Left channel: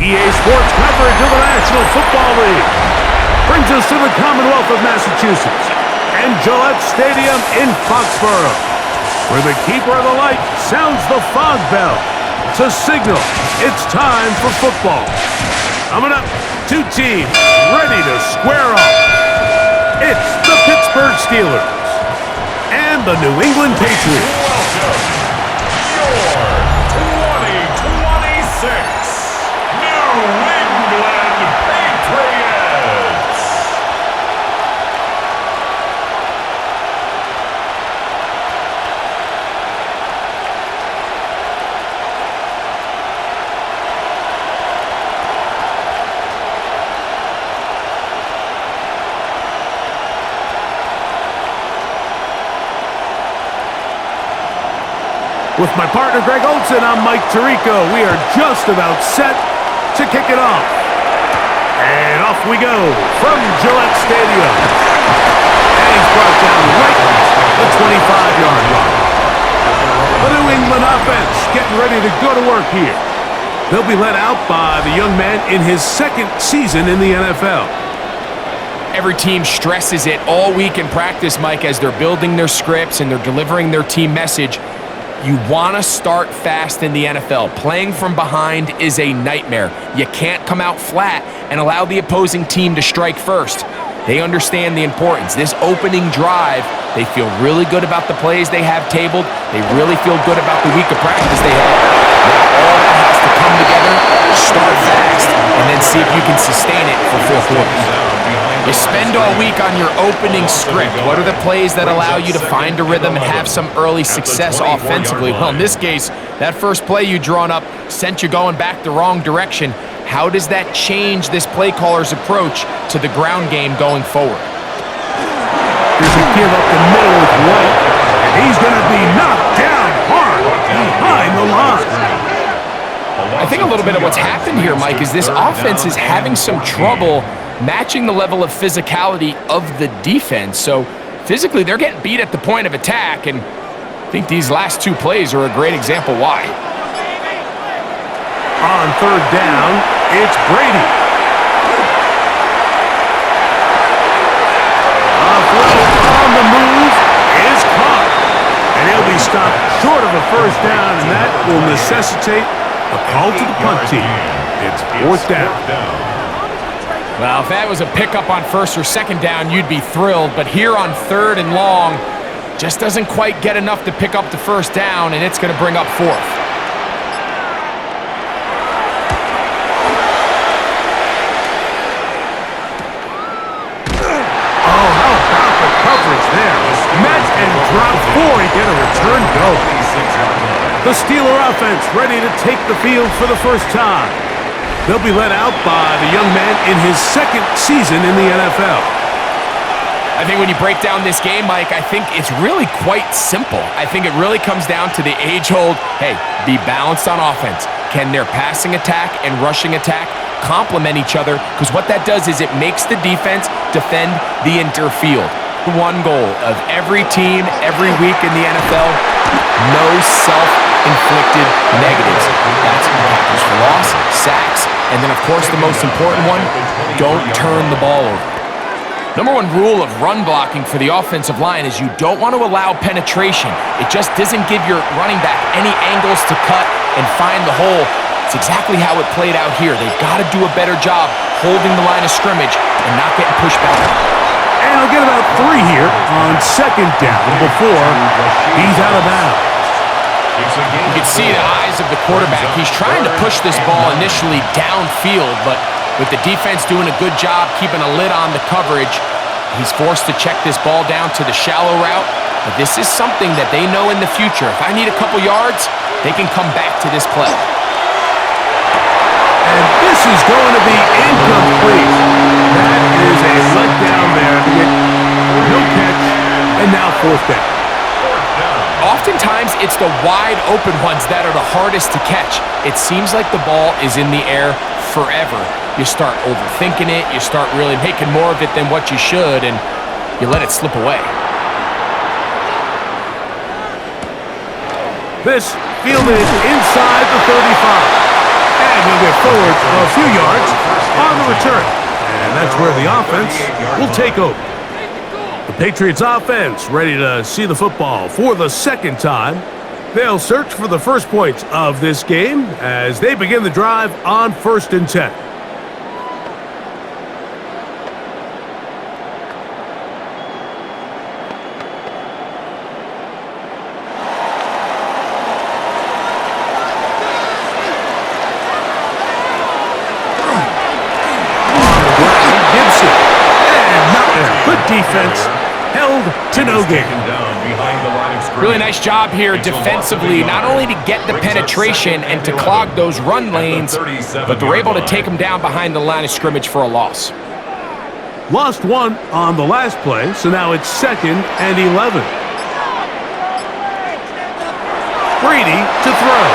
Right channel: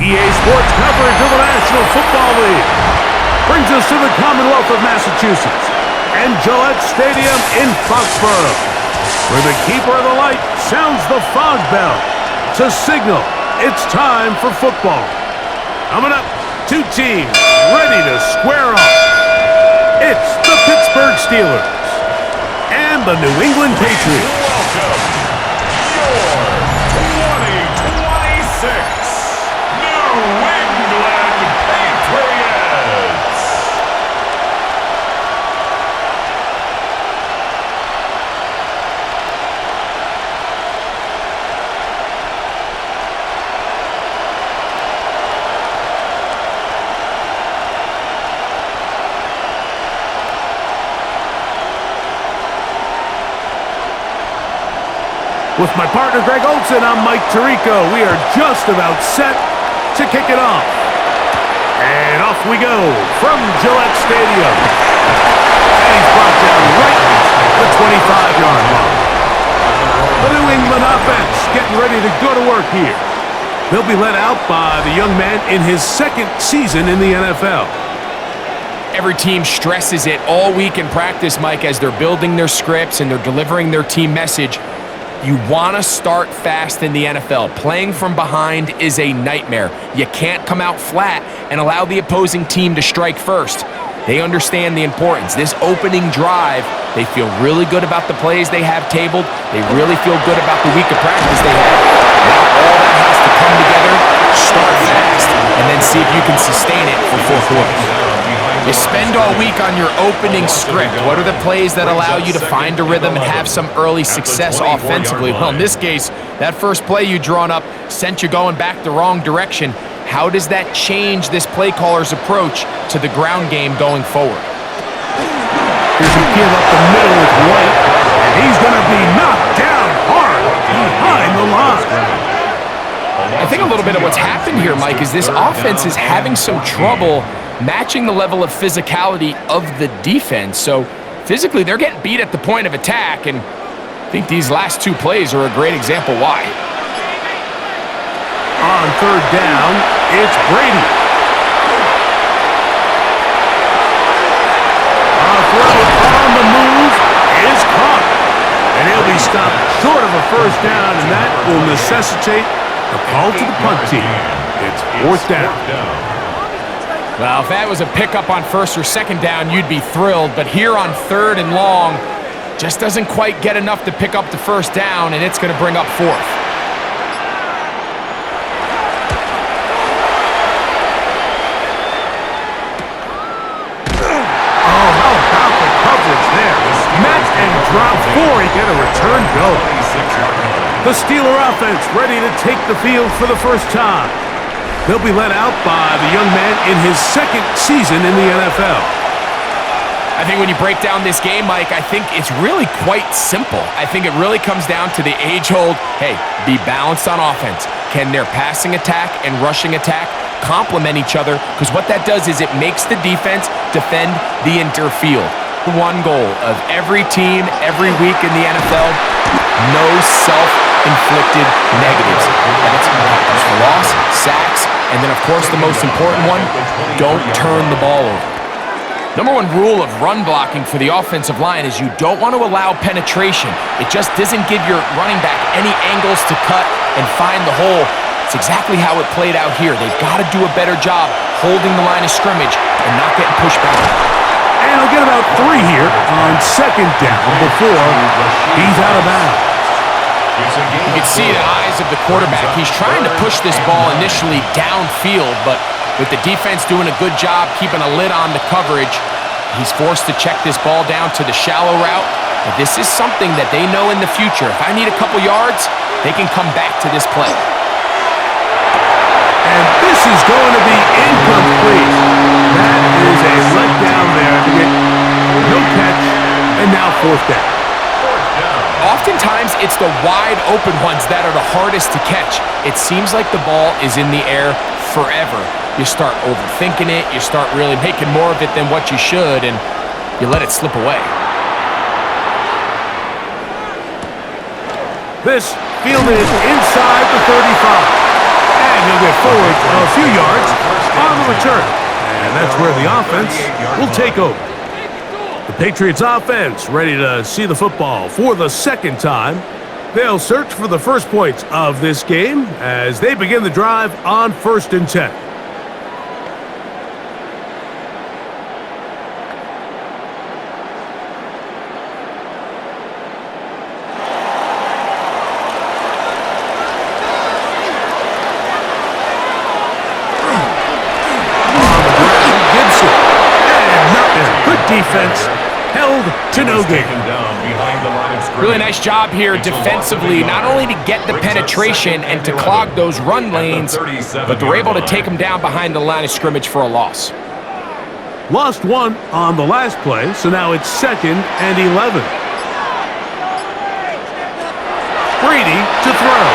EA Sports coverage of the National Football League brings us to the Commonwealth of Massachusetts and Gillette Stadium in Foxborough, where the keeper of the light sounds the fog bell to signal it's time for football. Coming up, two teams ready to square off. It's the Pittsburgh Steelers and the New England Patriots. Welcome, your 2026 New England Patriots. With my partner Greg Olson, I'm Mike Tirico. We are just about set to kick it off. And off we go from Gillette Stadium. And he's brought down right at the 25-yard line. The New England offense getting ready to go to work here. They'll be led out by the young man in his second season in the NFL. Every team stresses it all week in practice, Mike, as they're building their scripts and they're delivering their team message. You want to start fast in the NFL. Playing from behind is a nightmare. You can't come out flat and allow the opposing team to strike first. They understand the importance. This opening drive, they feel really good about the plays they have tabled. They really feel good about the week of practice they had. Now all that has to come together, start fast, and then see if you can sustain it for 4 quarters. You spend all week on your opening script. What are the plays that allow you to find a rhythm and have some early success offensively? Well, in this case, that first play you drawn up sent you going back the wrong direction. How does that change this play caller's approach to the ground game going forward? Here's a give up the middle with White, and he's going to be knocked down hard behind the line. I think a little bit of what's happened here, Mike, is this offense is having some trouble matching the level of physicality of the defense. So physically, they're getting beat at the point of attack, and I think these last two plays are a great example why. On third down, it's Brady. A throw on the move is caught, and he'll be stopped short of a first down, and that will necessitate a call to the punt team. It's fourth down. Well, if that was a pickup on first or second down, you'd be thrilled. But here on third and long, just doesn't quite get enough to pick up the first down, and it's going to bring up fourth. Oh, how about the coverage there? Met and drop four. He get a return go. The Steeler offense ready to take the field for the first time. They'll be led out by the young man in his second season in the NFL. I think when you break down this game, Mike, I think it's really quite simple. I think it really comes down to the age-old, hey, be balanced on offense. Can their passing attack and rushing attack complement each other? Because what that does is it makes the defense defend the entire field. One goal of every team, every week in the NFL, no self-inflicted negatives. That's tackles for loss, sacks, and then, of course, the most important one, don't turn the ball over. Number one rule of run blocking for the offensive line is you don't want to allow penetration. It just doesn't give your running back any angles to cut and find the hole. It's exactly how it played out here. They've got to do a better job holding the line of scrimmage and not getting pushed back. And he'll get about 3 here on second down before he's out of bounds. You can see the eyes of the quarterback. He's trying to push this ball initially downfield, but with the defense doing a good job keeping a lid on the coverage, he's forced to check this ball down to the shallow route. But this is something that they know in the future. If I need a couple yards, they can come back to this play. And this is going to be incomplete. That is a letdown there. No catch, and now fourth down. Oftentimes, it's the wide open ones that are the hardest to catch. It seems like the ball is in the air forever. You start overthinking it. You start really making more of it than what you should, and you let it slip away. This fielded inside the 35. And And he'll get forward a few yards on the return. And that's where the offense will take over. The Patriots offense ready to see the football for the second time. They'll search for the first points of this game as they begin the drive on 1st and 10. Good defense, held to no gain. Really nice job here defensively, not only to get the penetration and to clog those run lanes, but they're able to take them down behind the line of scrimmage for a loss. Lost one on the last play, so now it's 2nd and 11. Brady to throw.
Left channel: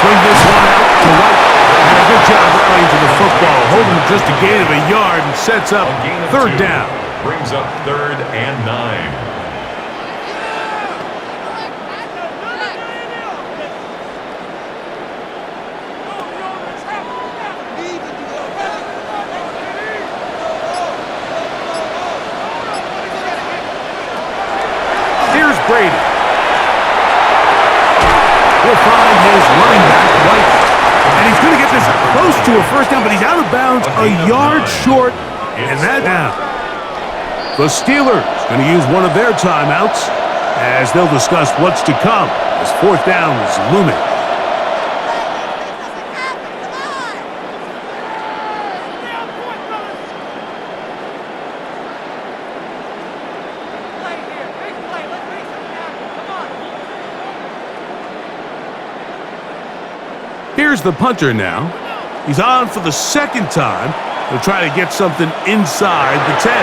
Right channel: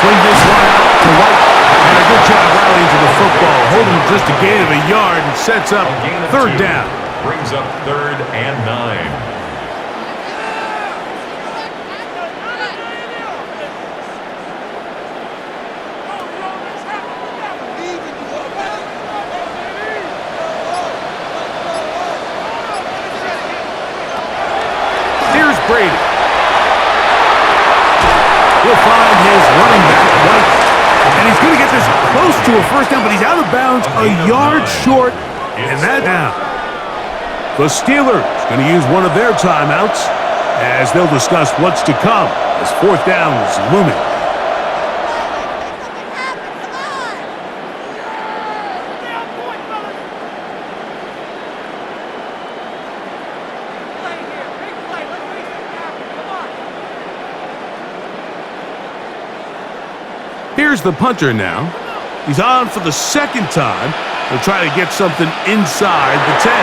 Swing this one out to White. And a good job rallying to the football, holding just a gain of a yard and sets up 3rd down. Brings up 3rd and 9. Here's Brady. He'll find his running back, White. And he's going to get this close to a 1st down, but he's out of bounds a yard short, and that down. The Steelers going to use one of their timeouts as they'll discuss what's to come as 4th down is looming. Here's the punter now. He's on for the 2nd time. He'll try to get something inside the 10.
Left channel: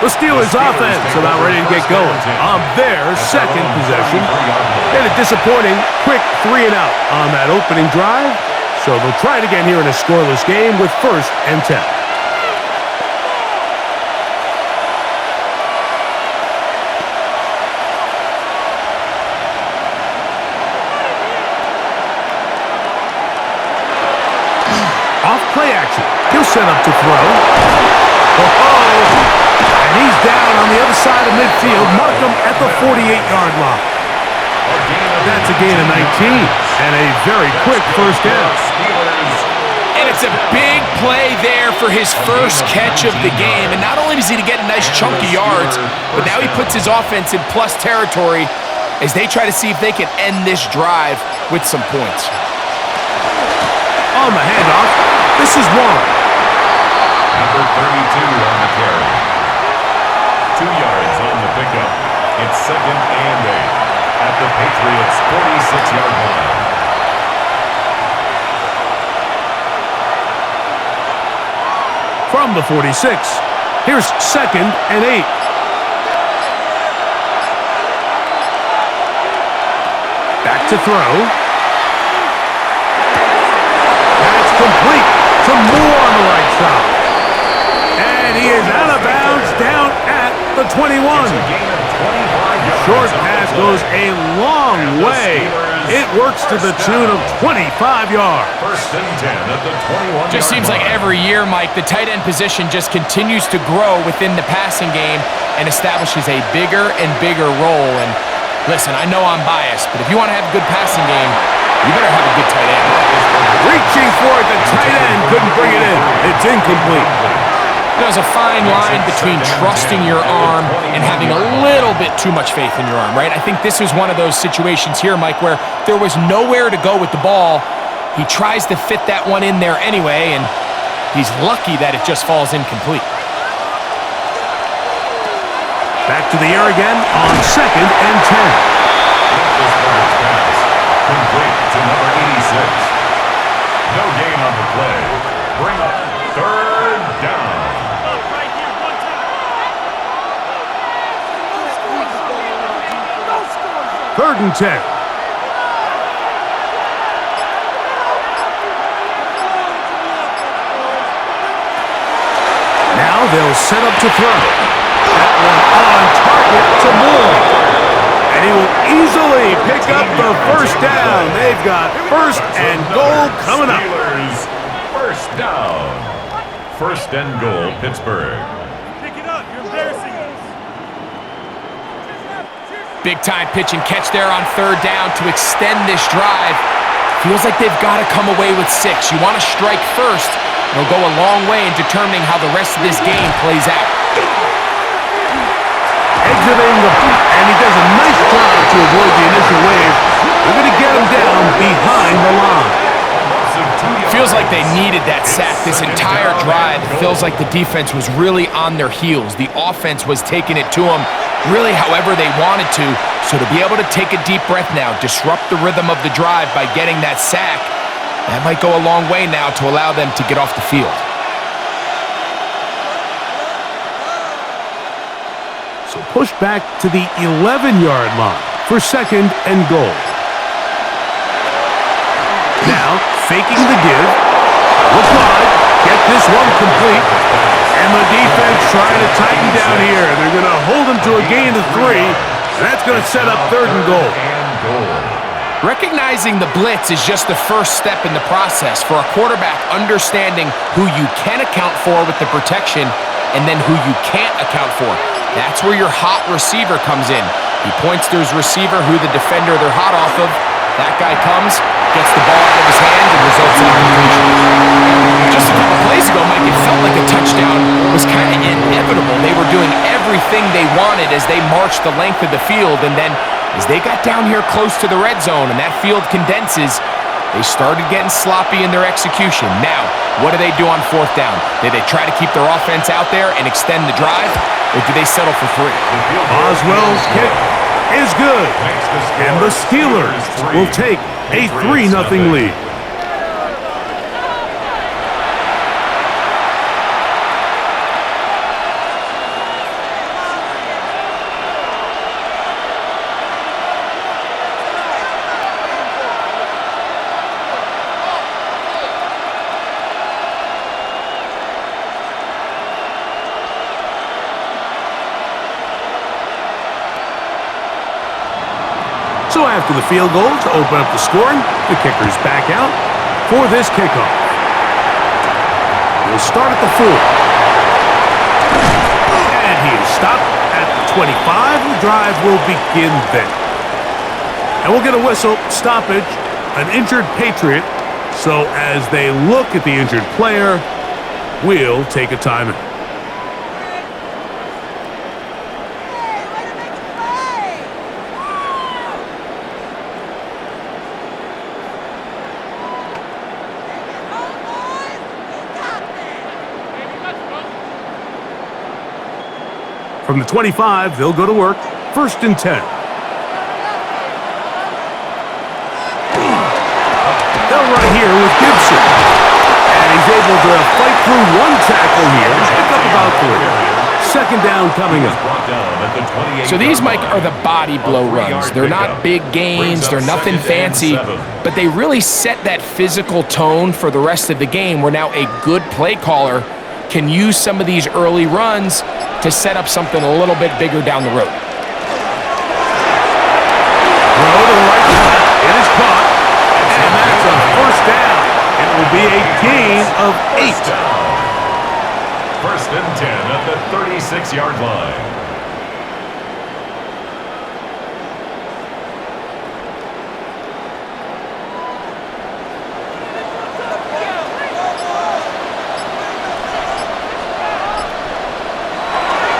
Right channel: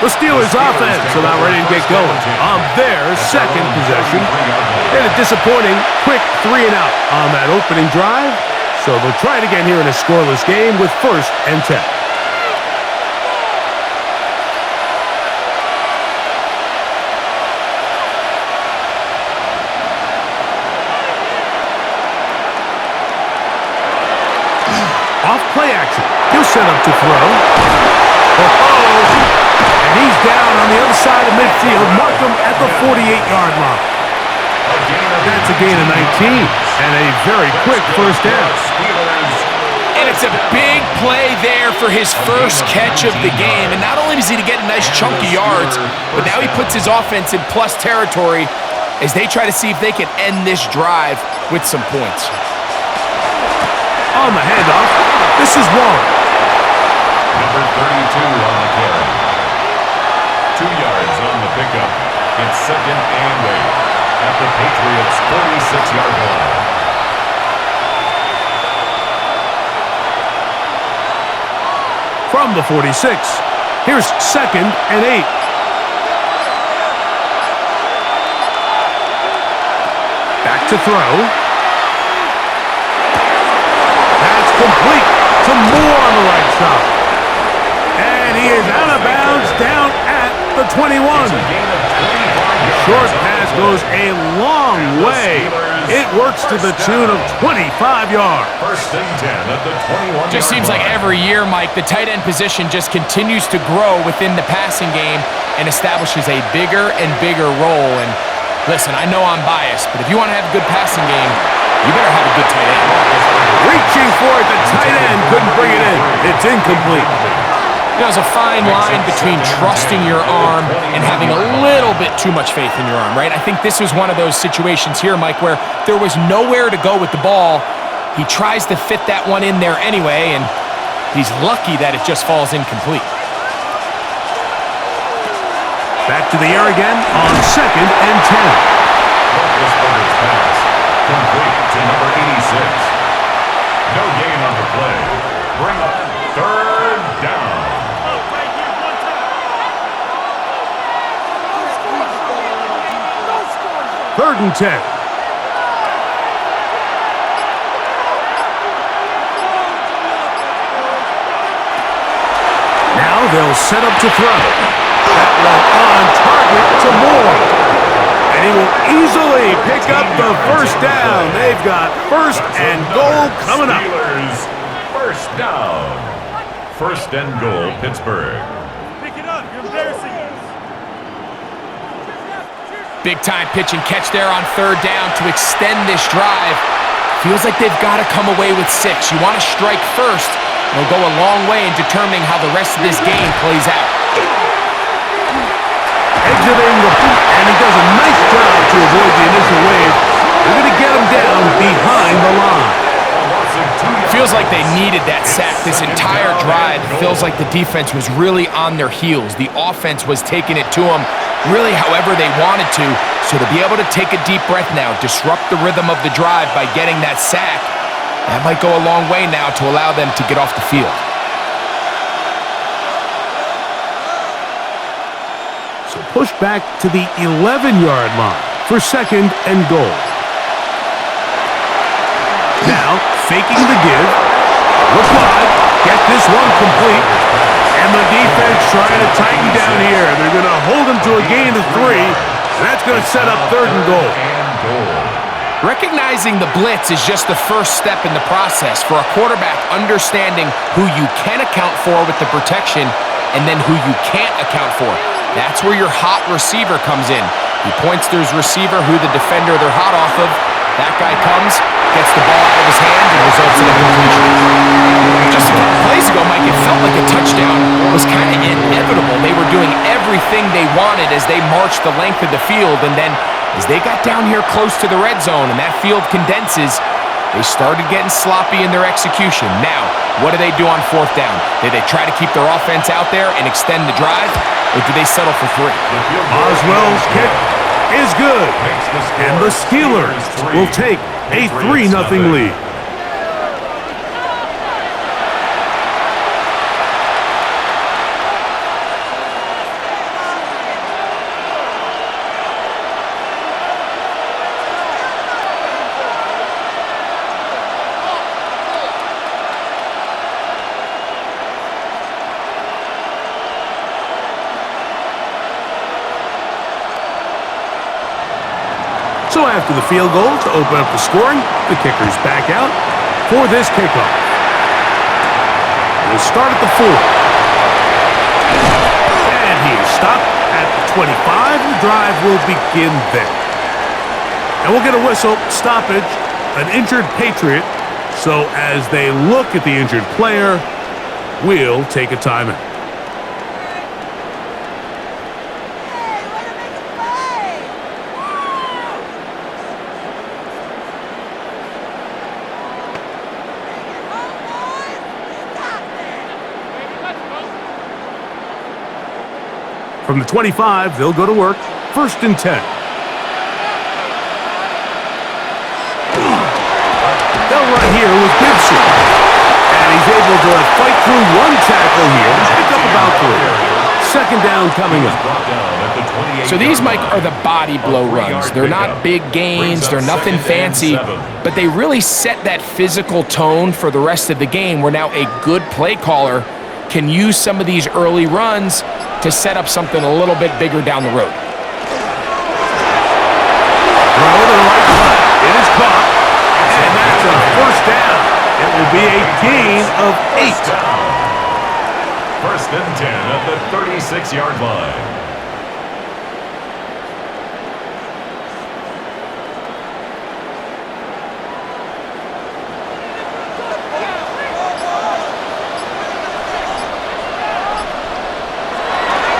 The Steelers offense about ready to get going on their 2nd possession. They had a disappointing quick 3-and-out on that opening drive, so they'll try it again here in a scoreless game with 1st and 10. Off play action. He'll set up to throw. And he's down on the other side of midfield. Mark him at the 48-yard line. That's a gain of 19 and a very quick 1st down. And it's a big play there for his first catch of the game. And not only does he get a nice chunk of yards, but now he puts his offense in plus territory as they try to see if they can end this drive with some points. On the handoff, this is Warren. Number 32 on the carry. 2 yards on the pickup. It's 2nd and 8 at the Patriots' 46-yard line. From the 46, here's 2nd and 8. Back to throw. That's complete to Moore on the right side. And he is out of bounds down at the 21. Short pass goes a long way. It works to the tune of 25 yards. 1st and 10 at the 21. Just seems like every year, Mike, the tight end position just continues to grow within the passing game and establishes a bigger and bigger role. And listen, I know I'm biased, but if you want to have a good passing game, you better have a good tight end. Reaching for it, the tight end couldn't bring it in. It's incomplete. There's a fine line between trusting your arm and having a little bit too much faith in your arm, right? I think this is one of those situations here, Mike, where there was nowhere to go with the ball. He tries to fit that one in there anyway, and he's lucky that it just falls incomplete. Back to the air again on 2nd and 10. Roethlisberger's pass complete to number 86. No gain on the play. Bring up 3rd down. 3rd and 10. Now they'll set up to throw. That one on target to Moore. And he will easily pick up the first down. They've got first and goal coming up. Steelers, first down. First and goal, Pittsburgh. Pick it up. You're embarrassing us. Big time pitch and catch there on third down to extend this drive. Feels like they've got to come away with 6. You want to strike first. It'll go a long way in determining how the rest of this game plays out. Exiting the and he does a nice job to avoid the initial wave. They're going to get him down behind the line. Feels like they needed that sack this entire drive. It feels like the defense was really on their heels. The offense was taking it to them really however they wanted to. So to be able to take a deep breath now, disrupt the rhythm of the drive by getting that sack, that might go a long way now to allow them to get off the field. So push back to the 11-yard line for second and goal. Now, faking the give. Look wide. Get this one complete. And the defense trying to tighten down here. They're going to hold him to a gain of 3. And that's going to set up third and goal. Recognizing the blitz is just the first step in the process for a quarterback understanding who you can account for with the protection and then who you can't account for. That's where your hot receiver comes in. He points to his receiver who the defender they're hot off of. That guy comes, gets the ball out of his hands, and results in a completion. Just a couple plays ago, Mike, it felt like a touchdown was kind of inevitable. They were doing everything they wanted as they marched the length of the field, and then as they got down here close to the red zone and that field condenses, they started getting sloppy in their execution. Now, what do they do on fourth down? Do they try to keep their offense out there and extend the drive, or do they settle for 3? Boswell's kick is good, and the Steelers will take a 3-0 lead. So after the field goal to open up the scoring, the kicker's back out for this kickoff. He'll start at the 4. And he is stopped at the 25, and the drive will begin then. And we'll get a whistle, stoppage, an injured Patriot. So as they look at the injured player, we'll take a timeout. From the 25, they'll go to work. First and 10. They'll run here with Gibson. And he's able to fight through one tackle here and pick up about 3. Second down coming up. So these, Mike, are the body blow runs. They're not big gains. They're nothing fancy. But they really set that physical tone for the rest of the game where now a good play caller can use some of these early runs to set up something a little bit bigger down the road. Throw to the right side. It is caught. And that's a first down. It will be a gain of 8. First and 10 at the 36-yard line.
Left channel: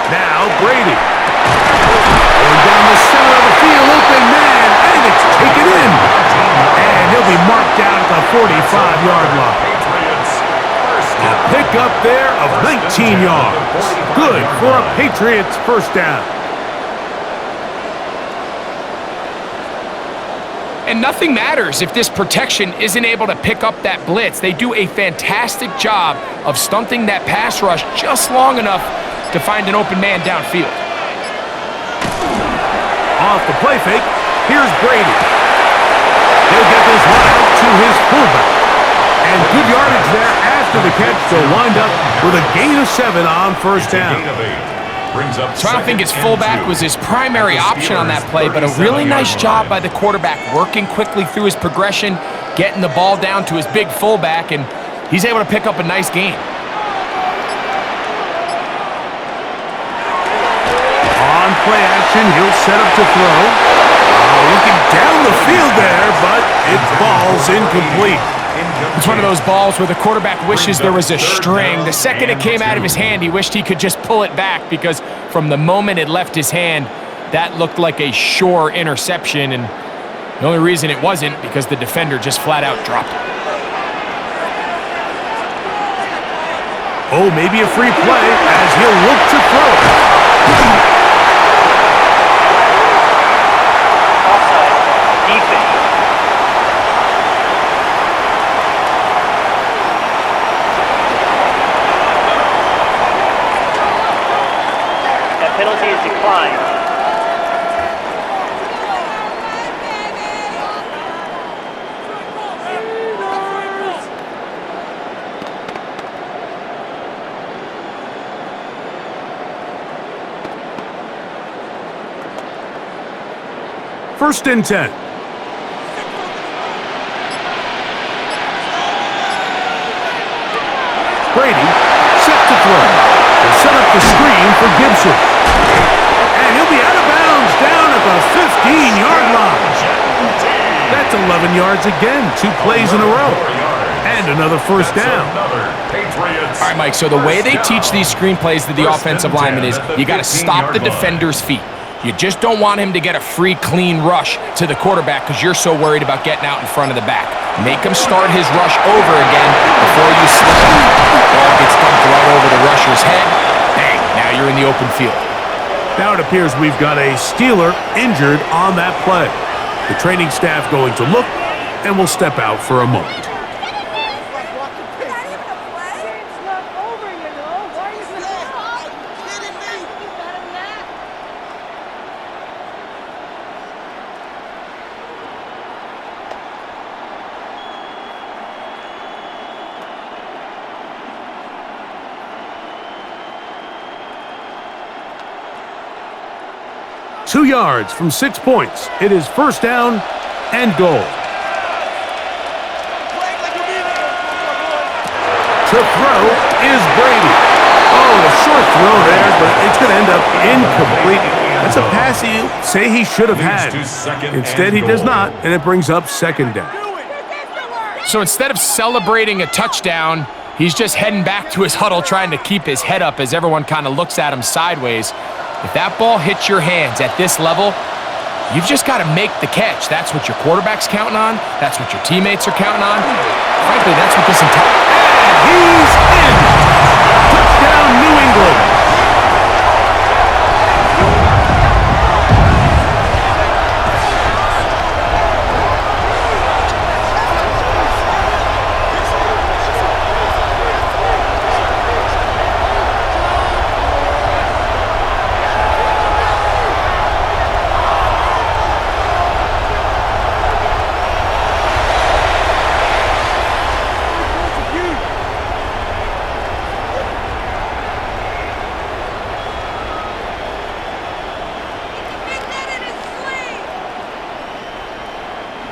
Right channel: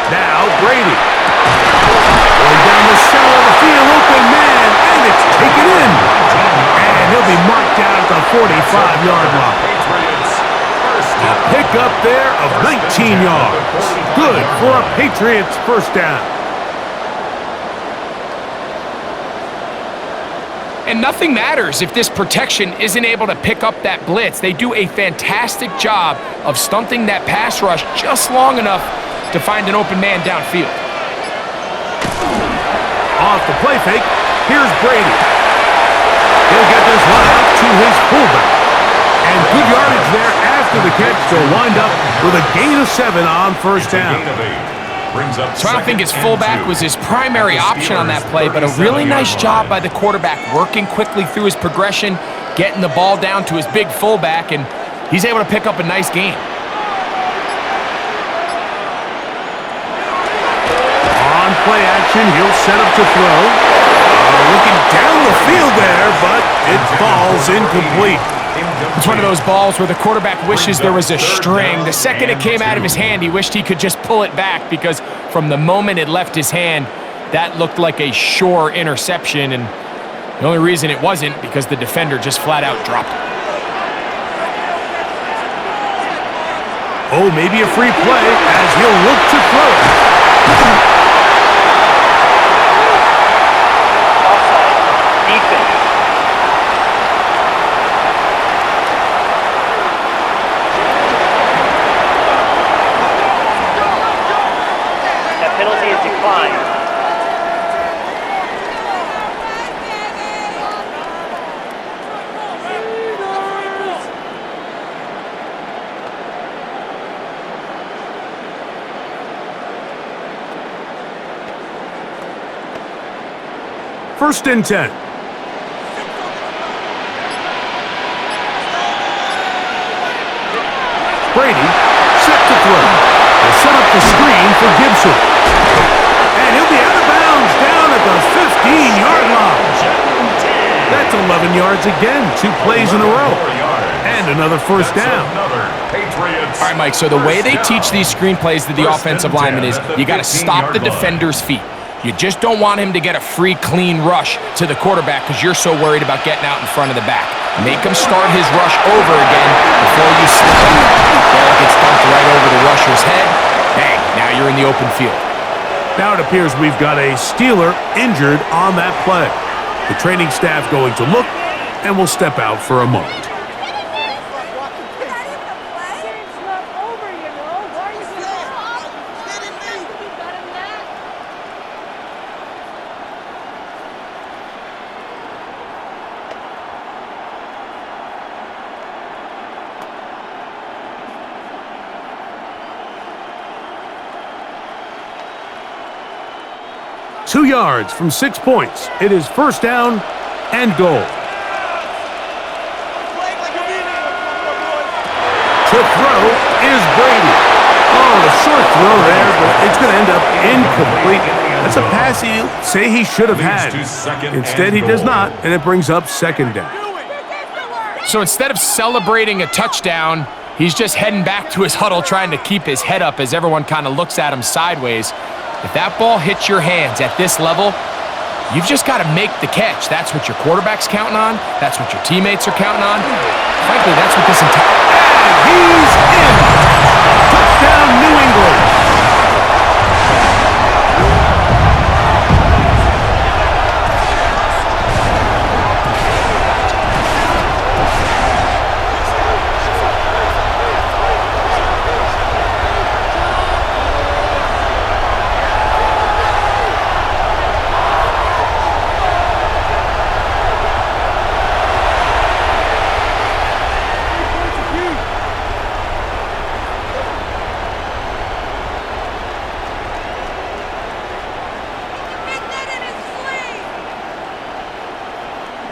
Now Brady. Going down the center of the field, open man, and it's taken in. And he'll be marked down at the 45-yard line. A pickup there of 19 yards. Good for a Patriots first down. And nothing matters if this protection isn't able to pick up that blitz. They do a fantastic job of stunting that pass rush just long enough to find an open man downfield. Off the play fake, here's Brady. He'll get this one out to his fullback. And good yardage there after the catch. They'll wind up with a gain of 7 on first down. brings up So I don't think his 2nd and fullback 2. was his primary At the option on that Steelers' play, but a 37-yard really nice line. job by the quarterback working quickly through his progression, getting the ball down to his big fullback, and he's able to pick up a nice gain. On play action, he'll set up to throw. Looking down the field there, but it falls incomplete. It's one of those balls where the quarterback wishes there was a string. The second it came out of his hand, he wished he could just pull it back, because from the moment it left his hand, that looked like a sure interception, and the only reason it wasn't because the defender just flat out dropped it. Oh, maybe a free play as he'll look to throw it. Offside. Defense. That penalty is declined. First and 10. Brady set to throw. They'll set up the screen for Gibson. And he'll be out of bounds down at the 15-yard line. That's 11 yards again, 2 plays in a row. And another first down. Patriots. All right, Mike, so the way they teach these screenplays to the First offensive and 10 lineman is at the you got to stop the 15-yard line. defender's feet. You just don't want him to get a free, clean rush to the quarterback because you're so worried about getting out in front of the back. Make him start his rush over again before you slip out. Ball gets dumped right over the rusher's head. Bang, now you're in the open field. Now it appears we've got a Steeler injured on that play. The training staff going to look, and will step out for a moment. Two yards from 6 points. It is first down and goal. To throw is Brady. Oh, the short throw there, but it's going to end up incomplete. That's a pass he'll say he should have had. Instead, he does not, and it brings up second down. So instead of celebrating a touchdown, he's just heading back to his huddle trying to keep his head up as everyone kind of looks at him sideways. If that ball hits your hands at this level, you've just got to make the catch. That's what your quarterback's counting on. That's what your teammates are counting on. Frankly, that's what this entire... And he's in! Touchdown, New England!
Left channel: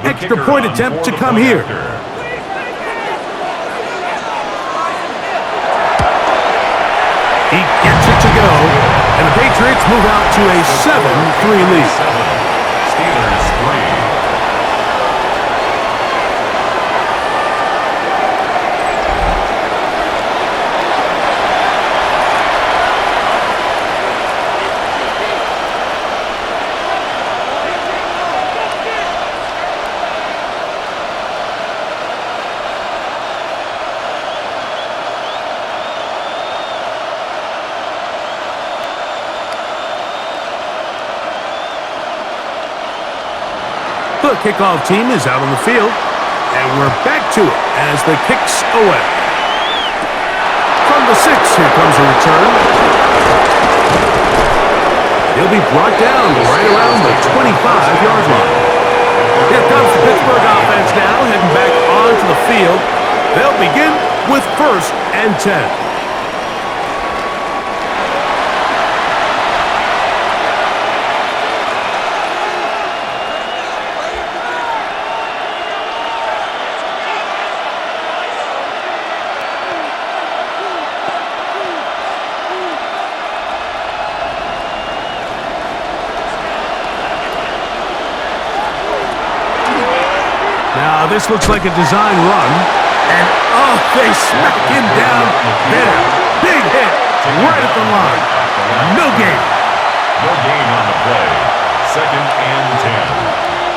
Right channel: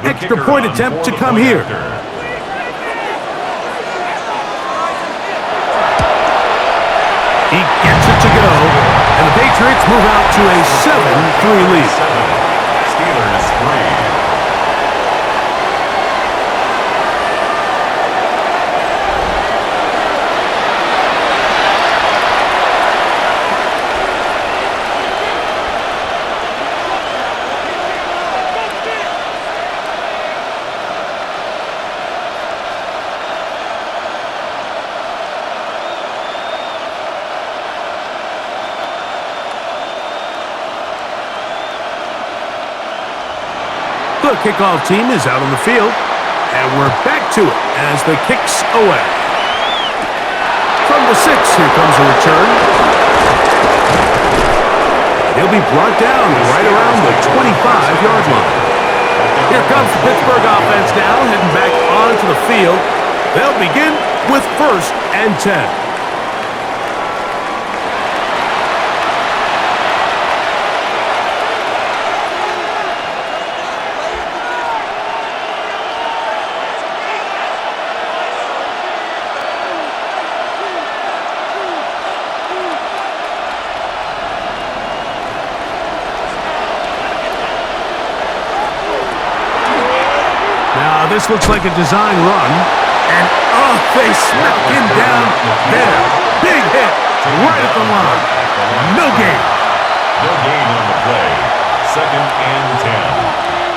Extra point attempt to come here. He gets it to go, and the Patriots move out to a 7-3 lead. Steelers 3. The kickoff team is out on the field, and we're back to it as the kick's away. From the 6, here comes a return. He'll be brought down right around the 25-yard line. Here comes the Pittsburgh offense now, heading back onto the field. They'll begin with first and 10. this looks like a design run. And, oh, they smack him down there. Big hit right at the line. No gain. No gain on the play. 2nd and 10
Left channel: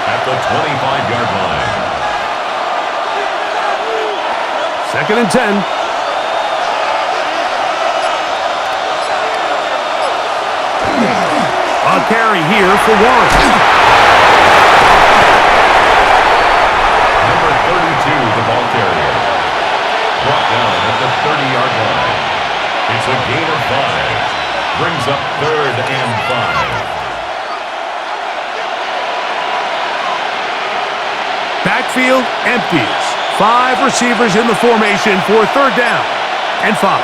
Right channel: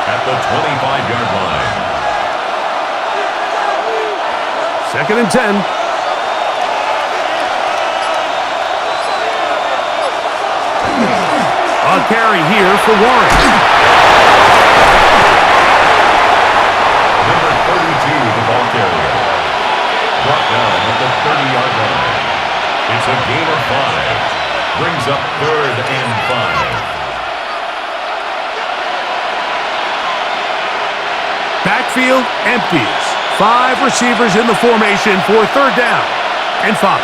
at the 25-yard line. 2nd and 10. A carry here for Warren. Number 32, the ball carrier. Brought down at the 30-yard line. It's a gain of 5. Brings up 3rd and 5. Backfield empties. 5 receivers in the formation for 3rd down and 5.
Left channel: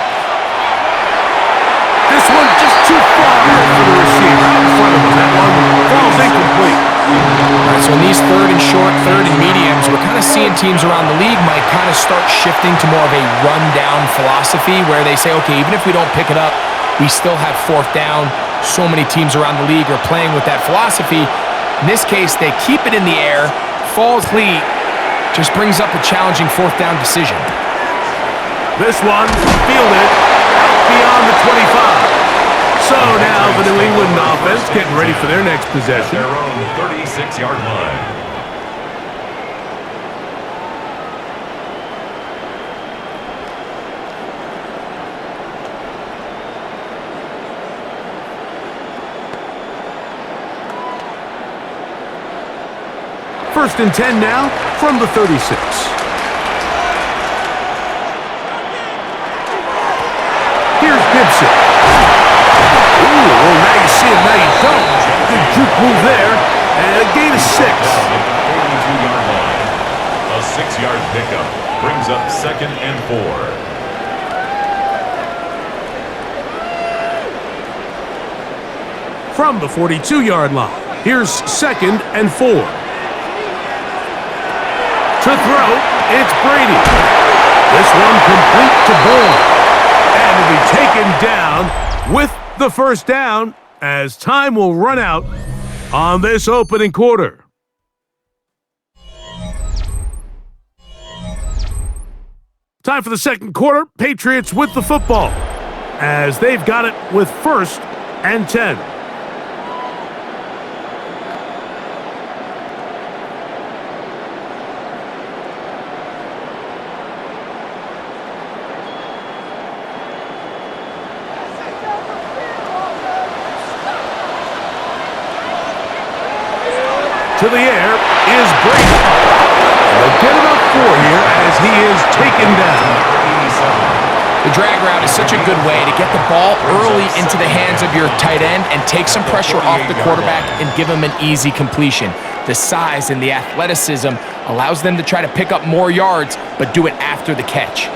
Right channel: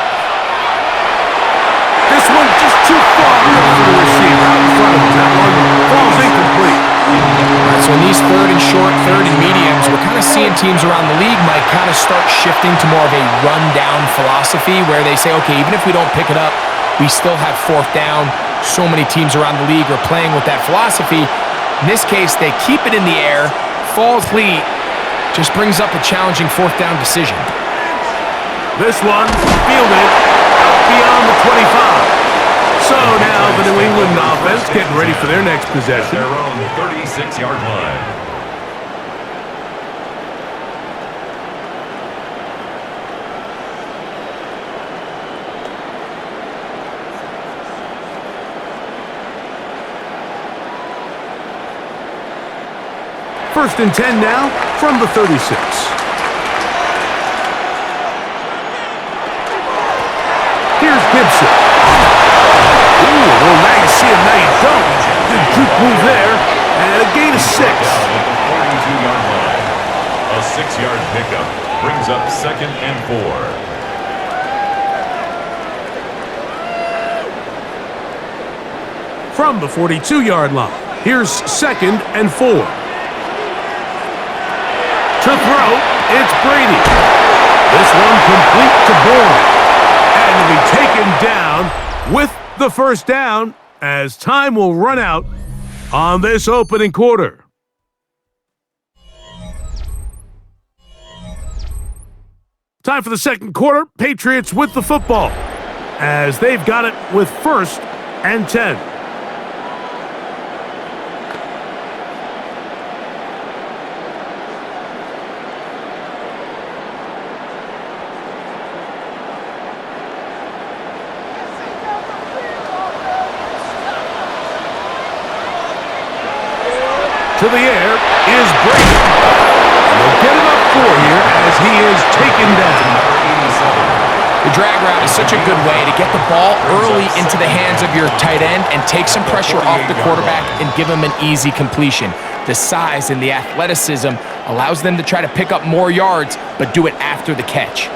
This one just too far for the receiver out in front of him. That one falls incomplete. All right, so in these 3rd and short, 3rd and mediums, we're kind of seeing teams around the league might kind of start shifting to more of a run-down philosophy where they say, okay, even if we don't pick it up, we still have 4th down. So many teams around the league are playing with that philosophy. In this case, they keep it in the air, falls complete, just brings up a challenging 4th down decision. This one fielded out beyond the 25. So now the New England offense getting ready for their next possession. Their own 36-yard line. First and 10 now from the 36. Here's Gibson. Ooh, well, now you see him, now you don't. Good juke move there, and a gain of 6. Down at the 42-yard line. A 6-yard pickup brings up 2nd and 4. From the 42-yard line, here's 2nd and 4. To throw, it's Brady. This one complete to Bourne. And to be taken down with the 1st down as time will run out on this opening quarter. Time for the 2nd quarter. Patriots with the football as they've got it with 1st and 10. To the air is Brady. And they'll get it up 4 here as he is taken down. The drag route is such a good way to get the ball early into the hands of your tight end and take some pressure off the quarterback and give him an easy completion. The size and the athleticism allows them to try to pick up more yards, but do it after the catch.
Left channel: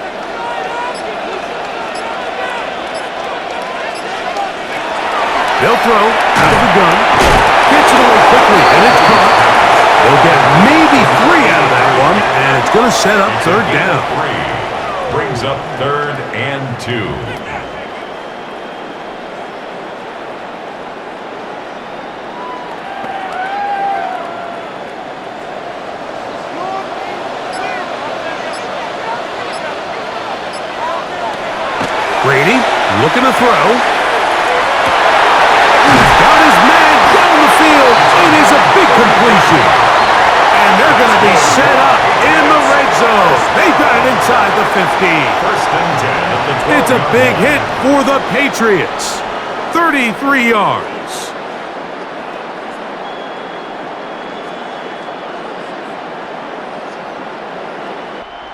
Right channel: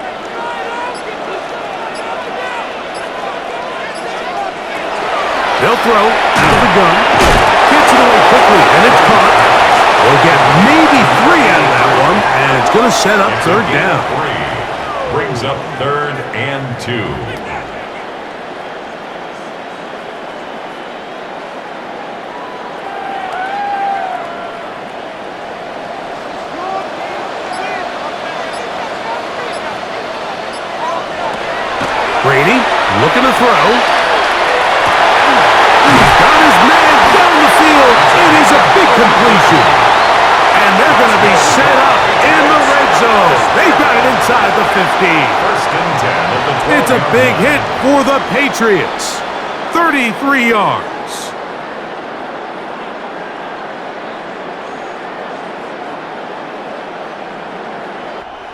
They'll throw out of the gun. Gets it away quickly, and it's caught. They'll get maybe 3 out of that one, and it's going to set up 3rd down. 3 brings up 3rd and 2. Brady looking to throw. He's got his man down the field. It is a big completion. And they're going to be set up in the red zone. They've got it inside the 15. 1st and 10 at the 12. It's a big hit for the Patriots. 33 yards.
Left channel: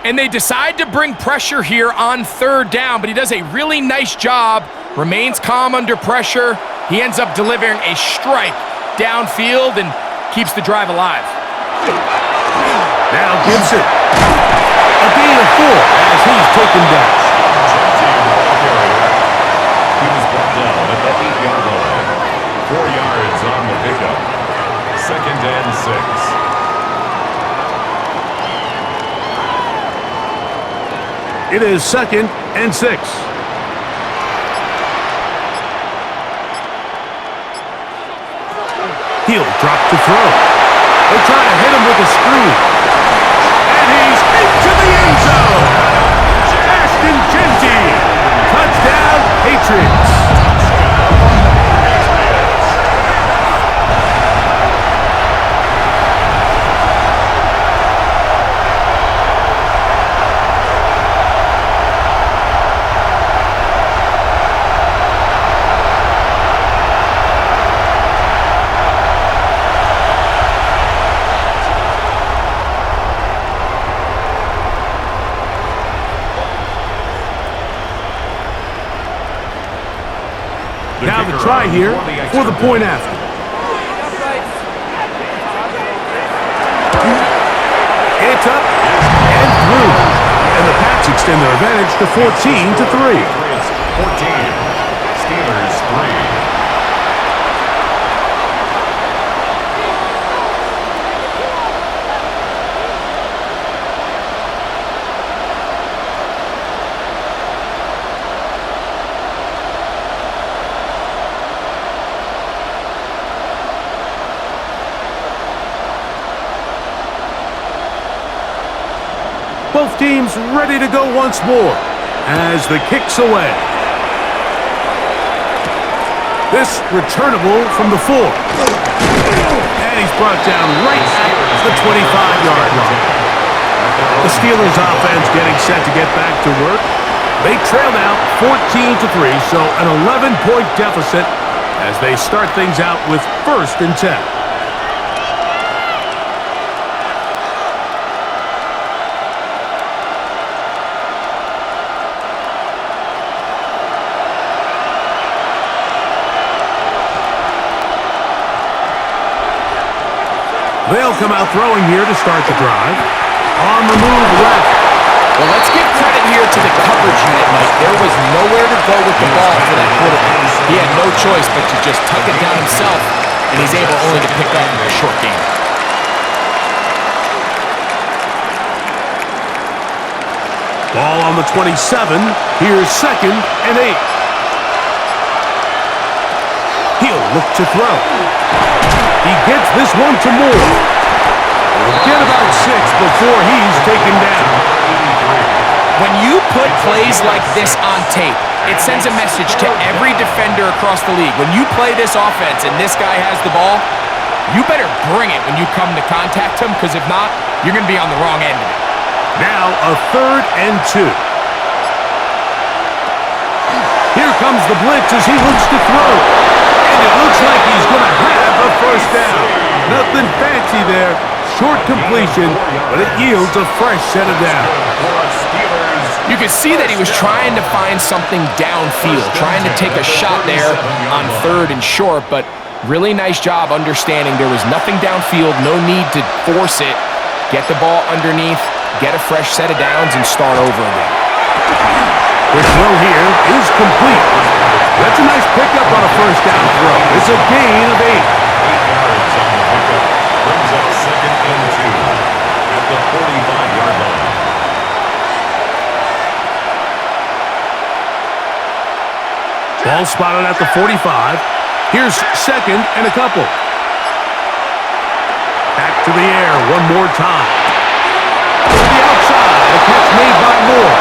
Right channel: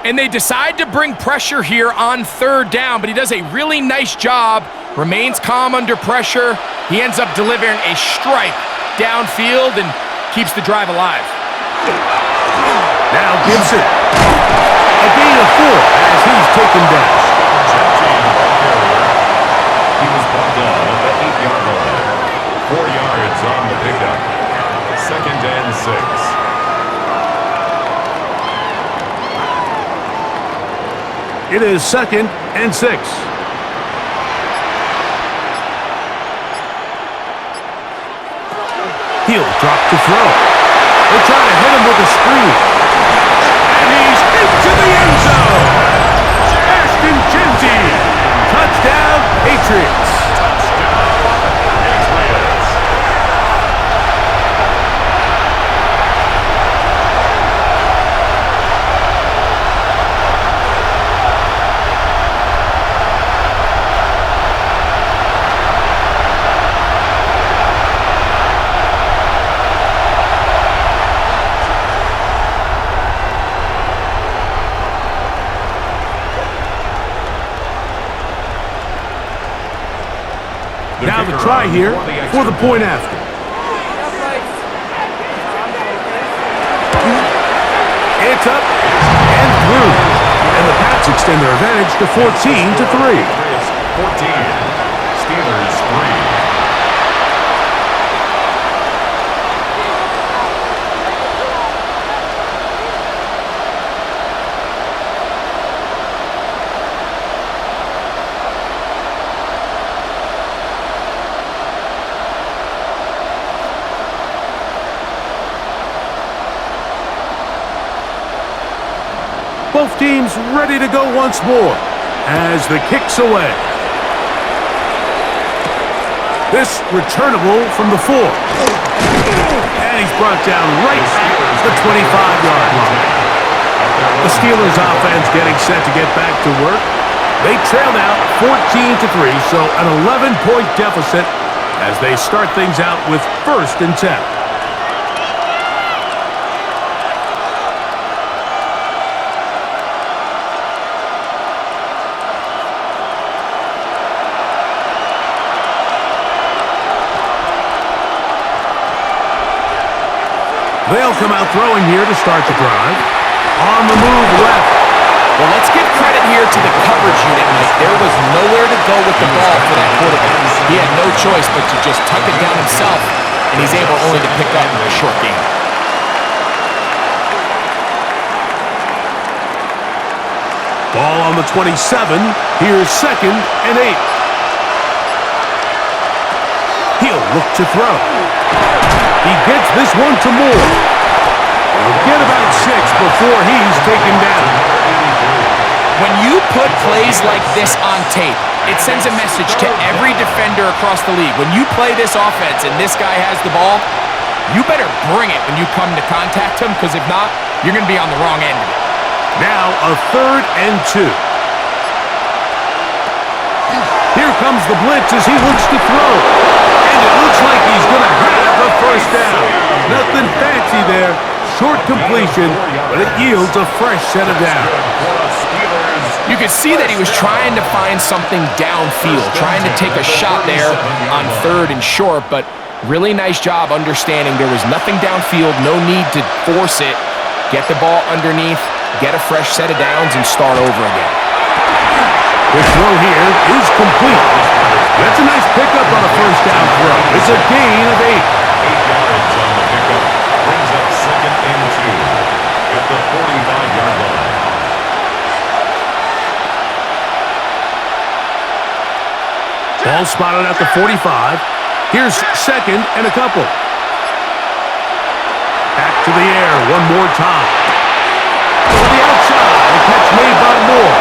And they decide to bring pressure here on 3rd down, but he does a really nice job, remains calm under pressure. He ends up delivering a strike downfield and keeps the drive alive. Now Gibson. A gain of 4 as he's taken down. Jesse, the ball carrier. He was brought down at the 8-yard line. 4 yards on the pickup. 2nd and 6. It is 2nd and 6. He'll drop to throw. They'll try to hit him with a screen. He's into the end zone. Ashton Genty. Touchdown, Patriots. Now the try here for the point after. It's up and through. And the Pats extend their advantage to 14-3. Patriots 14, Steelers 3. Both teams ready to go once more as the kick's away. This returnable from the 4. And he's brought down right at the 25-yard line. The Steelers offense getting set to get back to work. They trail now 14-3, so an 11-point deficit as they start things out with 1st and 10. They'll come out throwing here to start the drive. On the move left. Well, let's give credit here to the coverage unit, Mike. There was nowhere to go with the ball for that quarterback. He had no choice but to just tuck it down himself, and he's able only to pick up a short gain. Ball on the 27. Here's 2nd and 8. He'll look to throw. He gets this one to Moore. He'll get about 6 before he's taken down. When you put plays like this on tape, it sends a message to every defender across the league. When you play this offense and this guy has the ball, you better bring it when you come to contact him, because if not, you're going to be on the wrong end of it. Now a 3rd and 2. Here comes the blitz as he looks to throw. And it looks like he's going to have a 1st down. Nothing fancy there. Short completion, but it yields a fresh set of downs. You could see that he was trying to find something downfield, trying to take a shot there on 3rd and short, but really nice job understanding there was nothing downfield, no need to force it. Get the ball underneath, get a fresh set of downs, and start over again. The throw here is complete. That's a nice pickup on a 1st down throw. It's a gain of 8. 8 yards on the pickup. Brings up 2nd and 2 at the 45-yard line. Ball spotted at the 45. Here's 2nd and a couple. Back to the air one more time. To the outside. A catch made by Moore.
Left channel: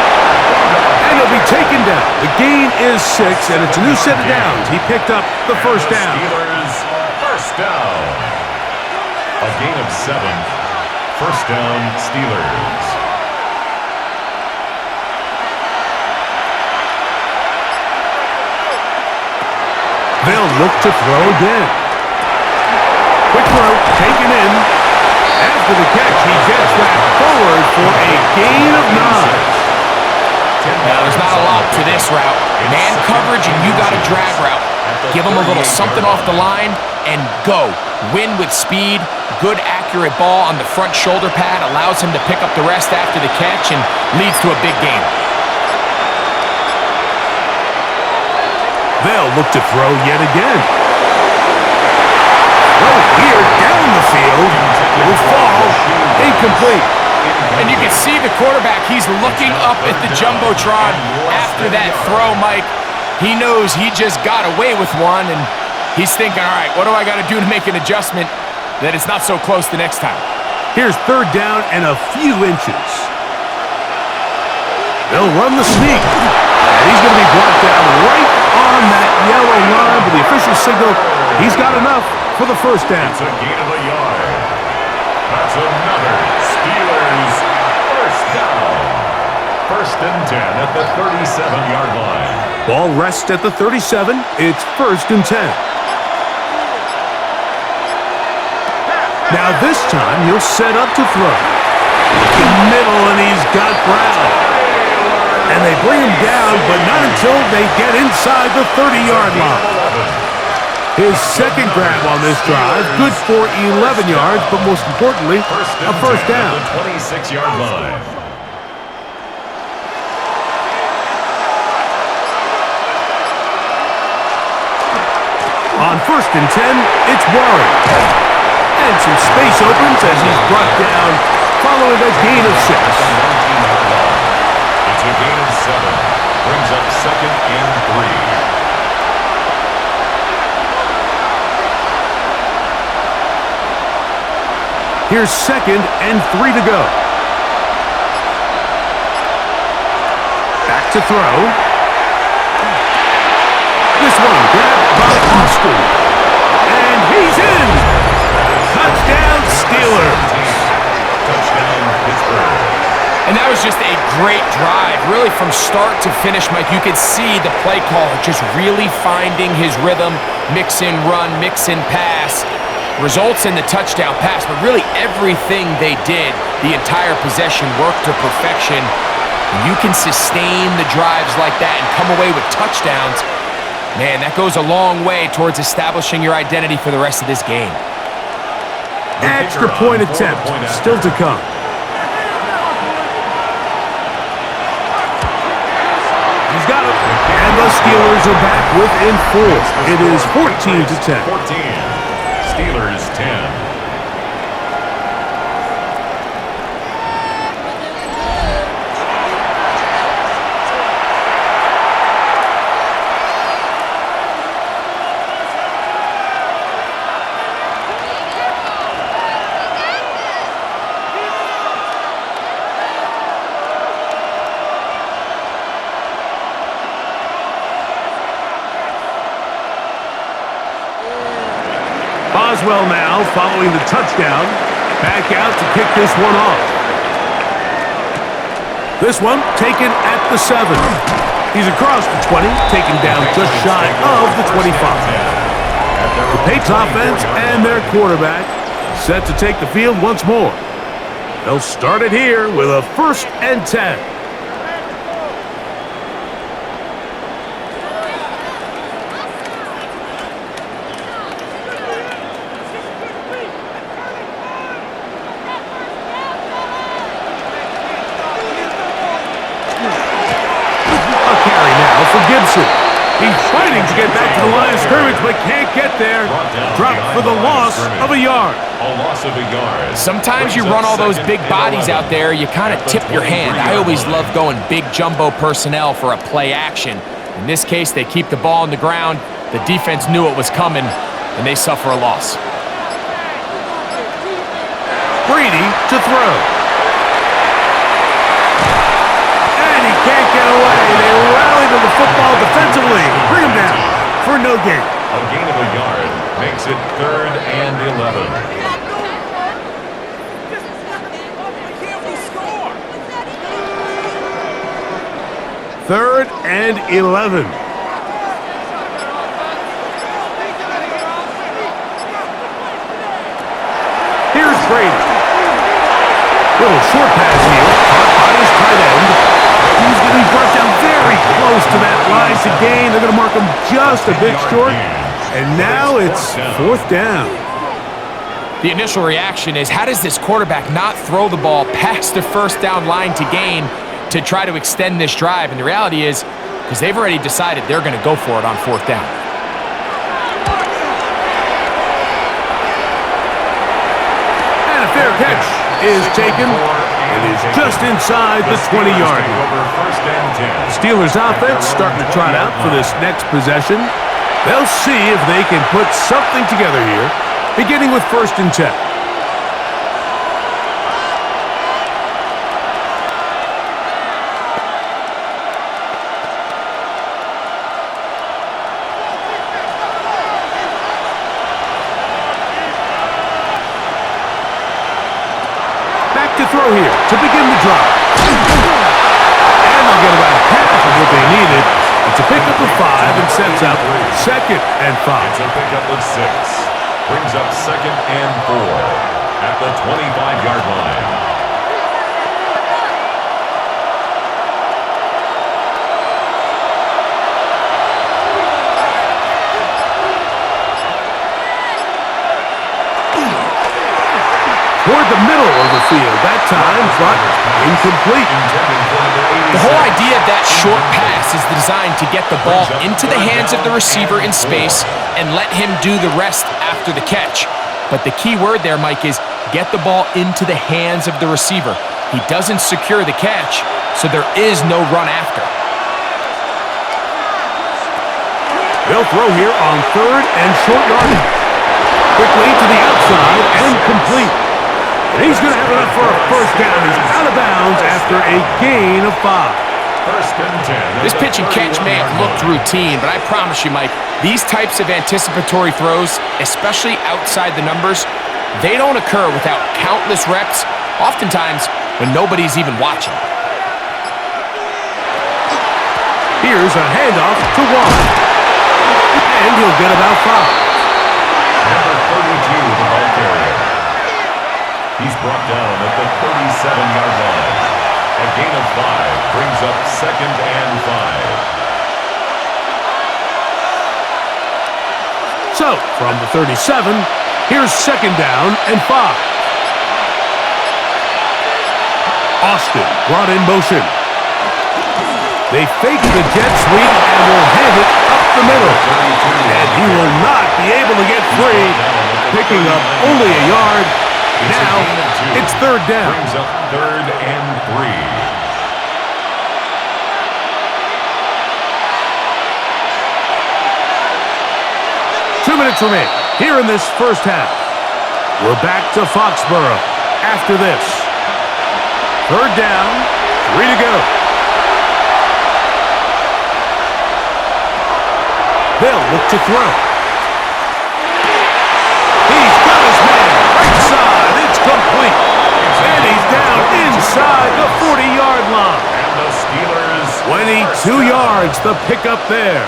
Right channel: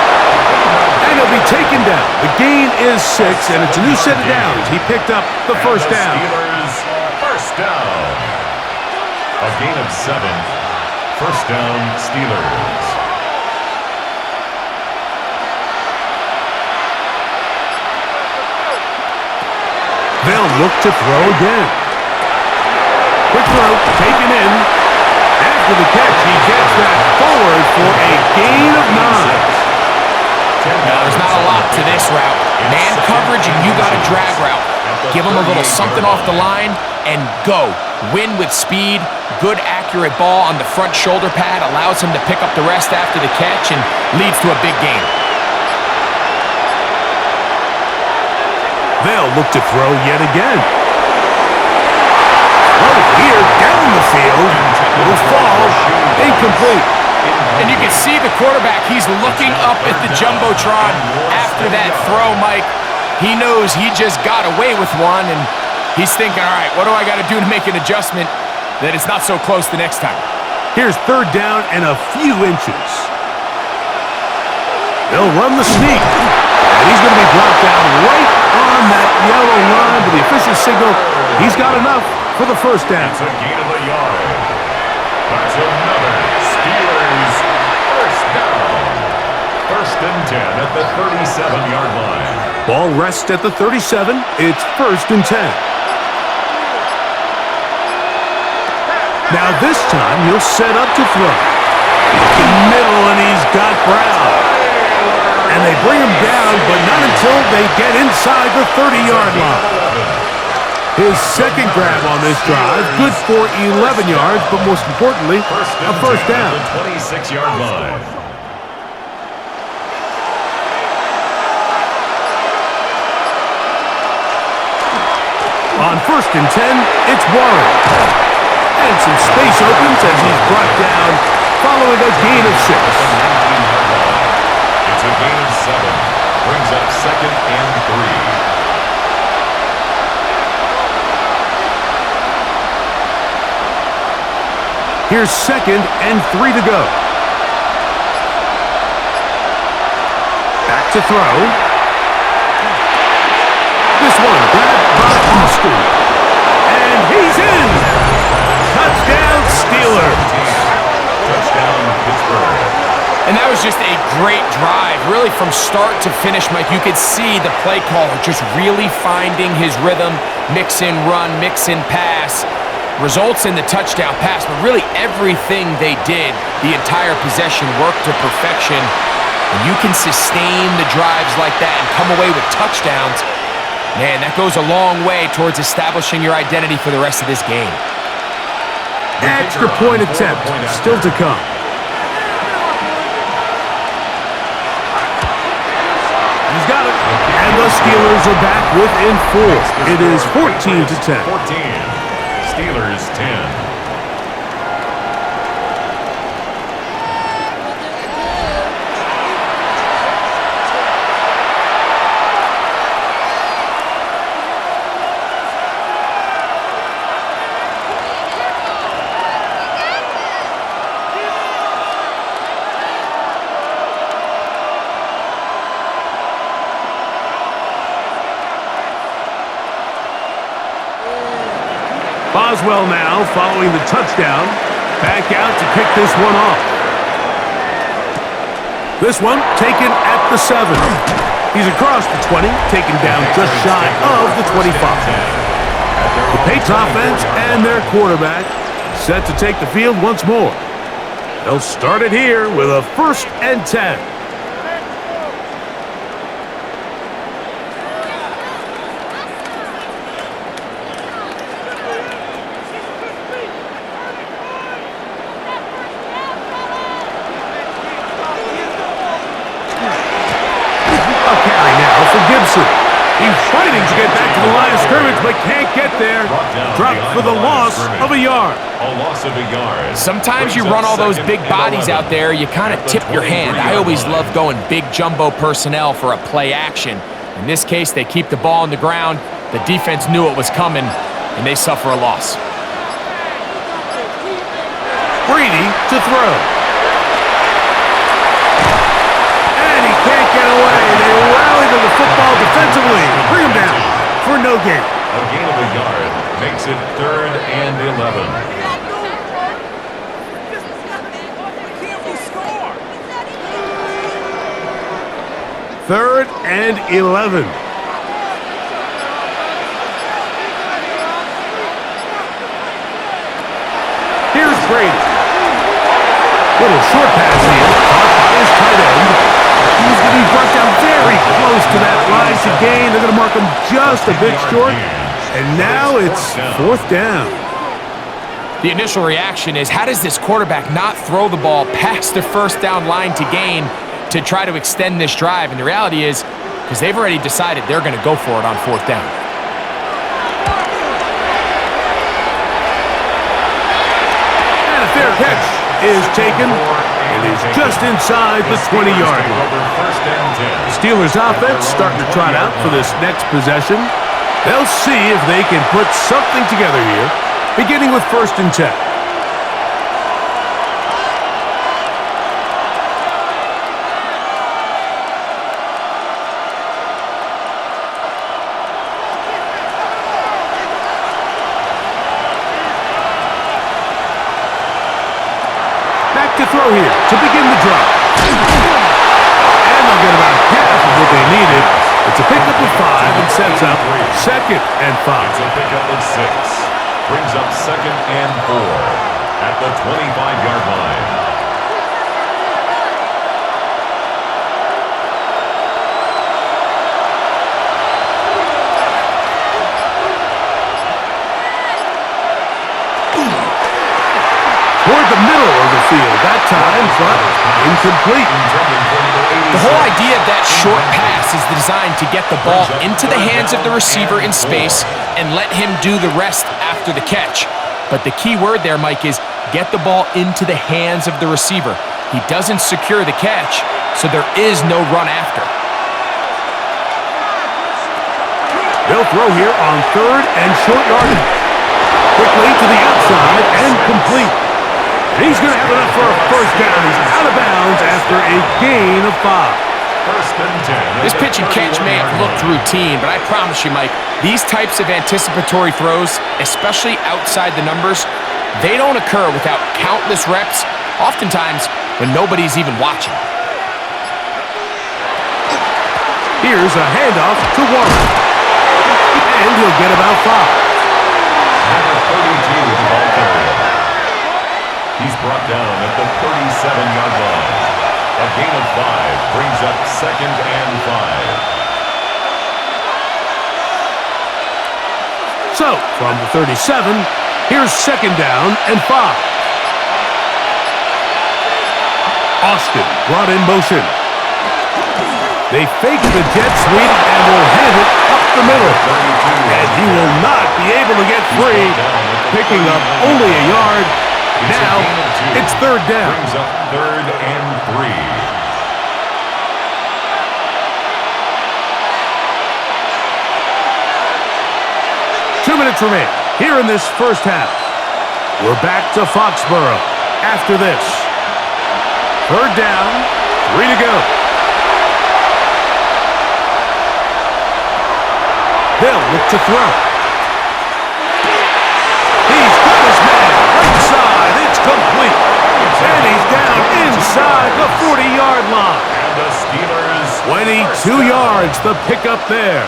And he'll be taken down. The gain is 6, and it's a new set of downs. He picked up the 1st down. Steelers 1st down. A gain of 7. 1st down, Steelers. They'll look to throw again. Quick throw, taken in. After the catch, he gets that forward for a gain of 9. Now, there's not a lot to this route. Man coverage, and you got a drag route. Give him a little something off the line and go. Win with speed. Good, accurate ball on the front shoulder pad. Allows him to pick up the rest after the catch and leads to a big gain. They'll look to throw yet again. Throw here down the field. Will fall. Incomplete. And you can see the quarterback, he's looking up at the Jumbotron after that throw, Mike. He knows he just got away with one, and he's thinking, all right, what do I got to do to make an adjustment that it's not so close the next time? Here's third down and a few inches. They'll run the sneak. And he's going to be brought down right on that yellow line, but the official signal, he's got enough for the first down. It's a gain of a yard. That's another Steelers first down. First and 10 at the 37-yard line. Ball rests at the 37. It's first and 10. Now this time he'll set up to throw. Looking middle, and he's got Brown. And they bring him down, but not until they get inside the 30-yard line. His second grab on this drive, good for 11 yards, but most importantly, a first down. The 26-yard line. On first and 10, it's Warren. And some space opens as he's brought down following a gain of 6. It's a gain of 7. Brings up second and 3. Here's second and 3 to go. Back to throw. This one grabbed by Austin. And he's in. Touchdown, Steelers. Touchdown, Pittsburgh. And that was just a great drive, really from start to finish, Mike. You could see the play caller just really finding his rhythm, mix in run, mix in pass. Results in the touchdown pass, but really everything they did, the entire possession worked to perfection. When you can sustain the drives like that and come away with touchdowns, man, that goes a long way towards establishing your identity for the rest of this game. Extra point attempt still to come. He's got it. And the Steelers are back within 4. It is 14 to 10. 14. Steelers 10. Boswell now following the touchdown. Back out to kick this one off. This one taken at the 7. He's across the 20, taken down just shy of the 25. The Patriots offense and their quarterback set to take the field once more. They'll start it here with a first and 10. For Gibson. He's fighting to get back to the line of scrimmage, but can't get there. Dropped for the loss of a yard. A loss of a yard. Sometimes you run all those big bodies out there, you kind of tip your hand. I always love going big jumbo personnel for a play action. In this case, they keep the ball on the ground. The defense knew it was coming, and they suffer a loss. Brady to throw. And he can't get away. They rally to the football defensively. Bring him down for no gain. A gain of a yard makes it 3rd and 11. Third and 11. Here's Brady. Little short pass here, caught by his tight end. He's going to be brought down very close to that line to gain. They're going to mark him just a bit short. And now it's 4th down. The initial reaction is, how does this quarterback not throw the ball past the first down line to gain to try to extend this drive? And the reality is, because they've already decided they're going to go for it on 4th down. And a fair catch is taken. It is just inside the 20-yard line. Steelers offense starting to trot out for this next possession. They'll see if they can put something together here, beginning with 1st and 10. throw here to begin the drive. And they'll get about half of what they needed. It's a pickup of 5 and sets up 2nd and 5. It's a pickup of 6. Brings up 2nd and 4 at the 25-yard line. Toward the middle of the field that time, but incomplete. The whole idea of that short pass is designed to get the ball into the hands of the receiver in space and let him do the rest after the catch. But the key word there, Mike, is get the ball into the hands of the receiver. He doesn't secure the catch, so there is no run after. They'll throw here on 3rd and short yardage. Quickly to the outside and complete. And he's going to have enough for a first down. He's out of bounds after a gain of 5. 1st and 10. This pitch and catch may have looked routine, but I promise you, Mike, these types of anticipatory throws, especially outside the numbers, they don't occur without countless reps, oftentimes when nobody's even watching. Here's a handoff to Warren. And he'll get about 5. Number 32, the ball carrier. He's brought down at the 37-yard line. A gain of 5 brings up 2nd and 5. So, from the 37, here's 2nd down and 5. Austin brought in motion. They fake the jet sweep and will hand it up the middle. And he will not be able to get free, picking up only a yard. Now, it's 3rd down. Brings up 3rd and 3. Two minutes remain here in this first half. We're back to Foxborough after this. 3rd down, 3 to go. They'll look to throw. He's got his man right side. It's complete. And he's down inside the 40-yard line. And the Steelers 22 yards, the pickup there.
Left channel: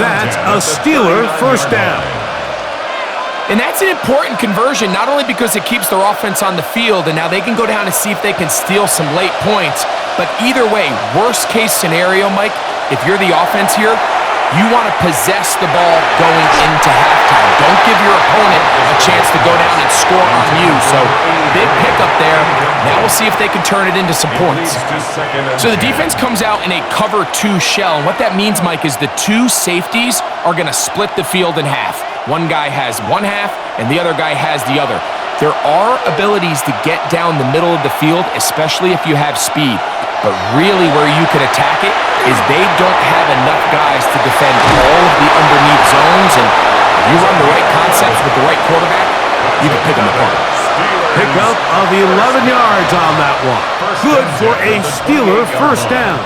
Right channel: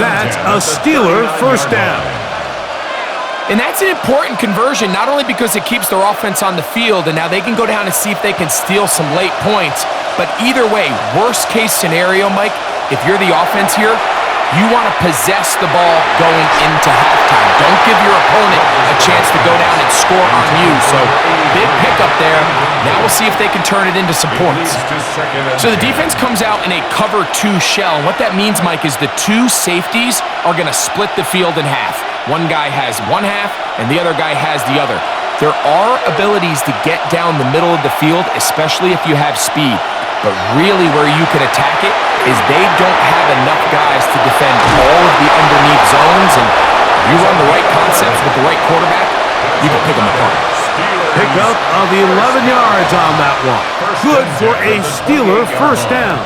That's a Steeler first down. And that's an important conversion, not only because it keeps their offense on the field, and now they can go down and see if they can steal some late points, but either way, worst case scenario, Mike, if you're the offense here, you want to possess the ball going into halftime. Don't give your opponent a chance to go down and score on you. So, big pickup there. Now we'll see if they can turn it into some points. So the defense comes out in a cover 2 shell. And what that means, Mike, is the 2 safeties are going to split the field in half. One guy has one half, and the other guy has the other. There are abilities to get down the middle of the field, especially if you have speed. But really where you can attack it is they don't have enough guys to defend all of the underneath zones. And if you run the right concepts with the right quarterback, you can pick them apart. Pickup of 11 yards on that one. Good for a Steeler first down.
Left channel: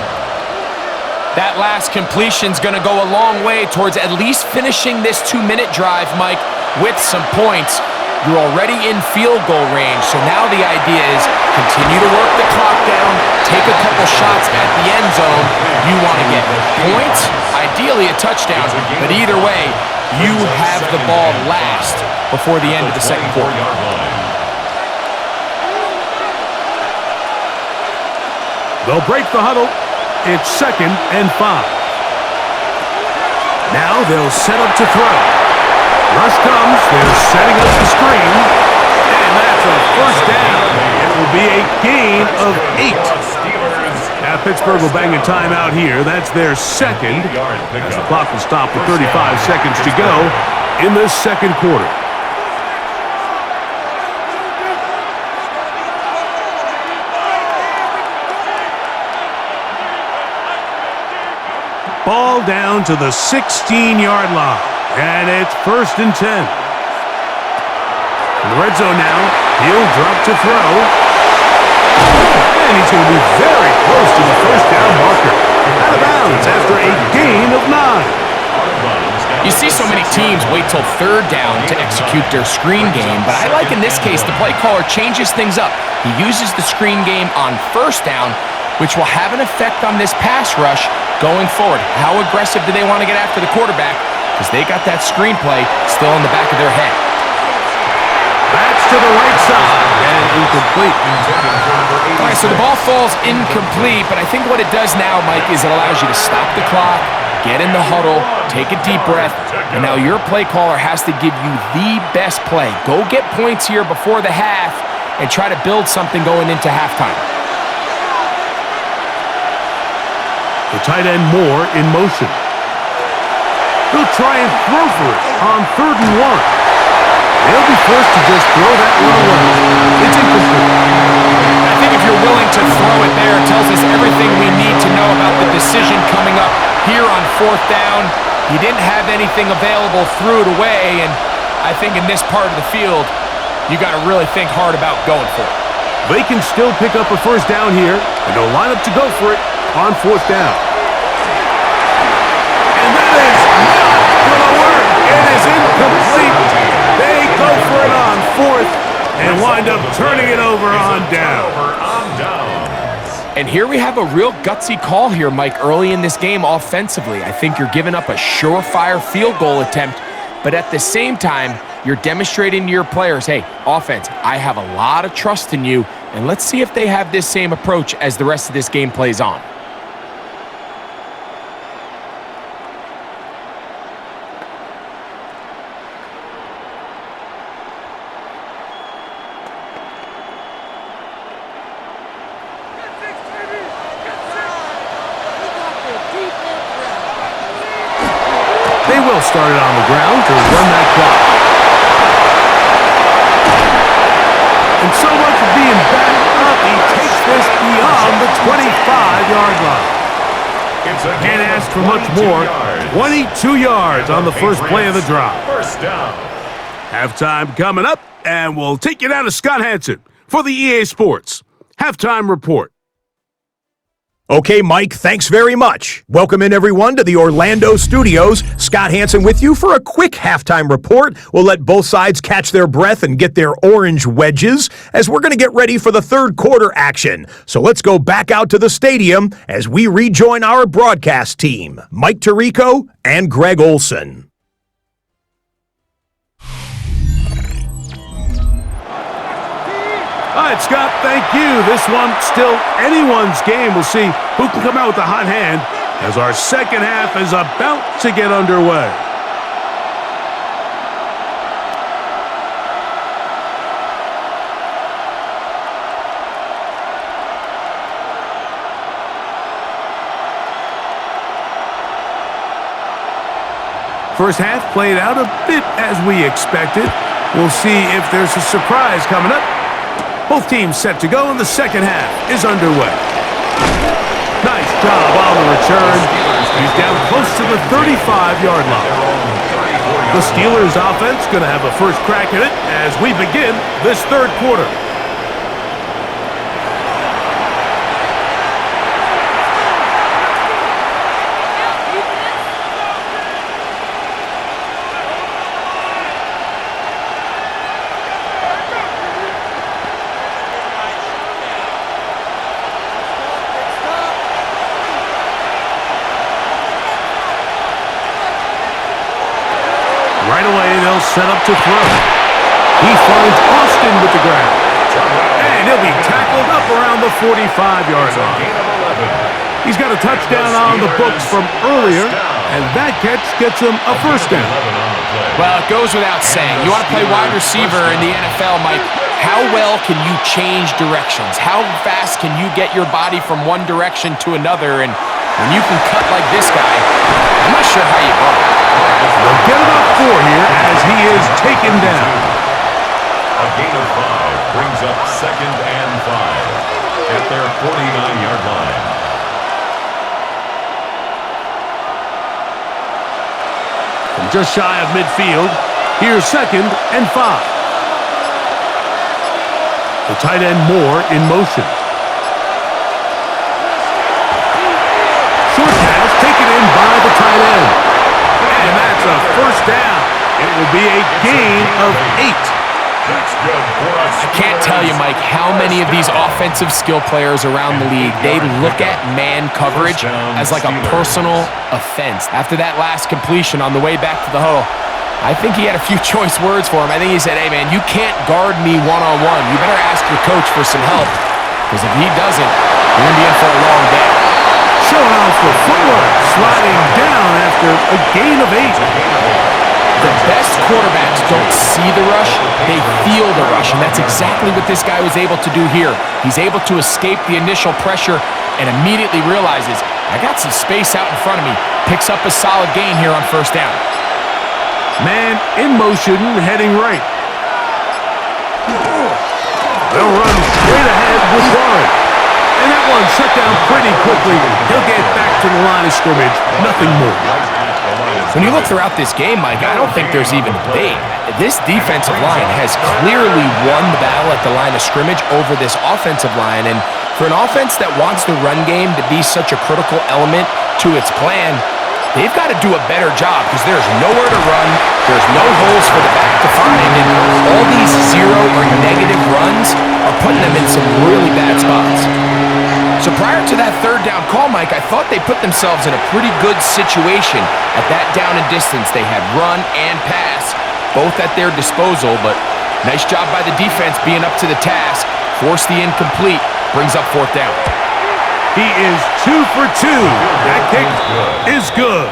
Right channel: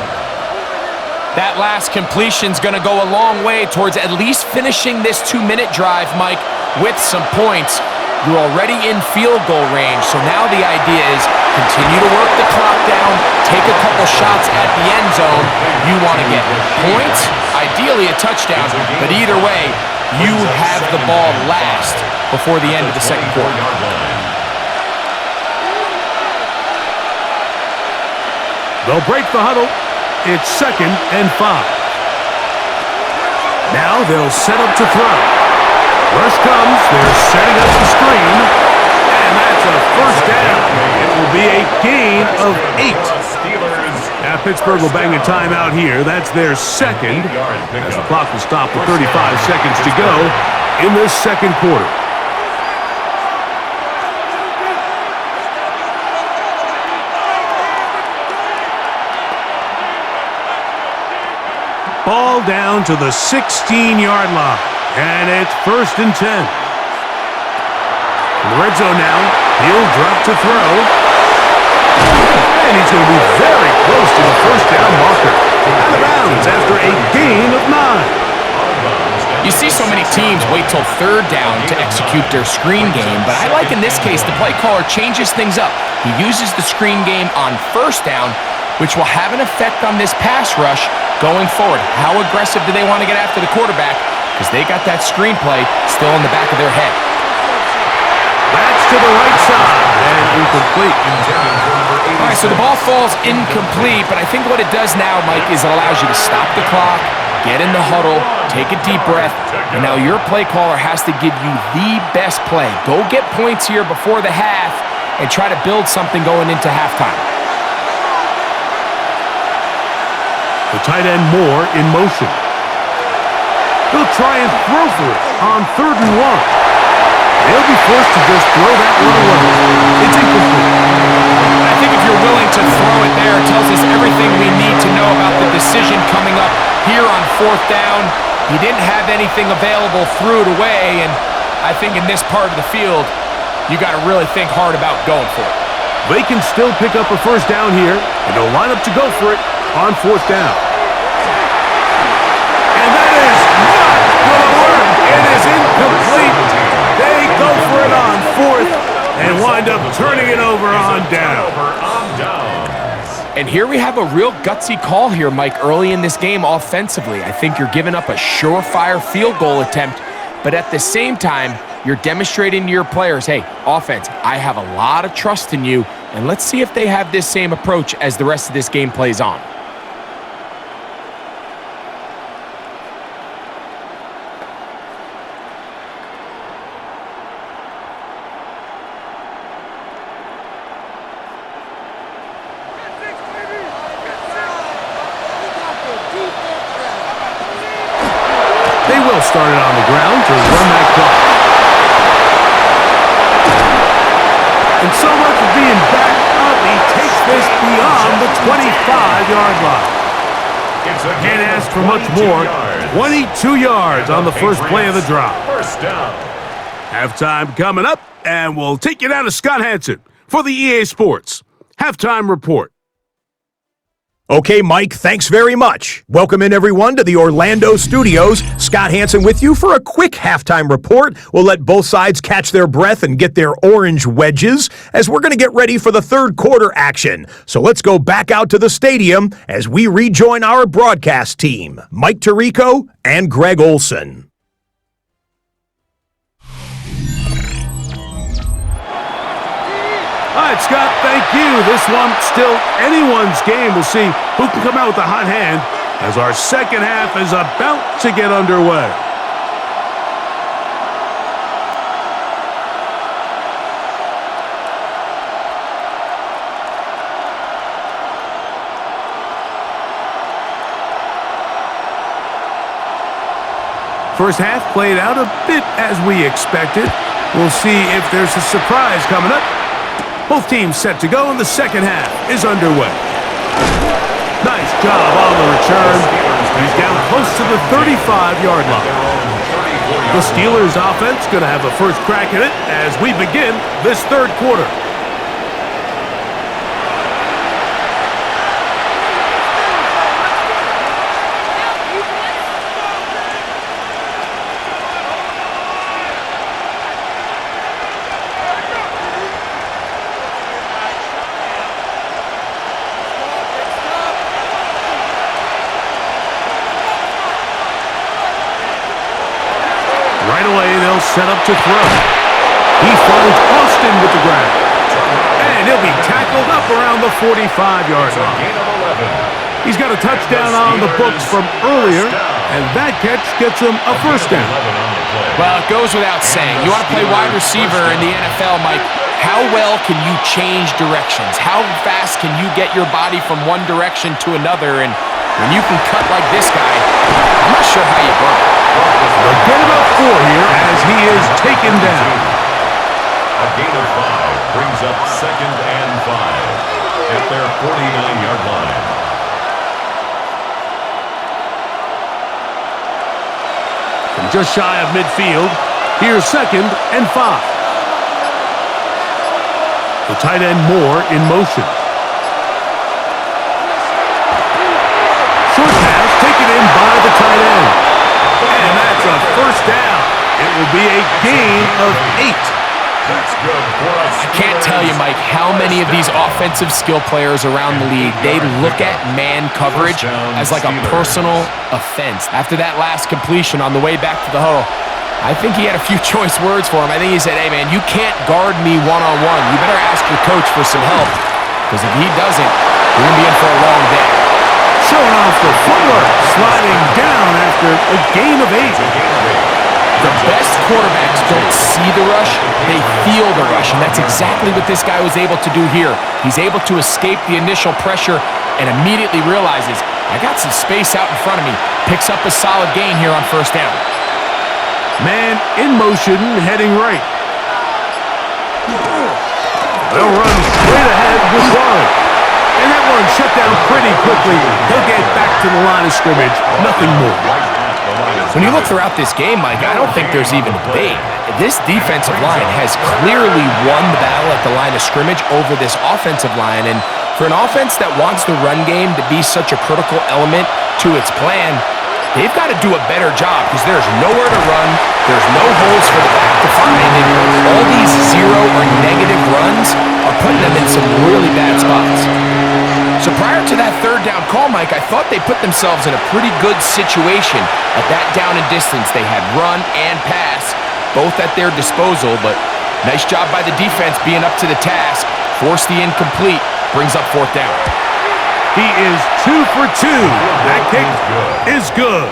That last completion's going to go a long way towards at least finishing this 2-minute drive, Mike, with some points. You're already in field goal range, so now the idea is continue to work the clock down, take a couple shots at the end zone. You want to get points, ideally a touchdown, but either way, you have the ball last before the end of the second quarter. They'll break the huddle. It's 2nd and 5. Now they'll set up to throw. Rush comes. They're setting up the screen. And that's a first down. It will be a gain of 8. Now Pittsburgh will bang a timeout here. That's their 2nd. As the clock will stop with 35 seconds to go in the second quarter. Ball down to the 16-yard line. And it's 1st and 10. In the red zone now, he'll drop to throw. And he's going to be very close to the first down marker. Out of bounds after a gain of 9. You see see so many teams wait till third down to execute their screen game, but I like in this case the play caller changes things up. He uses the screen game on first down, which will have an effect on this pass rush going forward. How aggressive do they want to get after the quarterback? Because they got that screenplay still in the back of their head. That's to the right side and incomplete. All right, so the ball falls incomplete, but I think what it does now, Mike, is it allows you to stop the clock, get in the huddle, take a deep breath, and now your play caller has to give you the best play. Go get points here before the half and try to build something going into halftime. The tight end Moore in motion. He'll try and throw for it on 3rd and 1. They'll be forced to just throw that one away. It's incomplete. I think if you're willing to throw it there, it tells us everything we need to know about the decision coming up here on 4th down. He didn't have anything available, threw it away, and I think in this part of the field, you got to really think hard about going for it. They can still pick up a 1st down here, and they'll line up to go for it on 4th down. And that is not going to work. It is incomplete. They go for it on 4th and wind up turning it over on down. And here we have a real gutsy call here, Mike, early in this game offensively. I think you're giving up a surefire field goal attempt, but at the same time, you're demonstrating to your players, hey, offense, I have a lot of trust in you, and let's see if they have this same approach as the rest of this game plays on. They will start it on the ground to run that clock. And so much for being backed up, he takes this beyond the 25-yard line. Can't ask for much more. 22 yards on the first play of the drive. First down. Halftime coming up, and we'll take you down to Scott Hansen for the EA Sports Halftime Report. Okay, Mike, thanks very much. Welcome in, everyone, to the Orlando studios. Scott Hansen with you for a quick halftime report. We'll let both sides catch their breath and get their orange wedges as we're going to get ready for the third quarter action. So let's go back out to the stadium as we rejoin our broadcast team, Mike Tirico and Greg Olson. All right, Scott, thank you. This one still anyone's game. We'll see who can come out with the hot hand as our second half is about to get underway. First half played out a bit as we expected. We'll see if there's a surprise coming up. Both teams set to go, and the second half is underway. Nice job on the return. He's down close to the 35-yard line. The Steelers' offense going to have a first crack at it as we begin this third quarter. Right away, they'll set up to throw. He finds Austin with the grab. And he'll be tackled up around the 45-yard line. He's got a touchdown on the books from earlier, and that catch gets him a first down. Well, it goes without saying. You want to play wide receiver in the NFL, Mike. How well can you change directions? How fast can you get your body from one direction to another? And when you can cut like this guy, I'm not sure how you burn. They'll get about 4 here as he is taken down. A gain of 5 brings up 2nd and 5 at their 49-yard line. From just shy of midfield, here's 2nd and 5. The tight end Moore in motion. Short pass taken in by the tight end. And that's a first down. It will be a gain of 8. That's good for us. I can't tell you, Mike, how many of these offensive skill players around the league, they look at man coverage as like a personal offense. After that last completion on the way back to the huddle, I think he had a few choice words for him. I think he said, hey, man, you can't guard me one-on-one. You better ask your coach for some help, because if he doesn't, you're going to be in for a long day. Showing off the footwork, sliding down after a gain of 8. The best quarterbacks don't see the rush, they feel the rush, and that's exactly what this guy was able to do here. He's able to escape the initial pressure and immediately realizes, I got some space out in front of me. Picks up a solid gain here on first down. Man in motion, heading right. They'll run straight ahead with Warren. And that one shut down pretty quickly. He'll get back to the line of scrimmage, nothing more. When you look throughout this game, Mike, I don't think there's even debate. This defensive line has clearly won the battle at the line of scrimmage over this offensive line. And for an offense that wants the run game to be such a critical element to its plan, they've got to do a better job because there's nowhere to run, there's no holes for the back to find, and all these zero or negative runs are putting them in some really bad spots. So prior to that third down call, Mike, I thought they put themselves in a pretty good situation at that down and distance. They had run and pass, both at their disposal, but nice job by the defense being up to the task. Force the incomplete, brings up fourth down. He is 2 for 2. That kick is good.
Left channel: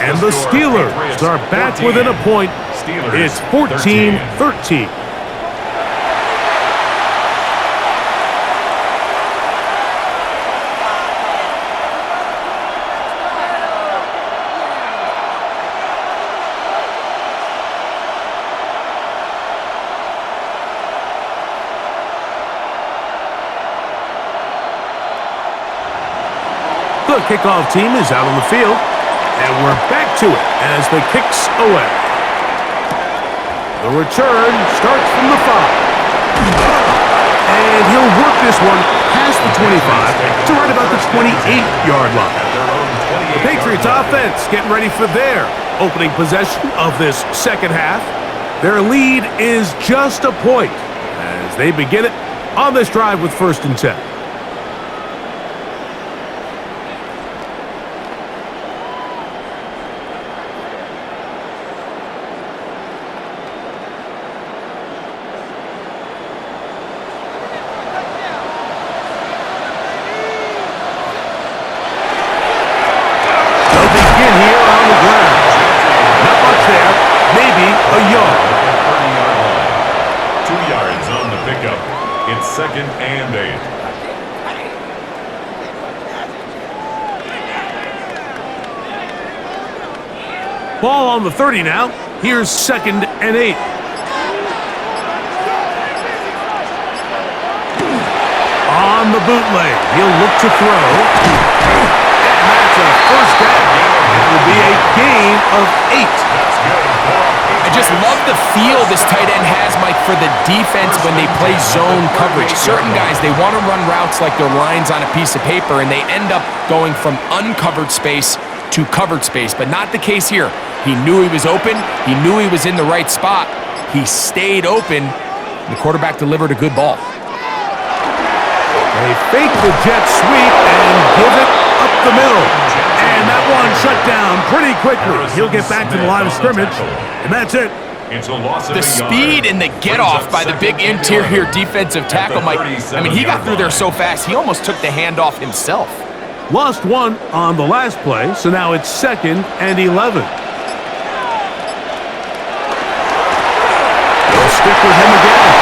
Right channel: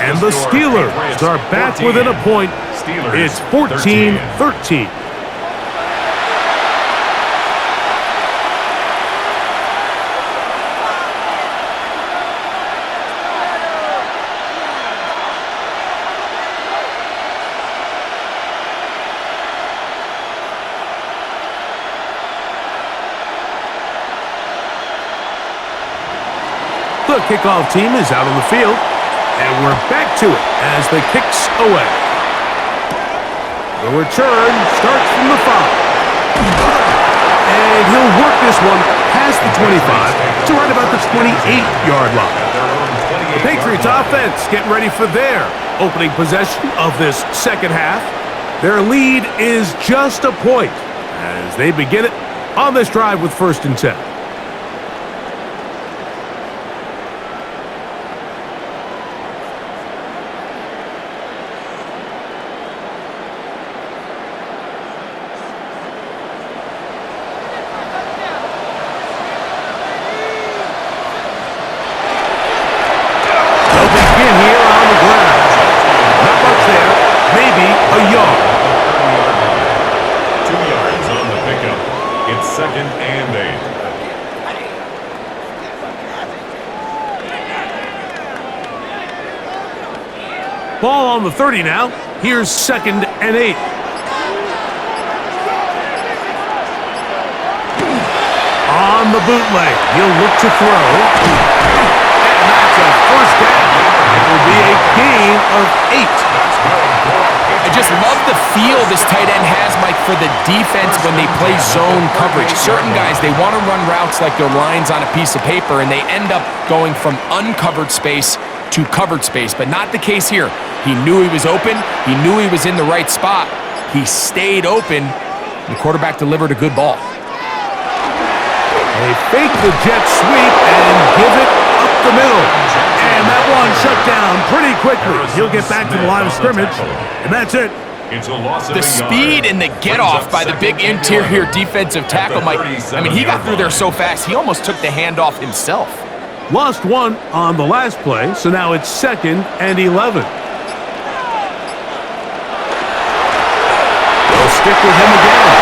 And the Steelers are back within a point. It's 14-13. The kickoff team is out on the field, and we're back to it as the kick's away. The return starts from the 5. And he'll work this one past the 25 to right about the 28-yard line. The Patriots offense getting ready for their opening possession of this second half. Their lead is just a point as they begin it on this drive with 1st and 10. Here on the ground. Not much there. Maybe a yard. 30-yard line. 2 yards on the pickup. It's 2nd and 8. Ball on the 30 now. Here's 2nd and 8. On the bootleg. He'll look to throw. And that's a first down. It will be a gain of 8. I just love the feel this tight end has, Mike, for the defense when they play zone coverage. Certain guys, they want to run routes like they're lines on a piece of paper, and they end up going from uncovered space to covered space, but not the case here. He knew he was open. He knew he was in the right spot. He stayed open. The quarterback delivered a good ball. They fake the jet sweep and give it up the middle. And that one shut down pretty quickly. He'll get back to the line of scrimmage, and that's it. The speed and the get-off by the big interior defensive tackle, Mike. I mean, he got through there so fast, he almost took the handoff himself. Lost one on the last play, so now it's 2nd and 11. They'll stick with him again.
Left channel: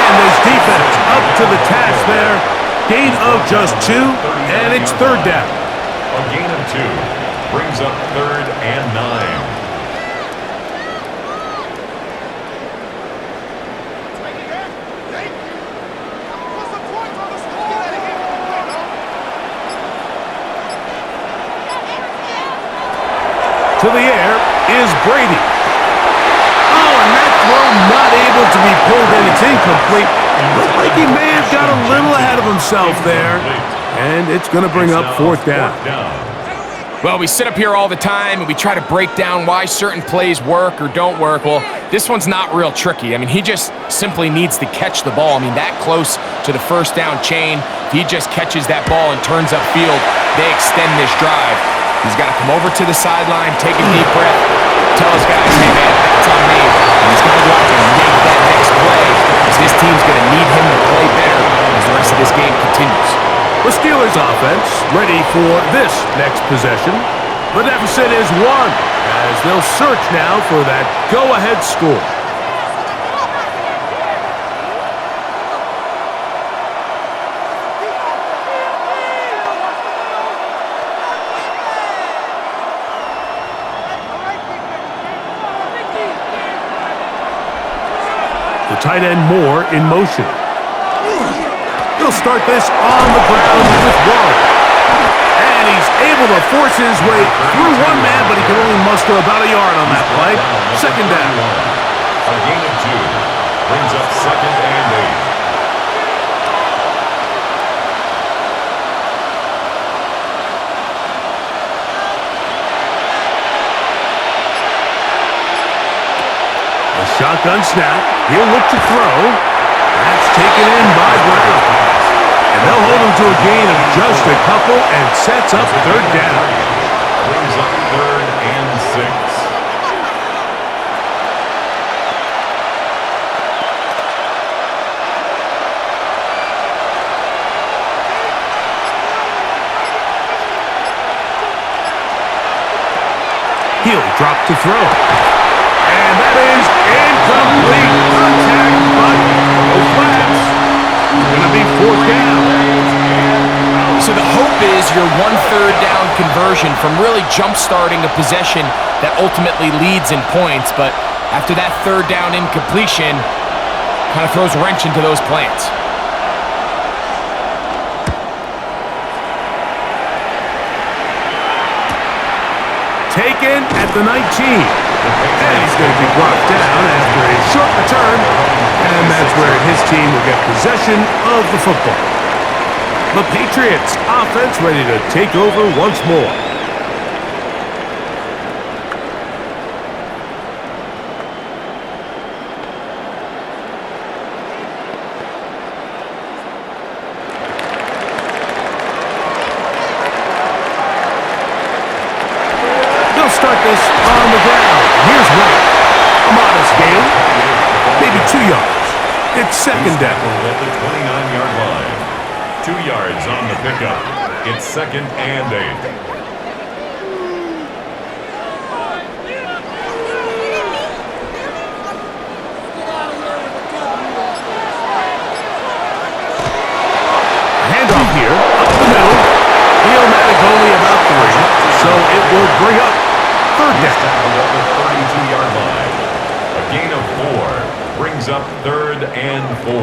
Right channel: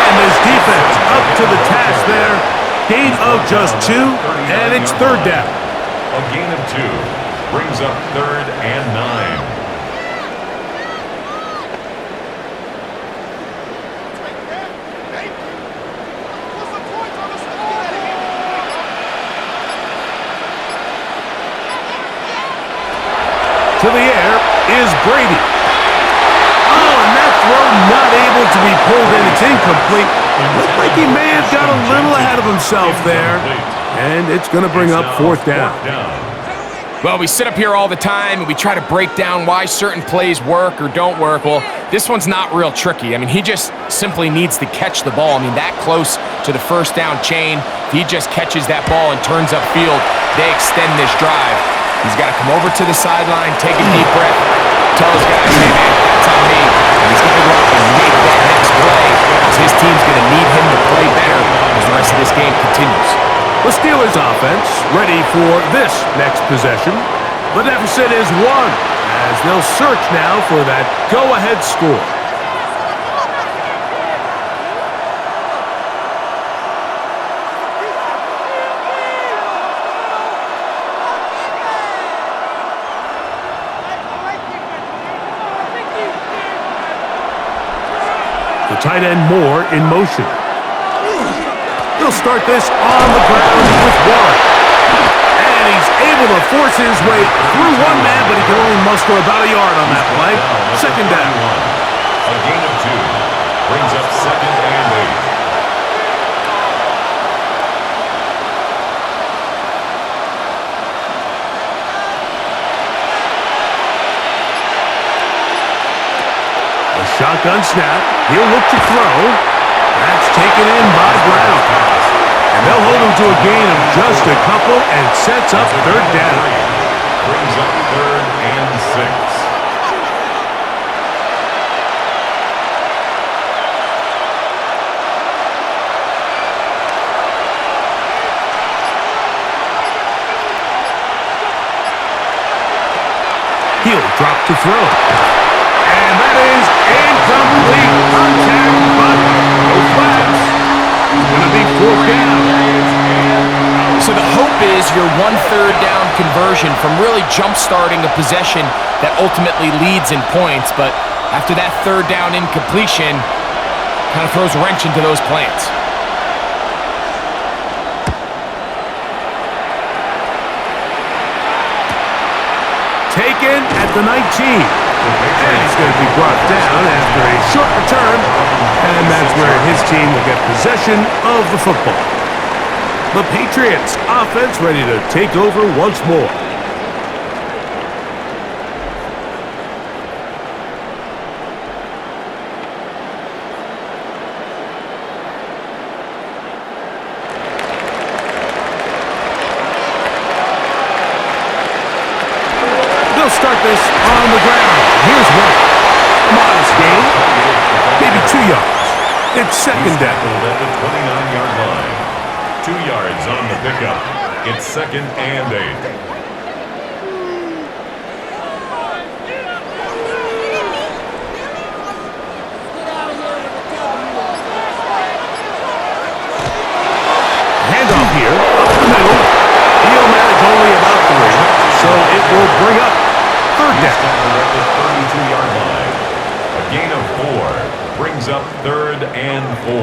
And this defense up to the task there. Gain of just 2, and it's 3rd down. A gain of 2 brings up 3rd and 9. To the air is Brady. Oh, and that throw not able to be pulled in. It's incomplete. Looked like he may have got a little ahead of himself there. And it's going to bring up 4th down. Well, we sit up here all the time and we try to break down why certain plays work or don't work. Well, this one's not real tricky. I mean, he just simply needs to catch the ball. I mean, that close to the first down chain, if he just catches that ball and turns upfield, they extend this drive. He's got to come over to the sideline, take a deep breath, tell his guys, hey, man, that's on me. And he's got to go out and make that next play because his team's going to need him to play better as the rest of this game continues. The Steelers offense ready for this next possession. The deficit is 1 as they'll search now for that go-ahead score. The tight end Moore in motion. He'll start this on the ground with Warren. And he's able to force his way through one man, but he can only muster about a yard on that play. Second down. A gain of 2 brings up 2nd and 8. A shotgun snap. He'll look to throw. That's taken in by Brown. And they'll hold him to a gain of just a couple and sets up 3rd down. Brings up 3rd and 6. He'll drop to throw. And that is incomplete. Contact, but no flags. It's going to be 4th down. So the hope is your 1/3 down conversion from really jump-starting a possession that ultimately leads in points, but after that 3rd down incompletion, kind of throws a wrench into those plans. Taken at the 19. And he's going to be brought down after a short return, and that's where his team will get possession of the football. The Patriots offense ready to take over once more. They'll start this on the ground. Here's White. A modest gain, maybe 2 yards. It's 2nd down. At the 29-yard line. 2 yards on the pickup. It's 2nd and 8. Handoff here, up the middle. He'll manage only about 3, so it will bring up 3rd down. At the 32-yard line. A gain of 4 brings up 3rd and 4.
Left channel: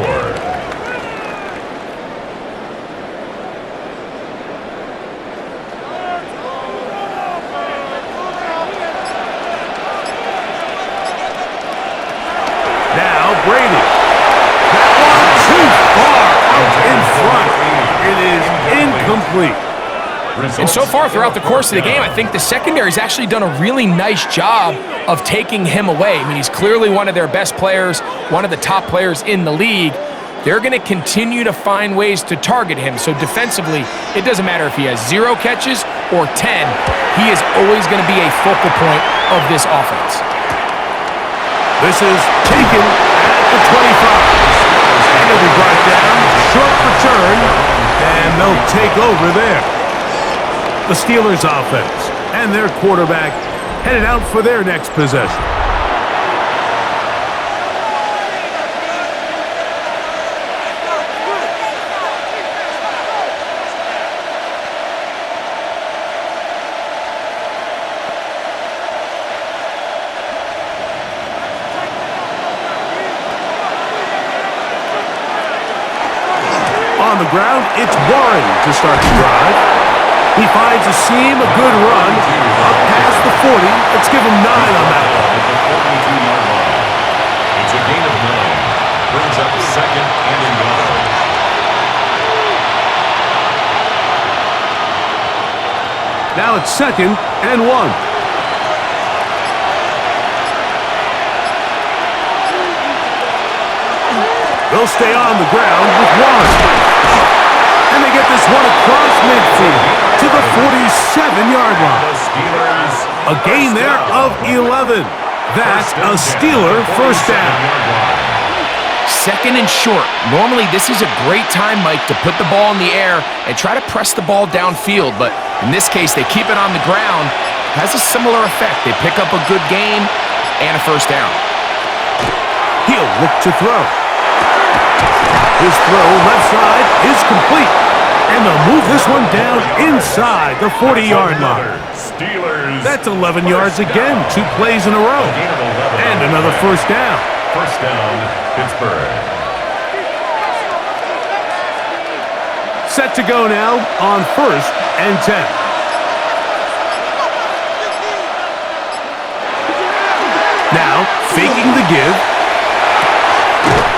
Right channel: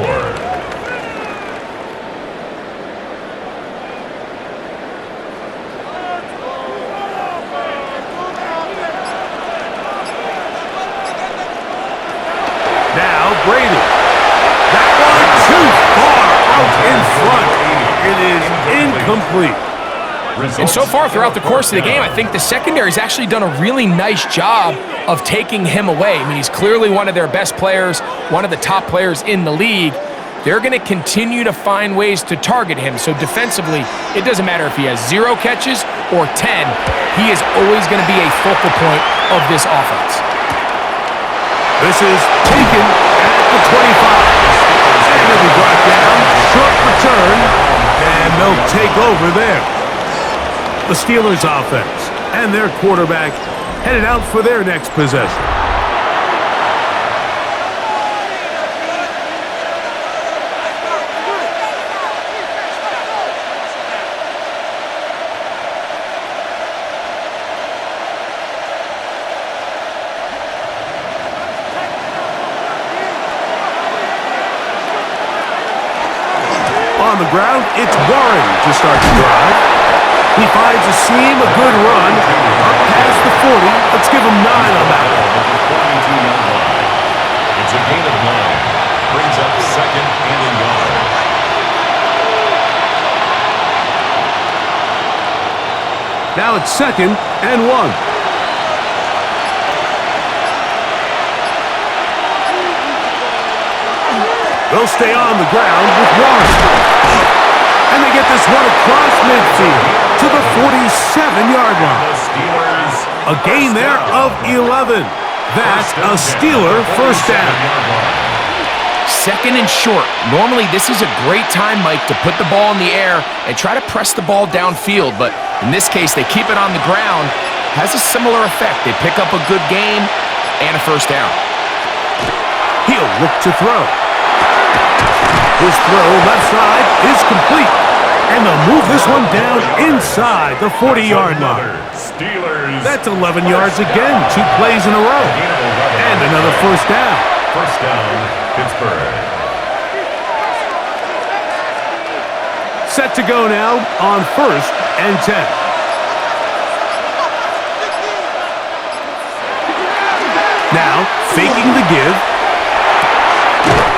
Now Brady. That one too far out in front. It is incomplete. And so far throughout the course of the game, I think the secondary's actually done a really nice job of taking him away. I mean, he's clearly one of their best players, one of the top players in the league. They're going to continue to find ways to target him. So defensively, it doesn't matter if he has 0 catches or 10. He is always going to be a focal point of this offense. This is taken at the 25. And he'll be brought down. Short return. And they'll take over there. The Steelers offense and their quarterback headed out for their next possession. On the ground, it's Warren to start the drive. He finds a seam, a good run, up past the 40. Let's give him 9 on that one. At the 42-yard line. It's a gain of 9. Brings up 2nd and a yard. Now it's 2nd and 1. They'll stay on the ground with Warren. And they get this one across midfield to the 47-yard line. The Steelers A gain there of 11. That's a Steeler first down. 2nd and short. Normally, this is a great time, Mike, to put the ball in the air and try to press the ball downfield. But in this case, they keep it on the ground. Has a similar effect. They pick up a good gain and a first down. He'll look to throw. His throw left side is complete. And they'll move this one down inside the 40-yard line. Steelers. That's 11 yards again, 2 plays in a row. And another first down. First down, Pittsburgh. Set to go now on 1st and 10. Now, faking the give.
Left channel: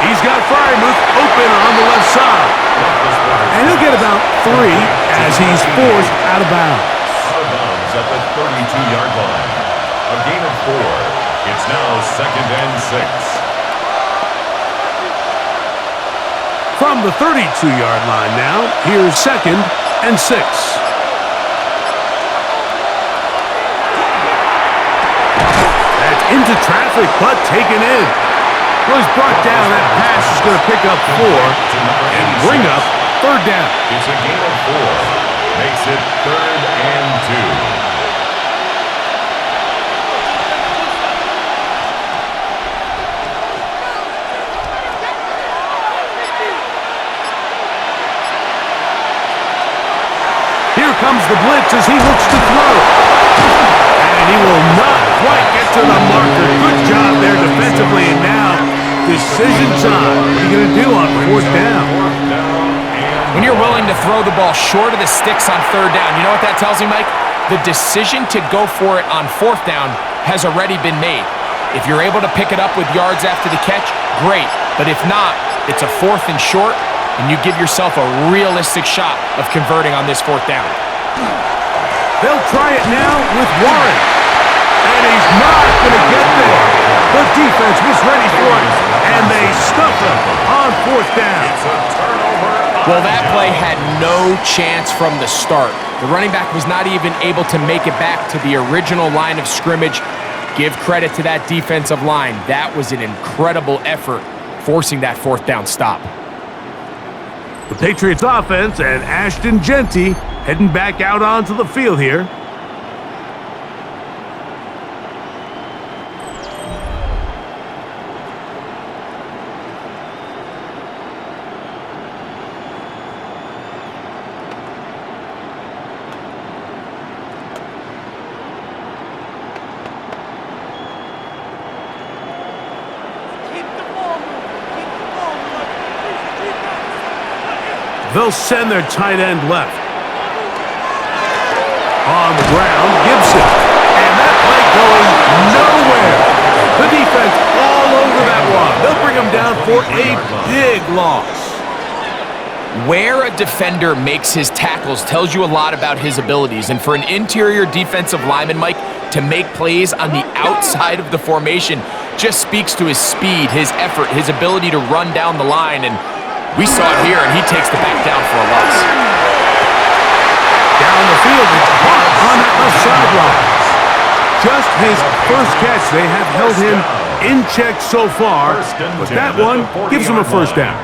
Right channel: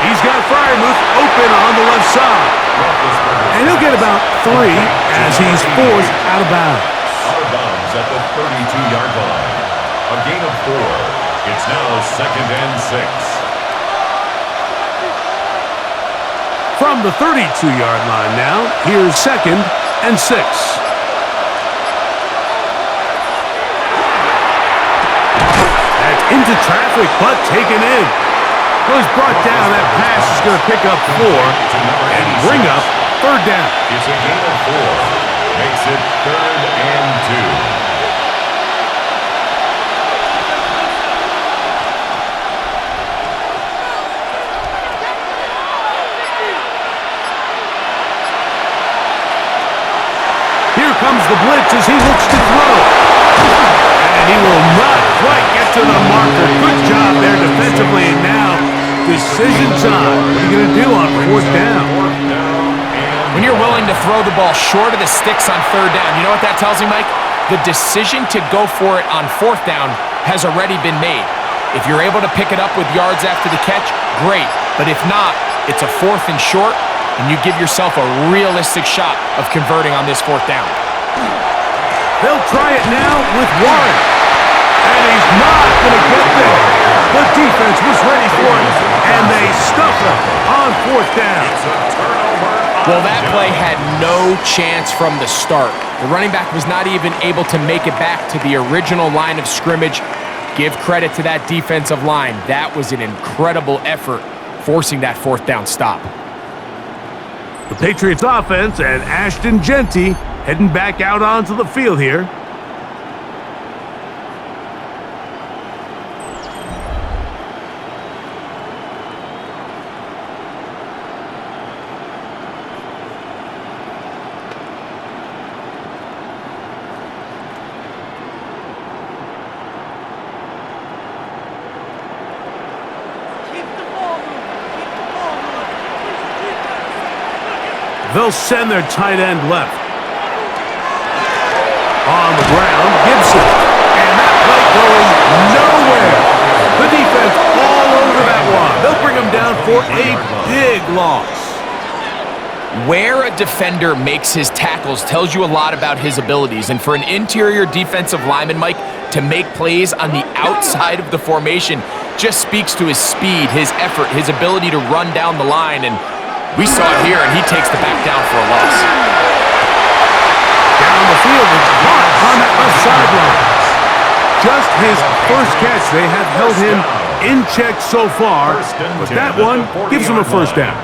He's got Freiermuth open on the left side. And he'll get about 3 as he's forced out of bounds. Out of bounds at the 32-yard line. A gain of 4. It's now 2nd and 6. From the 32-yard line now, here's 2nd and 6. That's into traffic, but taken in. Well, he's brought down. That pass is going to pick up 4 and bring up 3rd down. It's a gain of 4. Makes it 3rd and 2. Here comes the blitz as he looks to throw. And he will not quite get to the marker. Good job there defensively. And now, decision time. What are you going to do on 4th down? When you're willing to throw the ball short of the sticks on 3rd down, you know what that tells me, Mike? The decision to go for it on 4th down has already been made. If you're able to pick it up with yards after the catch, great. But if not, it's a 4th and short, and you give yourself a realistic shot of converting on this 4th down. They'll try it now with Warren. And he's not going to get there. The defense was ready for it, and they stuff him on 4th down. It's a turnover. Well, that play had no chance from the start. The running back was not even able to make it back to the original line of scrimmage. Give credit to that defensive line. That was an incredible effort, forcing that 4th down stop. The Patriots offense and Ashton Genty heading back out onto the field here. They'll send their tight end left. On the ground, Gibson. And that play going nowhere. The defense all over that one. They'll bring him down for a big loss. Where a defender makes his tackles tells you a lot about his abilities. And for an interior defensive lineman, Mike, to make plays on the outside of the formation just speaks to his speed, his effort, his ability to run down the line. And we saw it here, and he takes the back down for a loss. Down the field, it's caught on that left sideline. Just his first catch. They have held him in check so far, but that one gives him a first down.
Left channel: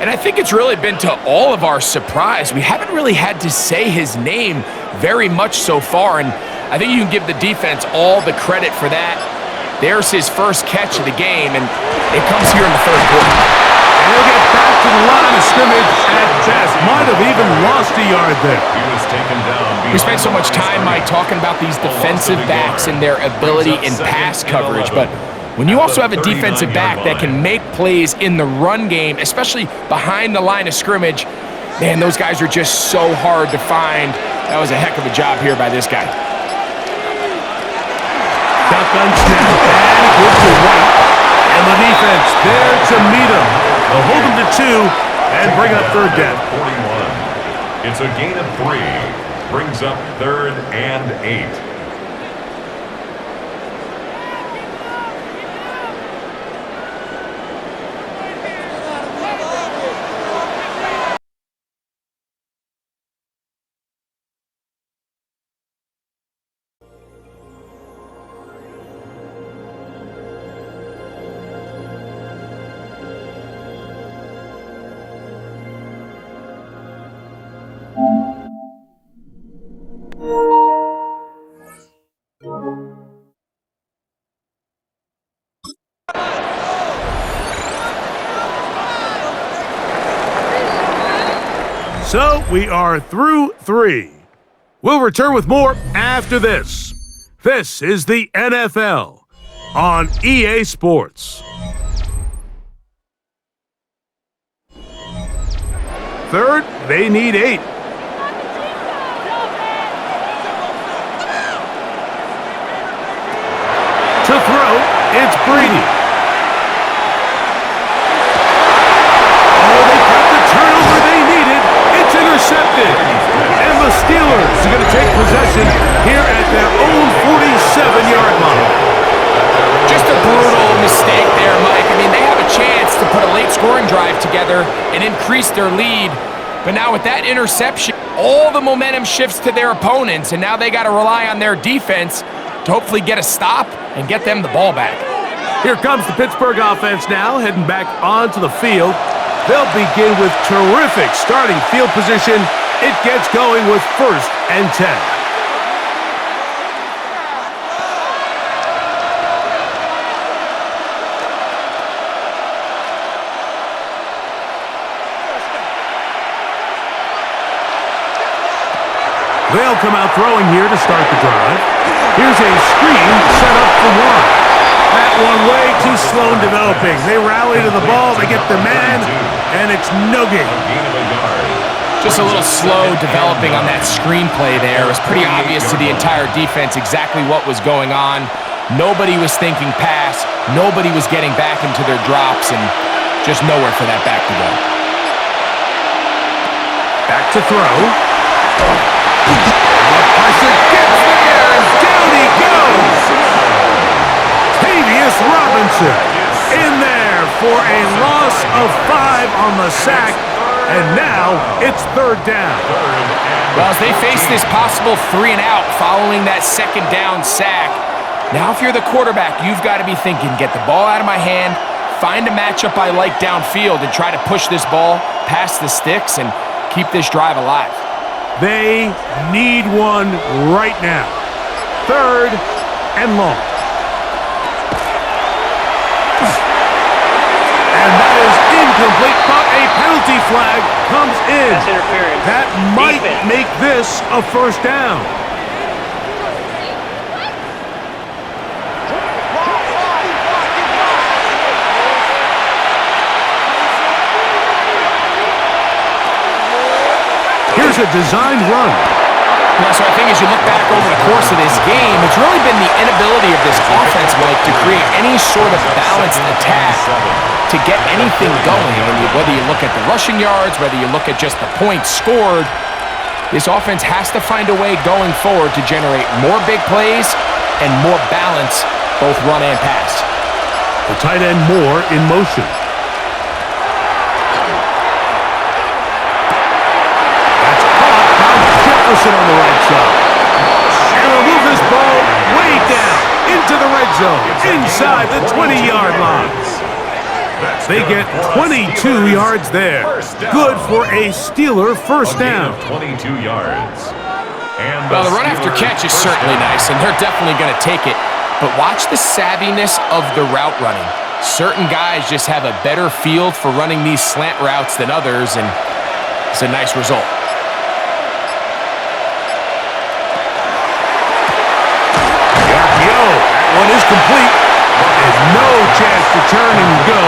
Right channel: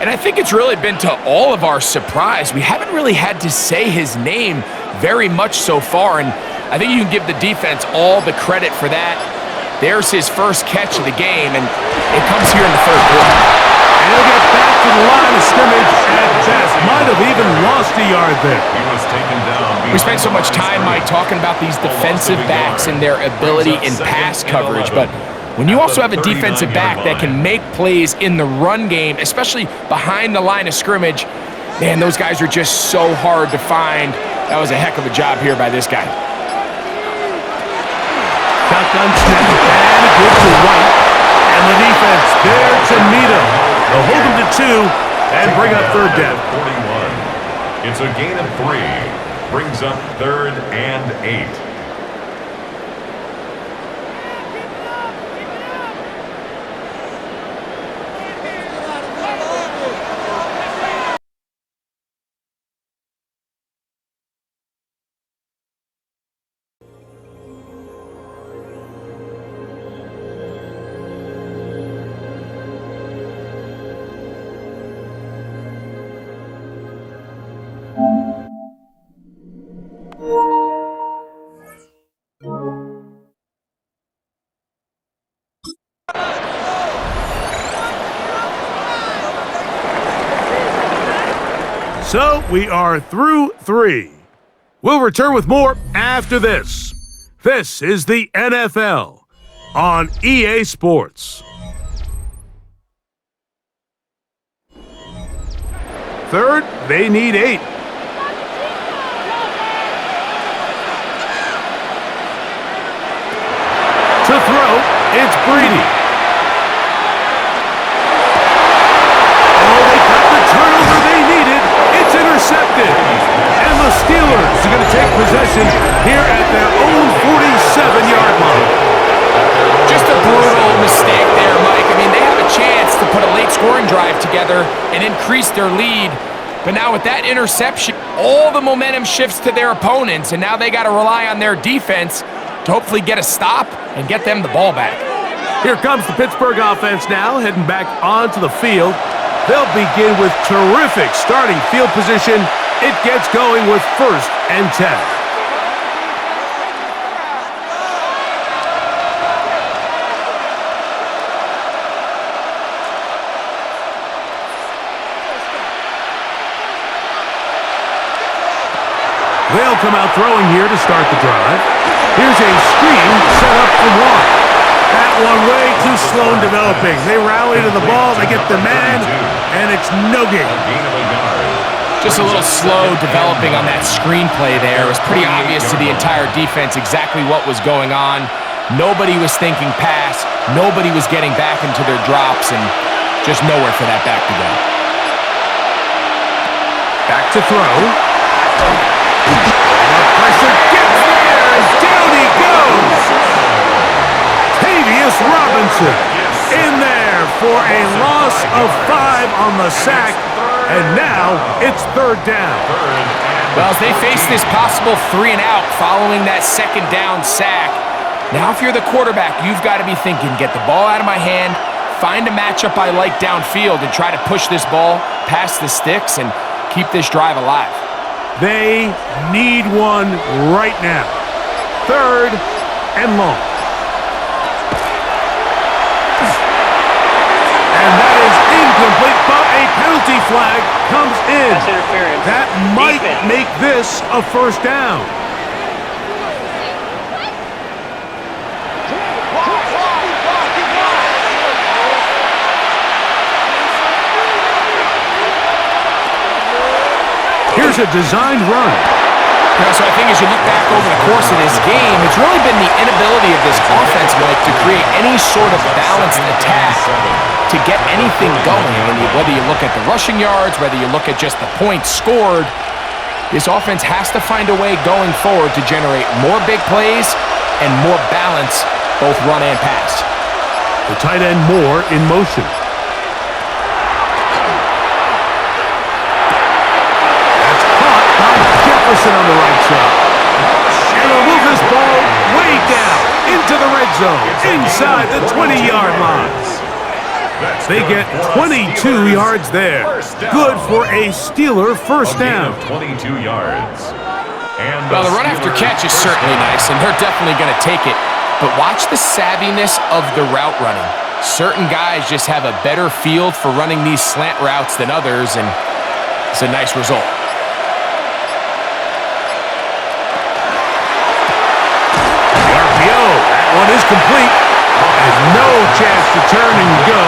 And I think it's really been to all of our surprise. We haven't really had to say his name very much so far, and I think you can give the defense all the credit for that. There's his first catch of the game, and it comes here in the 3rd quarter. And he'll get back to the line of scrimmage at best. Might have even lost a yard there. He was taken down. We spent so much time, Mike, talking about these defensive backs and their ability in pass coverage, but when you also have a defensive back that can make plays in the run game, especially behind the line of scrimmage, man, those guys are just so hard to find. That was a heck of a job here by this guy. Shotgun snap and a good to White. And the defense there to meet him. They'll hold him to 2 and bring up 3rd down. 41. It's a gain of 3. Brings up 3rd and 8. So we are through 3. We'll return with more after this. This is the NFL on EA Sports. 3rd, they need 8. To throw, it's Brady. Oh, they got the turnover they needed. It's intercepted. And the Steelers are going to take possession here at their own 47-yard line. Just a brutal mistake there, Mike. I mean, they have a chance to put a late scoring drive together and increase their lead. But now with that interception, all the momentum shifts to their opponents, and now they got to rely on their defense to hopefully get a stop and get them the ball back. Here comes the Pittsburgh offense now, heading back onto the field. They'll begin with terrific starting field position. It gets going with 1st and 10. They'll come out throwing here to start the drive. Here's a screen set up for one. That one way too slow in developing. They rally to the ball, they get the man, and it's no gain. Just a little slow developing on that screenplay there. It was pretty obvious to the entire defense exactly what was going on. Nobody was thinking pass. Nobody was getting back into their drops, and just nowhere for that back to go. Back to throw. The pressure gets there, and down he goes. Tavius Robinson in there for a loss of 5 on the sack, and now it's 3rd down. Well, as they face this possible 3 and out following that 2nd down sack, now if you're the quarterback, you've got to be thinking, get the ball out of my hand, find a matchup I like downfield, and try to push this ball past the sticks and keep this drive alive. They need one right now. 3rd and long. And that is incomplete, but a penalty flag comes in. That's interference. That might Defense. make this a 1st down. Here's a designed run. So I think as you look back over the course of this game, it's really been the inability of this offense, Mike, to create any sort of balanced attack to get anything going. And whether you look at the rushing yards, whether you look at just the points scored, this offense has to find a way going forward to generate more big plays and more balance, both run and pass. The tight end Moore in motion. Jefferson on the right side. And they'll move this ball way down into the red zone, inside the 20-yard line. They get 22 yards there. Good for a Steeler 1st down. 22 yards. Well, the run after catch is certainly nice, and they're definitely going to take it. But watch the savviness of the route running. Certain guys just have a better field for running these slant routes than others, and it's a nice result. That one is complete. And no chance to turn and go.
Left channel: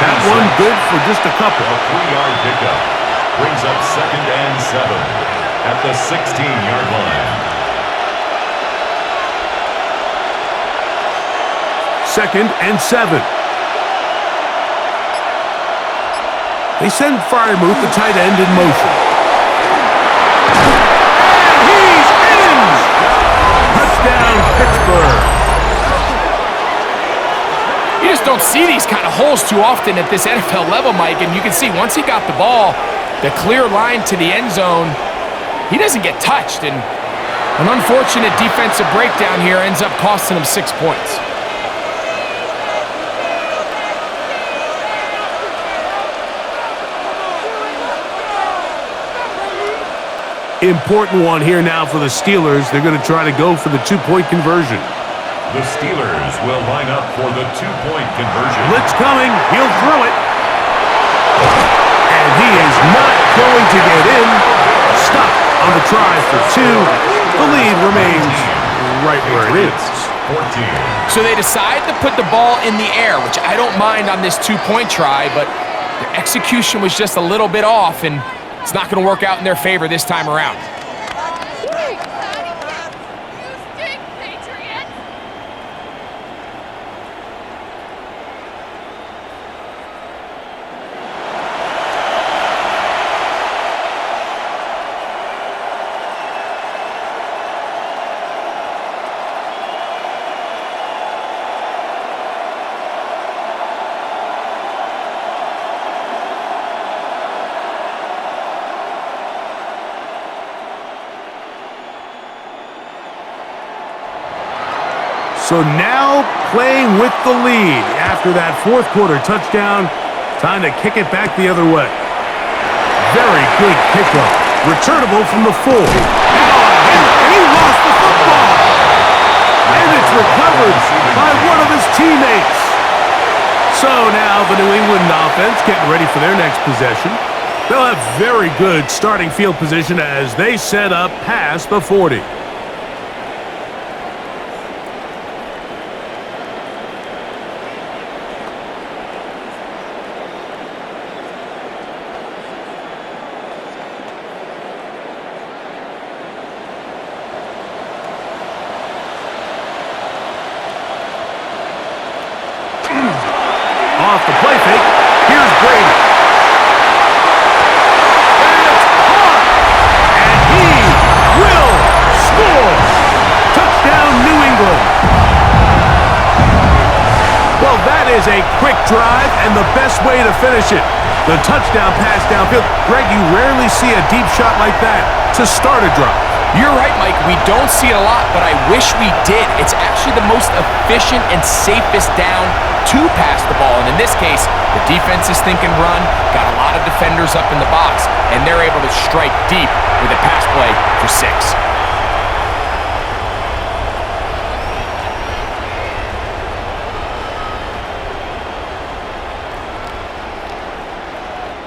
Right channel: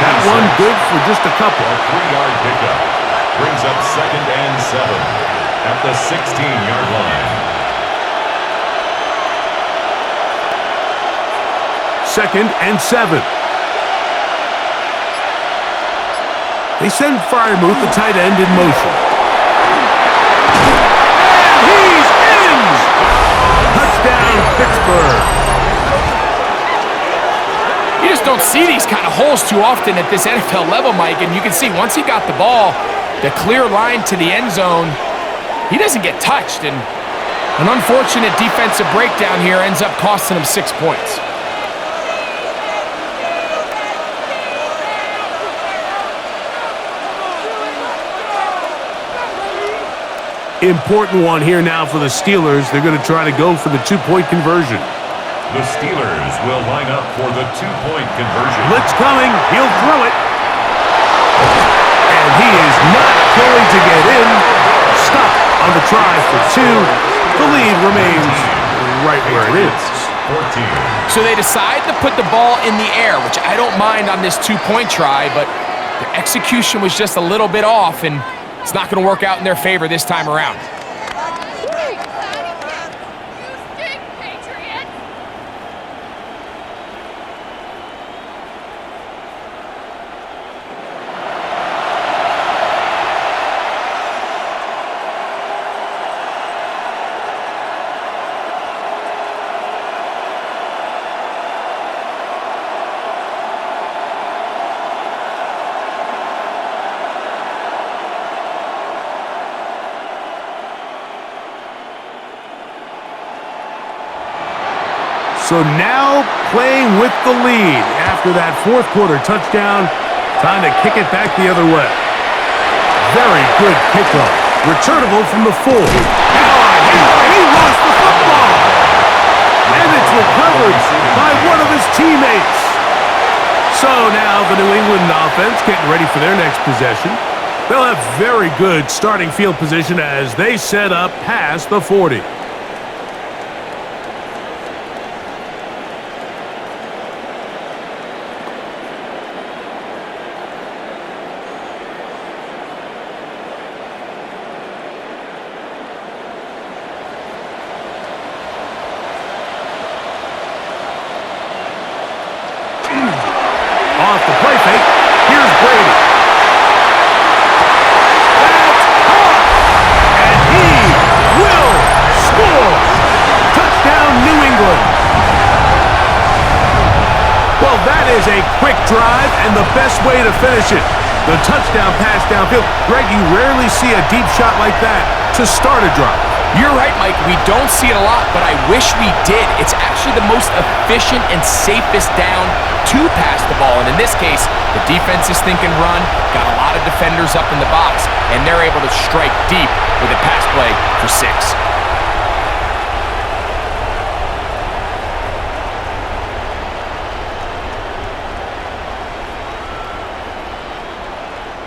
That one good for just a couple. A 3-yard pickup brings up 2nd and 7 at the 16-yard line. 2nd and 7. They send Freiermuth, the tight end, in motion. And he Pittsburgh. You just don't see these kind of holes too often at this NFL level, Mike, and you can see once he got the ball, the clear line to the end zone, he doesn't get touched, and an unfortunate defensive breakdown here ends up costing him 6 points. Important one here now for the Steelers. They're going to try to go for the two-point conversion. The Steelers will line up for the two-point conversion. Blitz coming. He'll throw it. And he is not going to get in. Stop on the try for two. The lead remains right where it is. 14. So they decide to put the ball in the air, which I don't mind on this two-point try, but the execution was just a little bit off, and it's not going to work out in their favor this time around. You stink, Patriots! So now playing with the lead after that fourth quarter touchdown. Time to kick it back the other way. Very good kickoff. Returnable from the 4. Now a hit, and he lost the football. And it's recovered by one of his teammates. So now the New England offense getting ready for their next possession. They'll have very good starting field position as they set up past the 40. Off the play fake, here's Brady. That's caught! And he will score! Touchdown, New England! Well, that is a quick drive and the best way to finish it. The touchdown pass downfield. Greg, you rarely see a deep shot like that to start a drive. You're right, Mike. We don't see it a lot, but I wish we did. It's actually the most efficient and safest down to pass the ball. And in this case, the defense is thinking run, got a lot of defenders up in the box, and they're able to strike deep with a pass play for 6.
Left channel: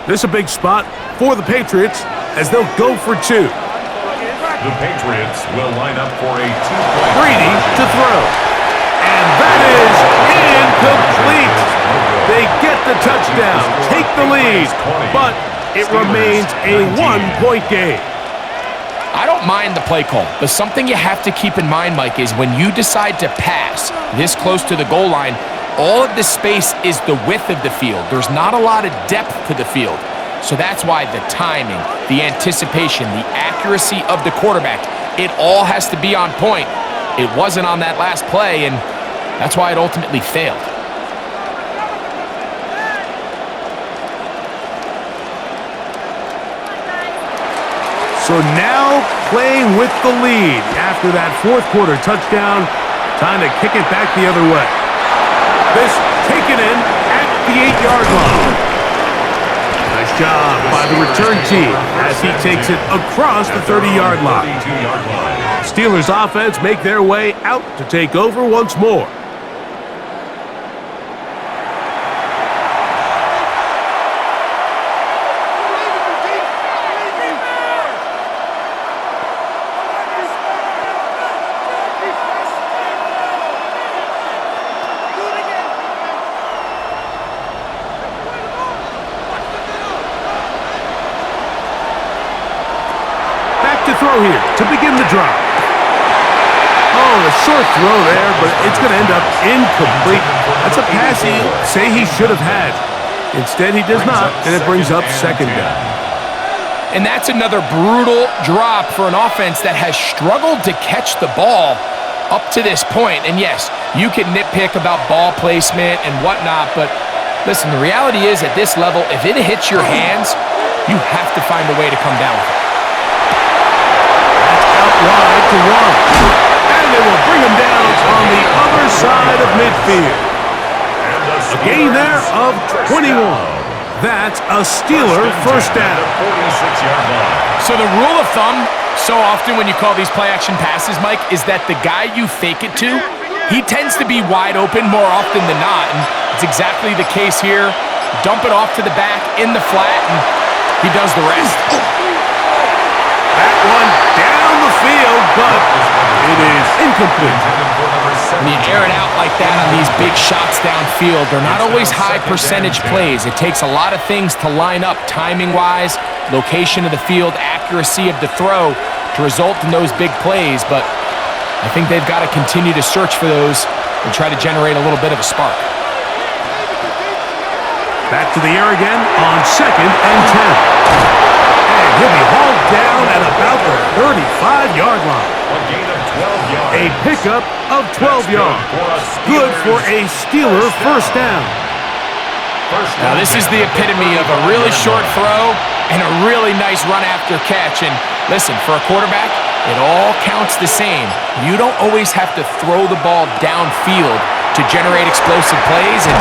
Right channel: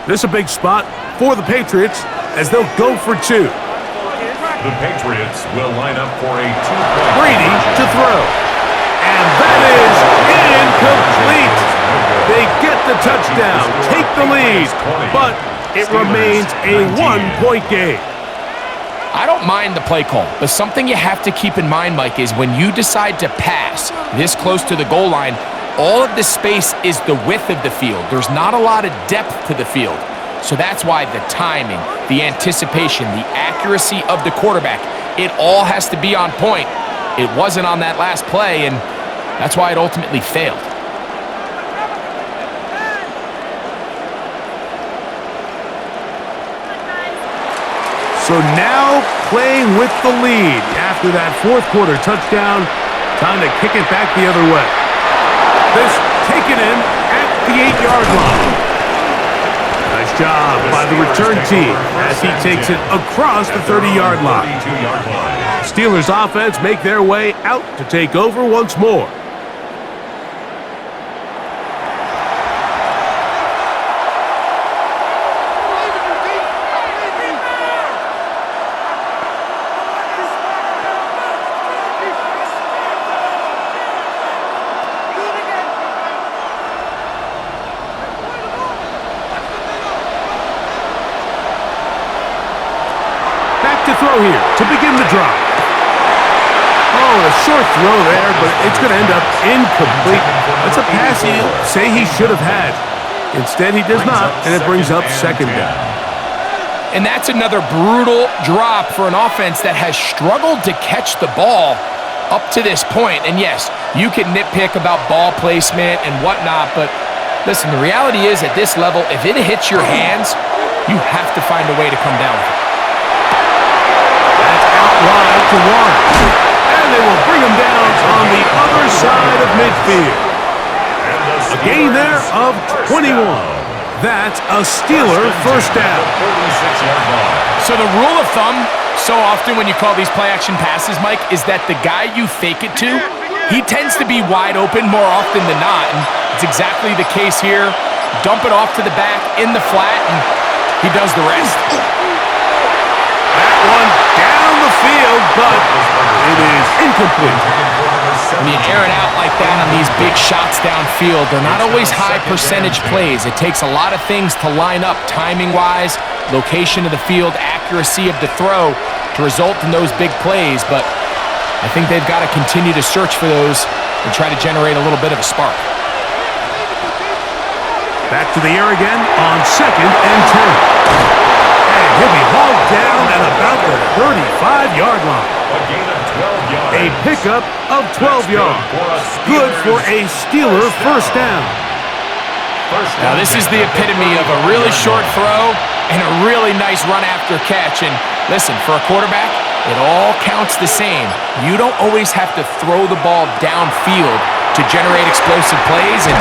This is a big spot for the Patriots as they'll go for 2. The Patriots will line up for a two-point Brady conversion. to throw. And that is incomplete. They get the touchdown, take the lead, but it remains a 1-point game. I don't mind the play call, but something you have to keep in mind, Mike, is when you decide to pass this close to the goal line, all of the space is the width of the field. There's not a lot of depth to the field. So that's why the timing, the anticipation, the accuracy of the quarterback, it all has to be on point. It wasn't on that last play, and that's why it ultimately failed. So now playing with the lead after that fourth quarter touchdown. Time to kick it back the other way. This taken in at the 8-yard line. Nice job by the return team as he takes it across the 30-yard line. Steelers offense make their way out to take over once more. To throw here to begin the drive. Oh, a short throw there, but it's going to end up incomplete. That's a pass he'll say he should have had. Instead, he does not, and it brings up second down. And that's another brutal drop for an offense that has struggled to catch the ball. up to this point, and yes, you can nitpick about ball placement and whatnot, but listen, the reality is at this level, if it hits your hands, you have to find a way to come down with it. That's out wide to one. And they will bring him down on the other side of midfield. A gain there of 21. That's a Steeler first down. 46-yard line. So the rule of thumb, so often when you call these play-action passes, Mike, is that the guy you fake it to, he tends to be wide open more often than not, and it's exactly the case here. Dump it off to the back in the flat, and he does the rest. That one down the field, but it is incomplete. When you air it out like that on these big shots downfield, they're not always high percentage plays. It takes a lot of things to line up timing-wise, location of the field, accuracy of the throw to result in those big plays, but I think they've got to continue to search for those and try to generate a little bit of a spark. Back to the air again on 2nd and 10. And he'll be hauled down at about the 35-yard line. A gain of 12 yards. A pickup of 12 yards. Good for a Steeler first down. Now this is the epitome of a really short throw and a really nice run after catch. And listen, for a quarterback, it all counts the same. You don't always have to throw the ball downfield to generate explosive plays, and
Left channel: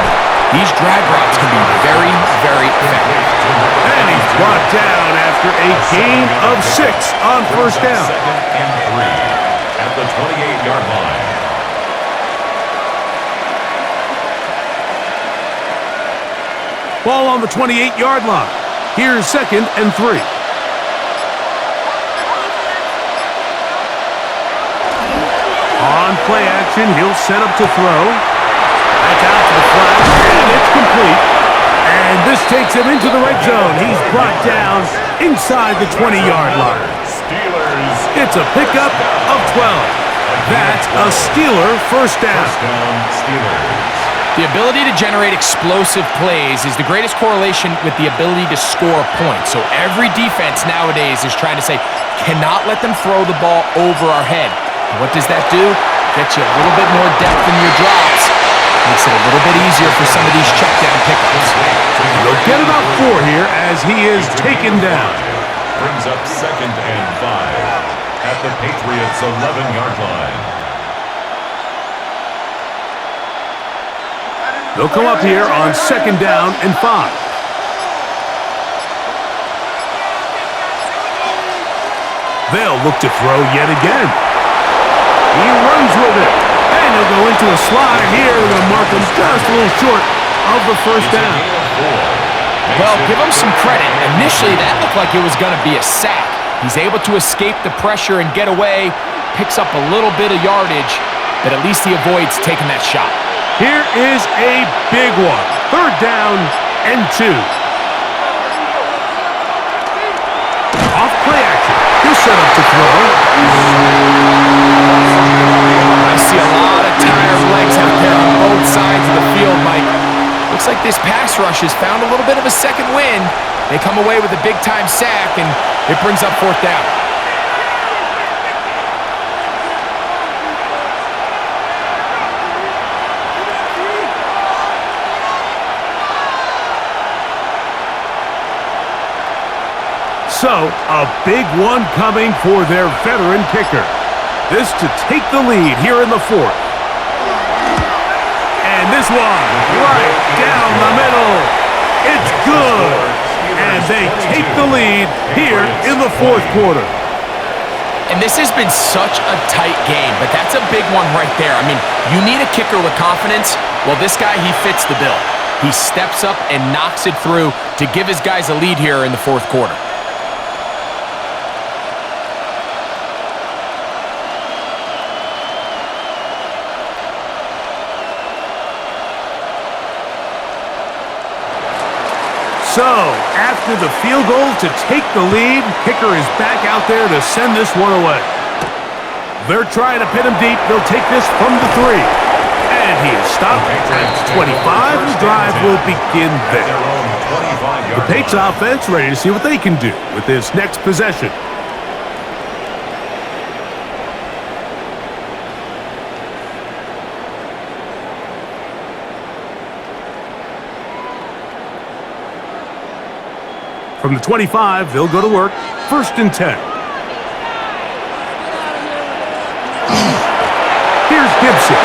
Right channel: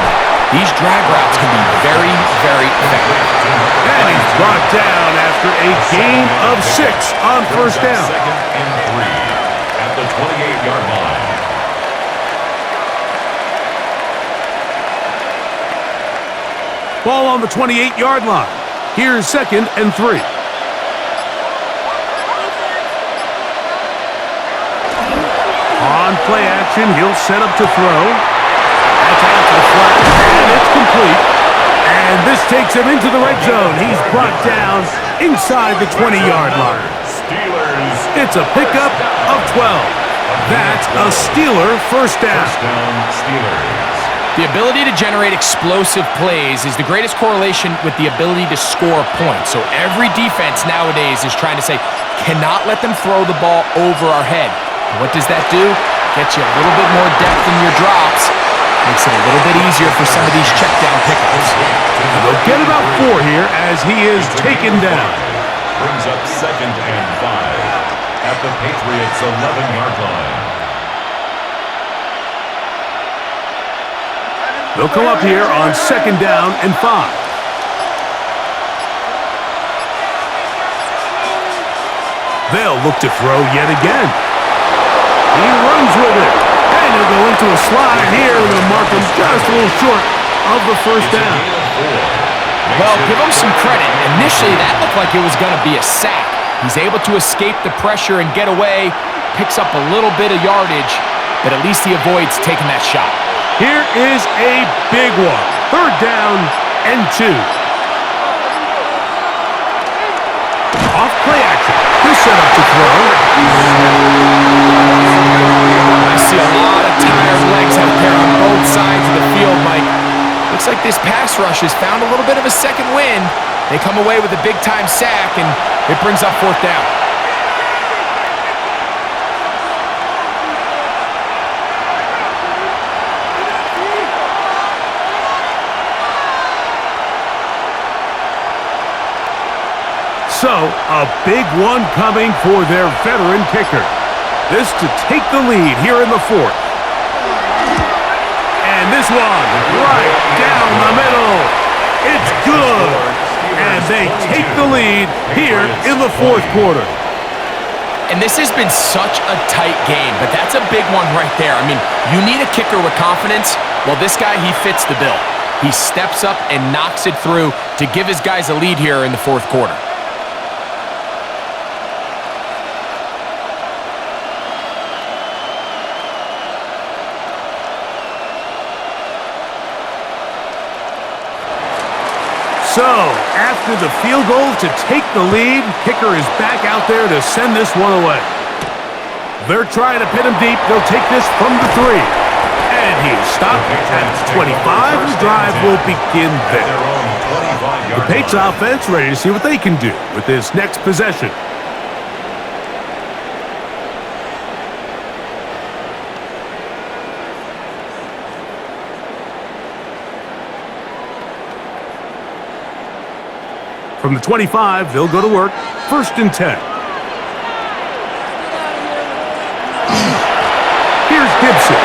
these drag routes can be very, very effective. And he's brought down after a gain of 6 on first down. 2nd and 3 at the 28-yard line. Ball on the 28-yard line. Here's 2nd and 3. On play action, he'll set up to throw. That's out to the flat, and it's complete. And this takes him into the red zone. He's brought down inside the 20-yard line. Steelers. It's a pickup of 12. That's a Steeler first down. First down, Steelers. The ability to generate explosive plays is the greatest correlation with the ability to score points. So every defense nowadays is trying to say, cannot let them throw the ball over our head. And what does that do? Gets you a little bit more depth in your drops. Makes it a little bit easier for some of these check down pickups. And they'll get about 4 here as he is taken down. Brings up 2nd and 5 at the Patriots' 11-yard line. They'll come up here on 2nd down and 5. They'll look to throw yet again. He runs with it. And he'll go into a slide here. They're going to mark him just a little short of the first down. Well, give him some credit. Initially, that looked like it was going to be a sack. He's able to escape the pressure and get away, picks up a little bit of yardage, but at least he avoids taking that shot. Here is a big one. 3rd down and 2. Off play action. He'll set up to throw. I see a lot of tired legs out there on both sides of the field, Mike. Looks like this pass rush has found a little bit of a second wind. They come away with a big-time sack, and it brings up 4th down. So, a big one coming for their veteran kicker. This to take the lead here in the 4th. And this one, right down the middle. It's good. And they take the lead here in the 4th quarter. And this has been such a tight game, but that's a big one right there. I mean, you need a kicker with confidence. Well, this guy, he fits the bill. He steps up and knocks it through to give his guys a lead here in the 4th quarter. So, after the field goal to take the lead, kicker is back out there to send this one away. They're trying to pin him deep. They'll take this from the 3. And he is stopped at 25. The drive will begin there. The Patriots offense ready to see what they can do with this next possession. From the 25, they'll go to work. 1st and 10. Here's Gibson.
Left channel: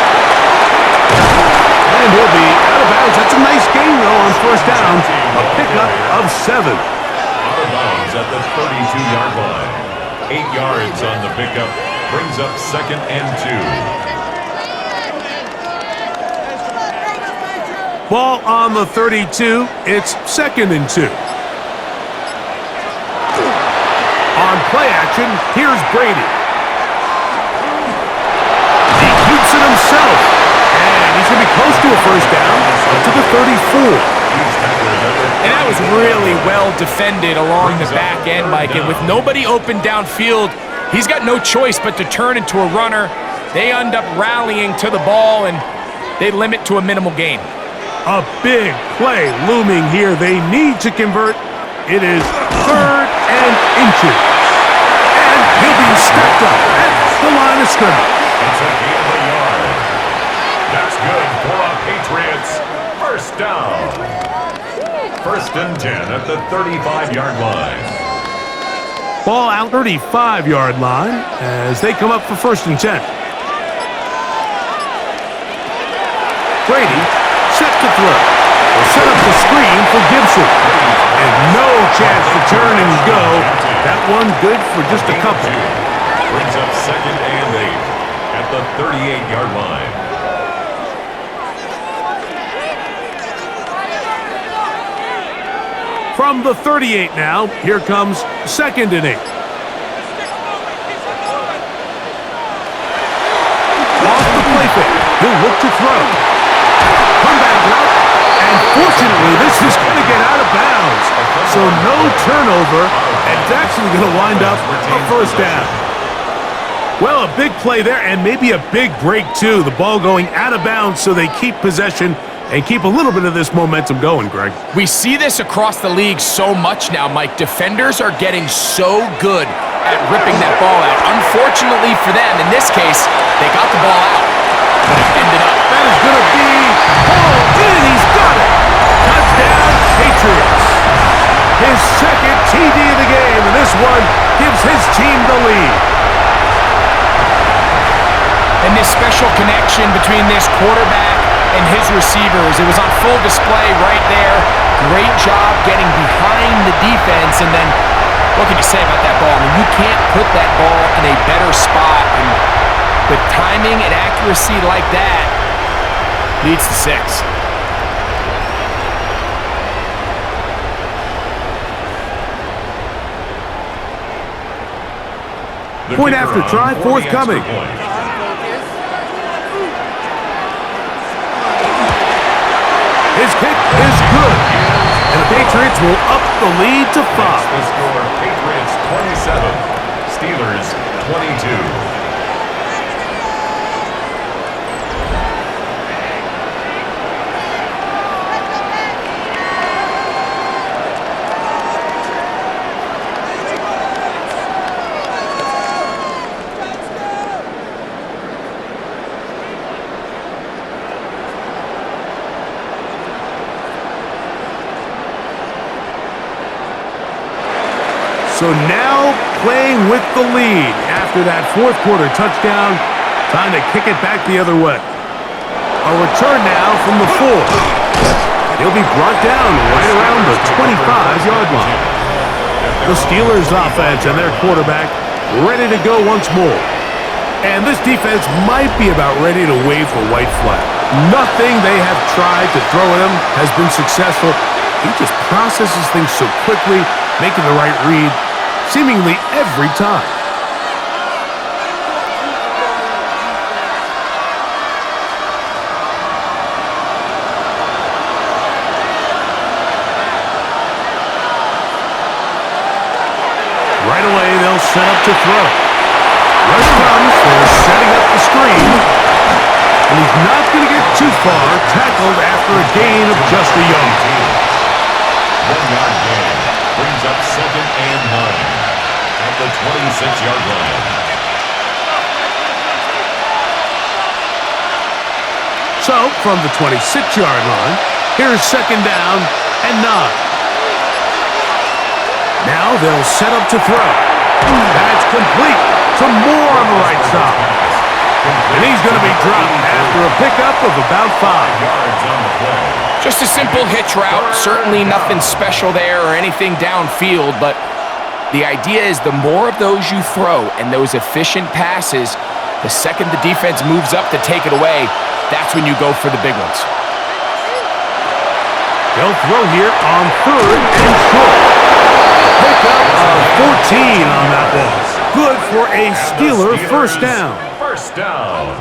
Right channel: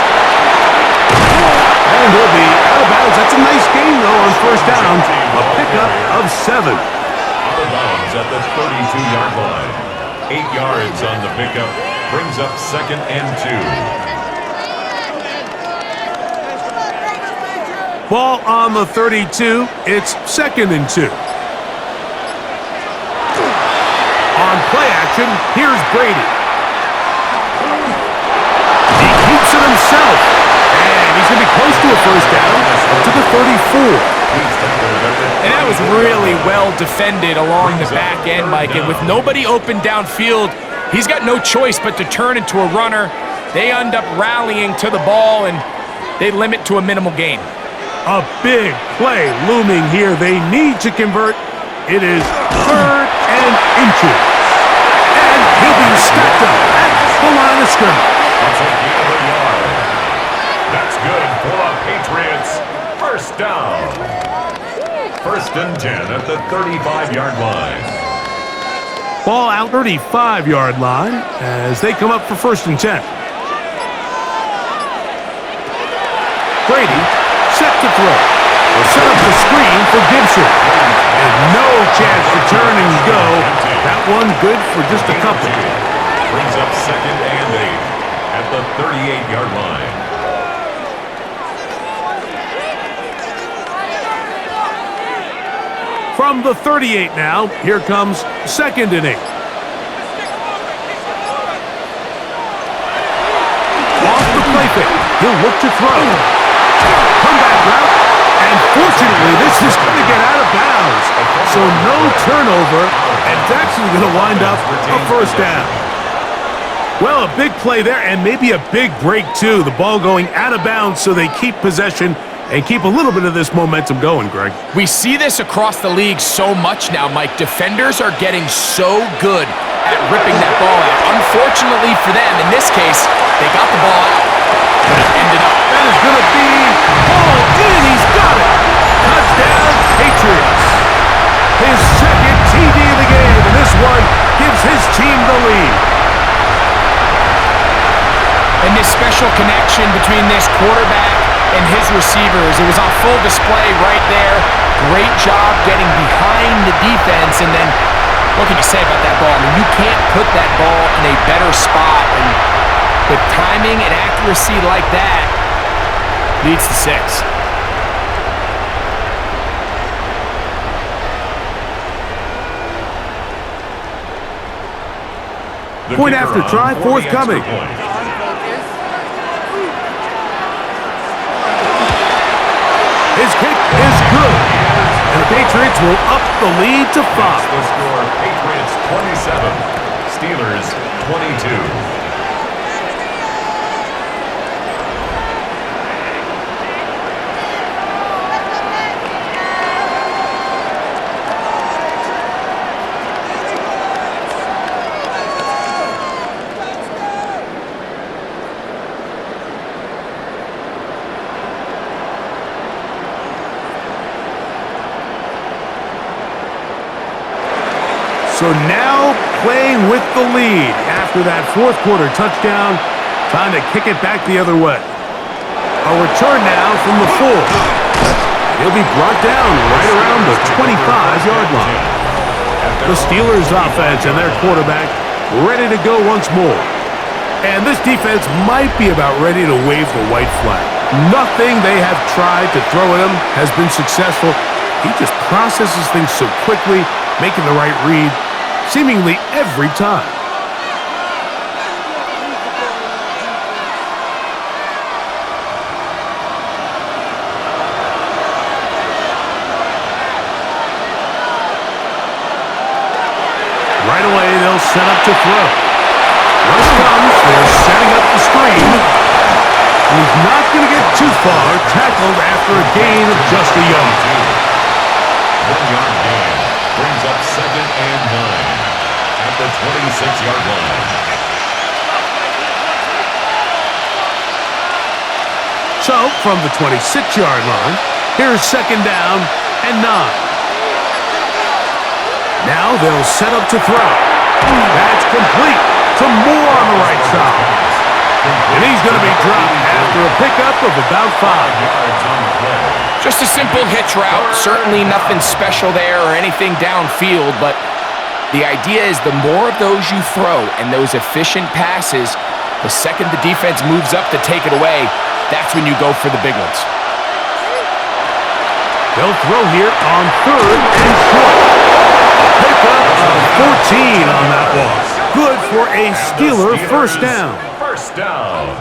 And he'll be out of bounds. That's a nice gain, though, on 1st down. A pickup of 7. Out of bounds at the 32-yard line. 8 yards on the pickup. Brings up 2nd and 2. Ball on the 32. It's 2nd and 2. On play action, here's Brady. He keeps it himself. And he's going to be close to a 1st down, up to the 34. And that was really well defended along the back end, Mike. And with nobody open downfield, he's got no choice but to turn into a runner. They end up rallying to the ball, and they limit to a minimal gain. A big play looming here. They need to convert. It is 3rd and inches. And he'll be stacked up at the line of scrimmage. It's a gain of a yard. That's good for a Patriots 1st down. 1st and 10 at the 35-yard line. Ball out 35-yard line as they come up for 1st and 10. Brady set to throw. They'll set up the screen for Gibson. And no chance to turn and go. That one good for just a couple. Brings up 2nd and 8 at the 38-yard line. From the 38 now, here comes 2nd and 8. Off the play fake. He'll look to throw. Comeback route. And fortunately, this is going to get out of bounds. So no turnover, and it's actually going to wind up a 1st down. Well, a big play there, and maybe a big break, too. The ball going out of bounds so they keep possession and keep a little bit of this momentum going, Greg. We see this across the league so much now, Mike. Defenders are getting so good at ripping that ball out. Unfortunately for them, in this case, they got the ball out, but it ended up. That is going to be hauled in. He's got it. Touchdown, Patriots. His 2nd TD of the game, and this one gives his team the lead. And this special connection between this quarterback and his receivers, it was on full display right there. Great job getting behind the defense, and then what can you say about that ball? I mean, you can't put that ball in a better spot, and with timing and accuracy like that, leads to 6. Point after try, forthcoming. His kick is good. And the Patriots will up the lead to 5. The score, Patriots 27, Steelers 22. So now playing with the lead after that 4th quarter touchdown. Time to kick it back the other way. A return now from the 4. He'll be brought down right around the 25-yard line. The Steelers' offense and their quarterback ready to go once more. And this defense might be about ready to wave the white flag. Nothing they have tried to throw at him has been successful. He just processes things so quickly, making the right read seemingly every time. Right away, they'll set up to throw. Rush comes, they're setting up the screen. And he's not going to get too far, tackled after a gain of just a yard. 1-yard gain brings up 2nd and 9 at the 26-yard line. So, from the 26-yard line, here's 2nd down and 9. Now they'll set up to throw. That's complete. Some more on the right side. And he's going to be dropped after a pickup of about 5 yards on the play. Just a simple hitch route. Certainly nothing special there or anything downfield, but the idea is the more of those you throw and those efficient passes, the second the defense moves up to take it away, that's when you go for the big ones. They'll throw here on 3rd and short. Pickup of 14 on that one. Good for a Steeler first down. First down.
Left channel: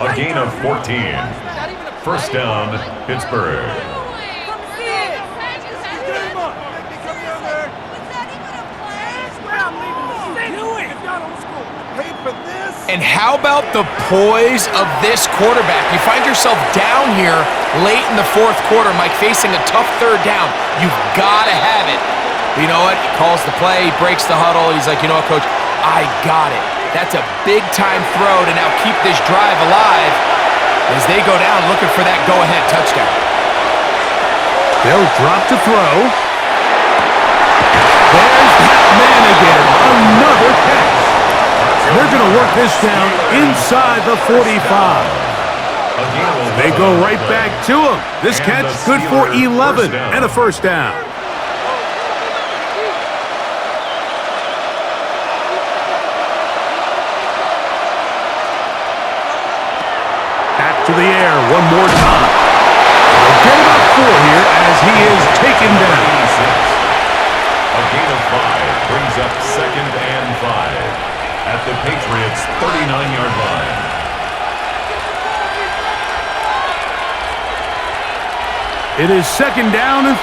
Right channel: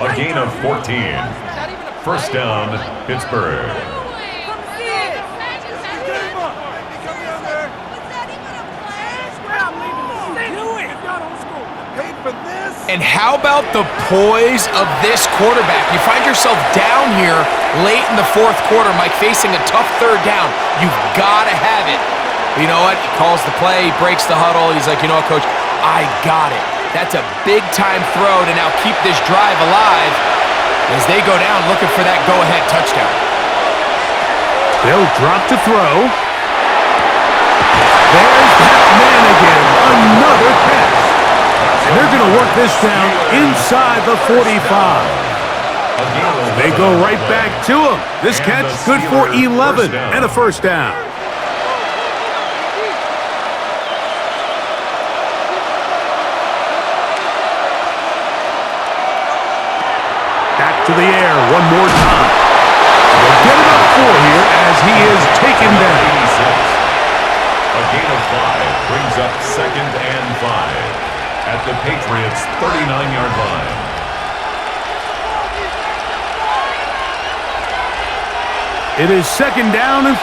A gain of 14. First down, Pittsburgh. And how about the poise of this quarterback? You find yourself down here late in the 4th quarter, Mike, facing a tough 3rd down. You've got to have it. You know what? He calls the play, he breaks the huddle. He's like, you know what, Coach? I got it. That's a big-time throw to now keep this drive alive as they go down looking for that go-ahead touchdown. They'll drop to throw. There's that man again. Another catch. And they're going to work this down inside the 45. They go right back to him. This catch good for 11 and a first down. Back to the air one more time. They'll get about 4 here as he is taken down. A gain of 5 brings up 2nd and 5 at the Patriots' 39-yard line. It is 2nd down and 5.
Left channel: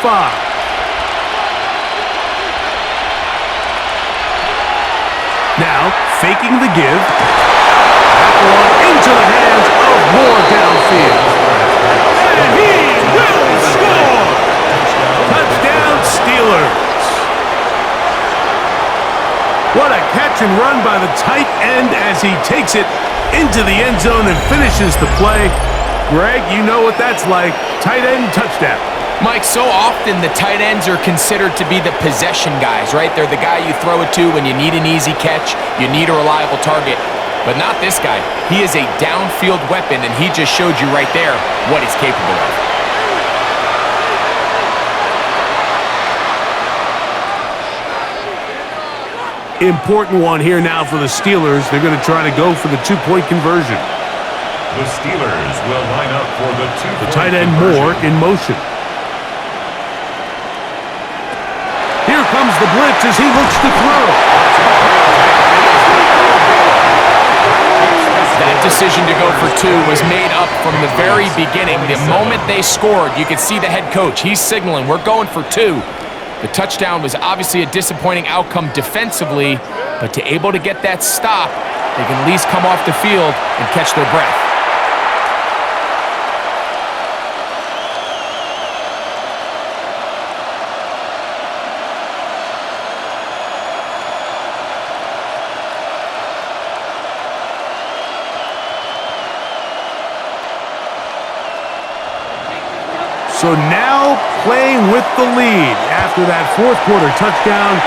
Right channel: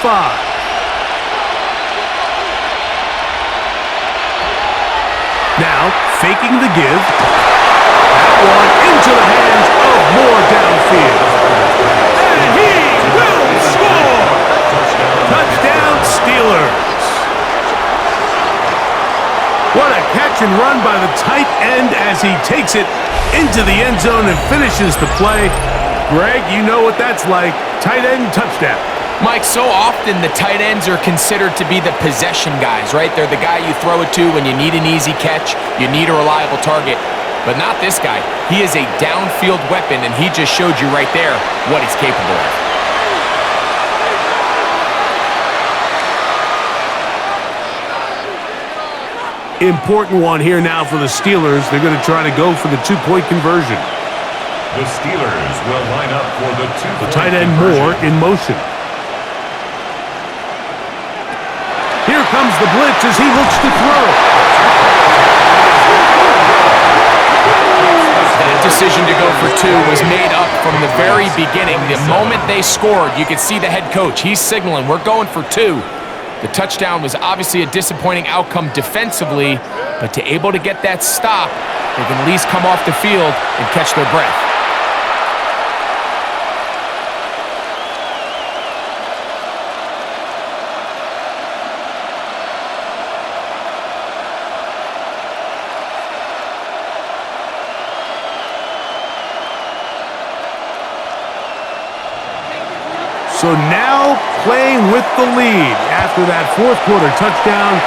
Now, faking the give. That one into the hands of Moore downfield. And he will score! Touchdown, Steelers. What a catch and run by the tight end as he takes it into the end zone and finishes the play. Greg, you know what that's like. Tight end touchdown. Mike, so often the tight ends are considered to be the possession guys, right? They're the guy you throw it to when you need an easy catch, you need a reliable target. But not this guy. He is a downfield weapon, and he just showed you right there what he's capable of. Important one here now for the Steelers. They're going to try to go for the 2-point conversion. The Steelers will line up for the 2-point The tight end conversion. Moore in motion. Here comes the blitz as he looks to throw. That decision to go for 2 was made up from the very beginning. The moment they scored, you could see the head coach. He's signaling, we're going for 2. The touchdown was obviously a disappointing outcome defensively, but to able to get that stop, they can at least come off the field and catch their breath. So now playing with the lead after that 4th quarter touchdown.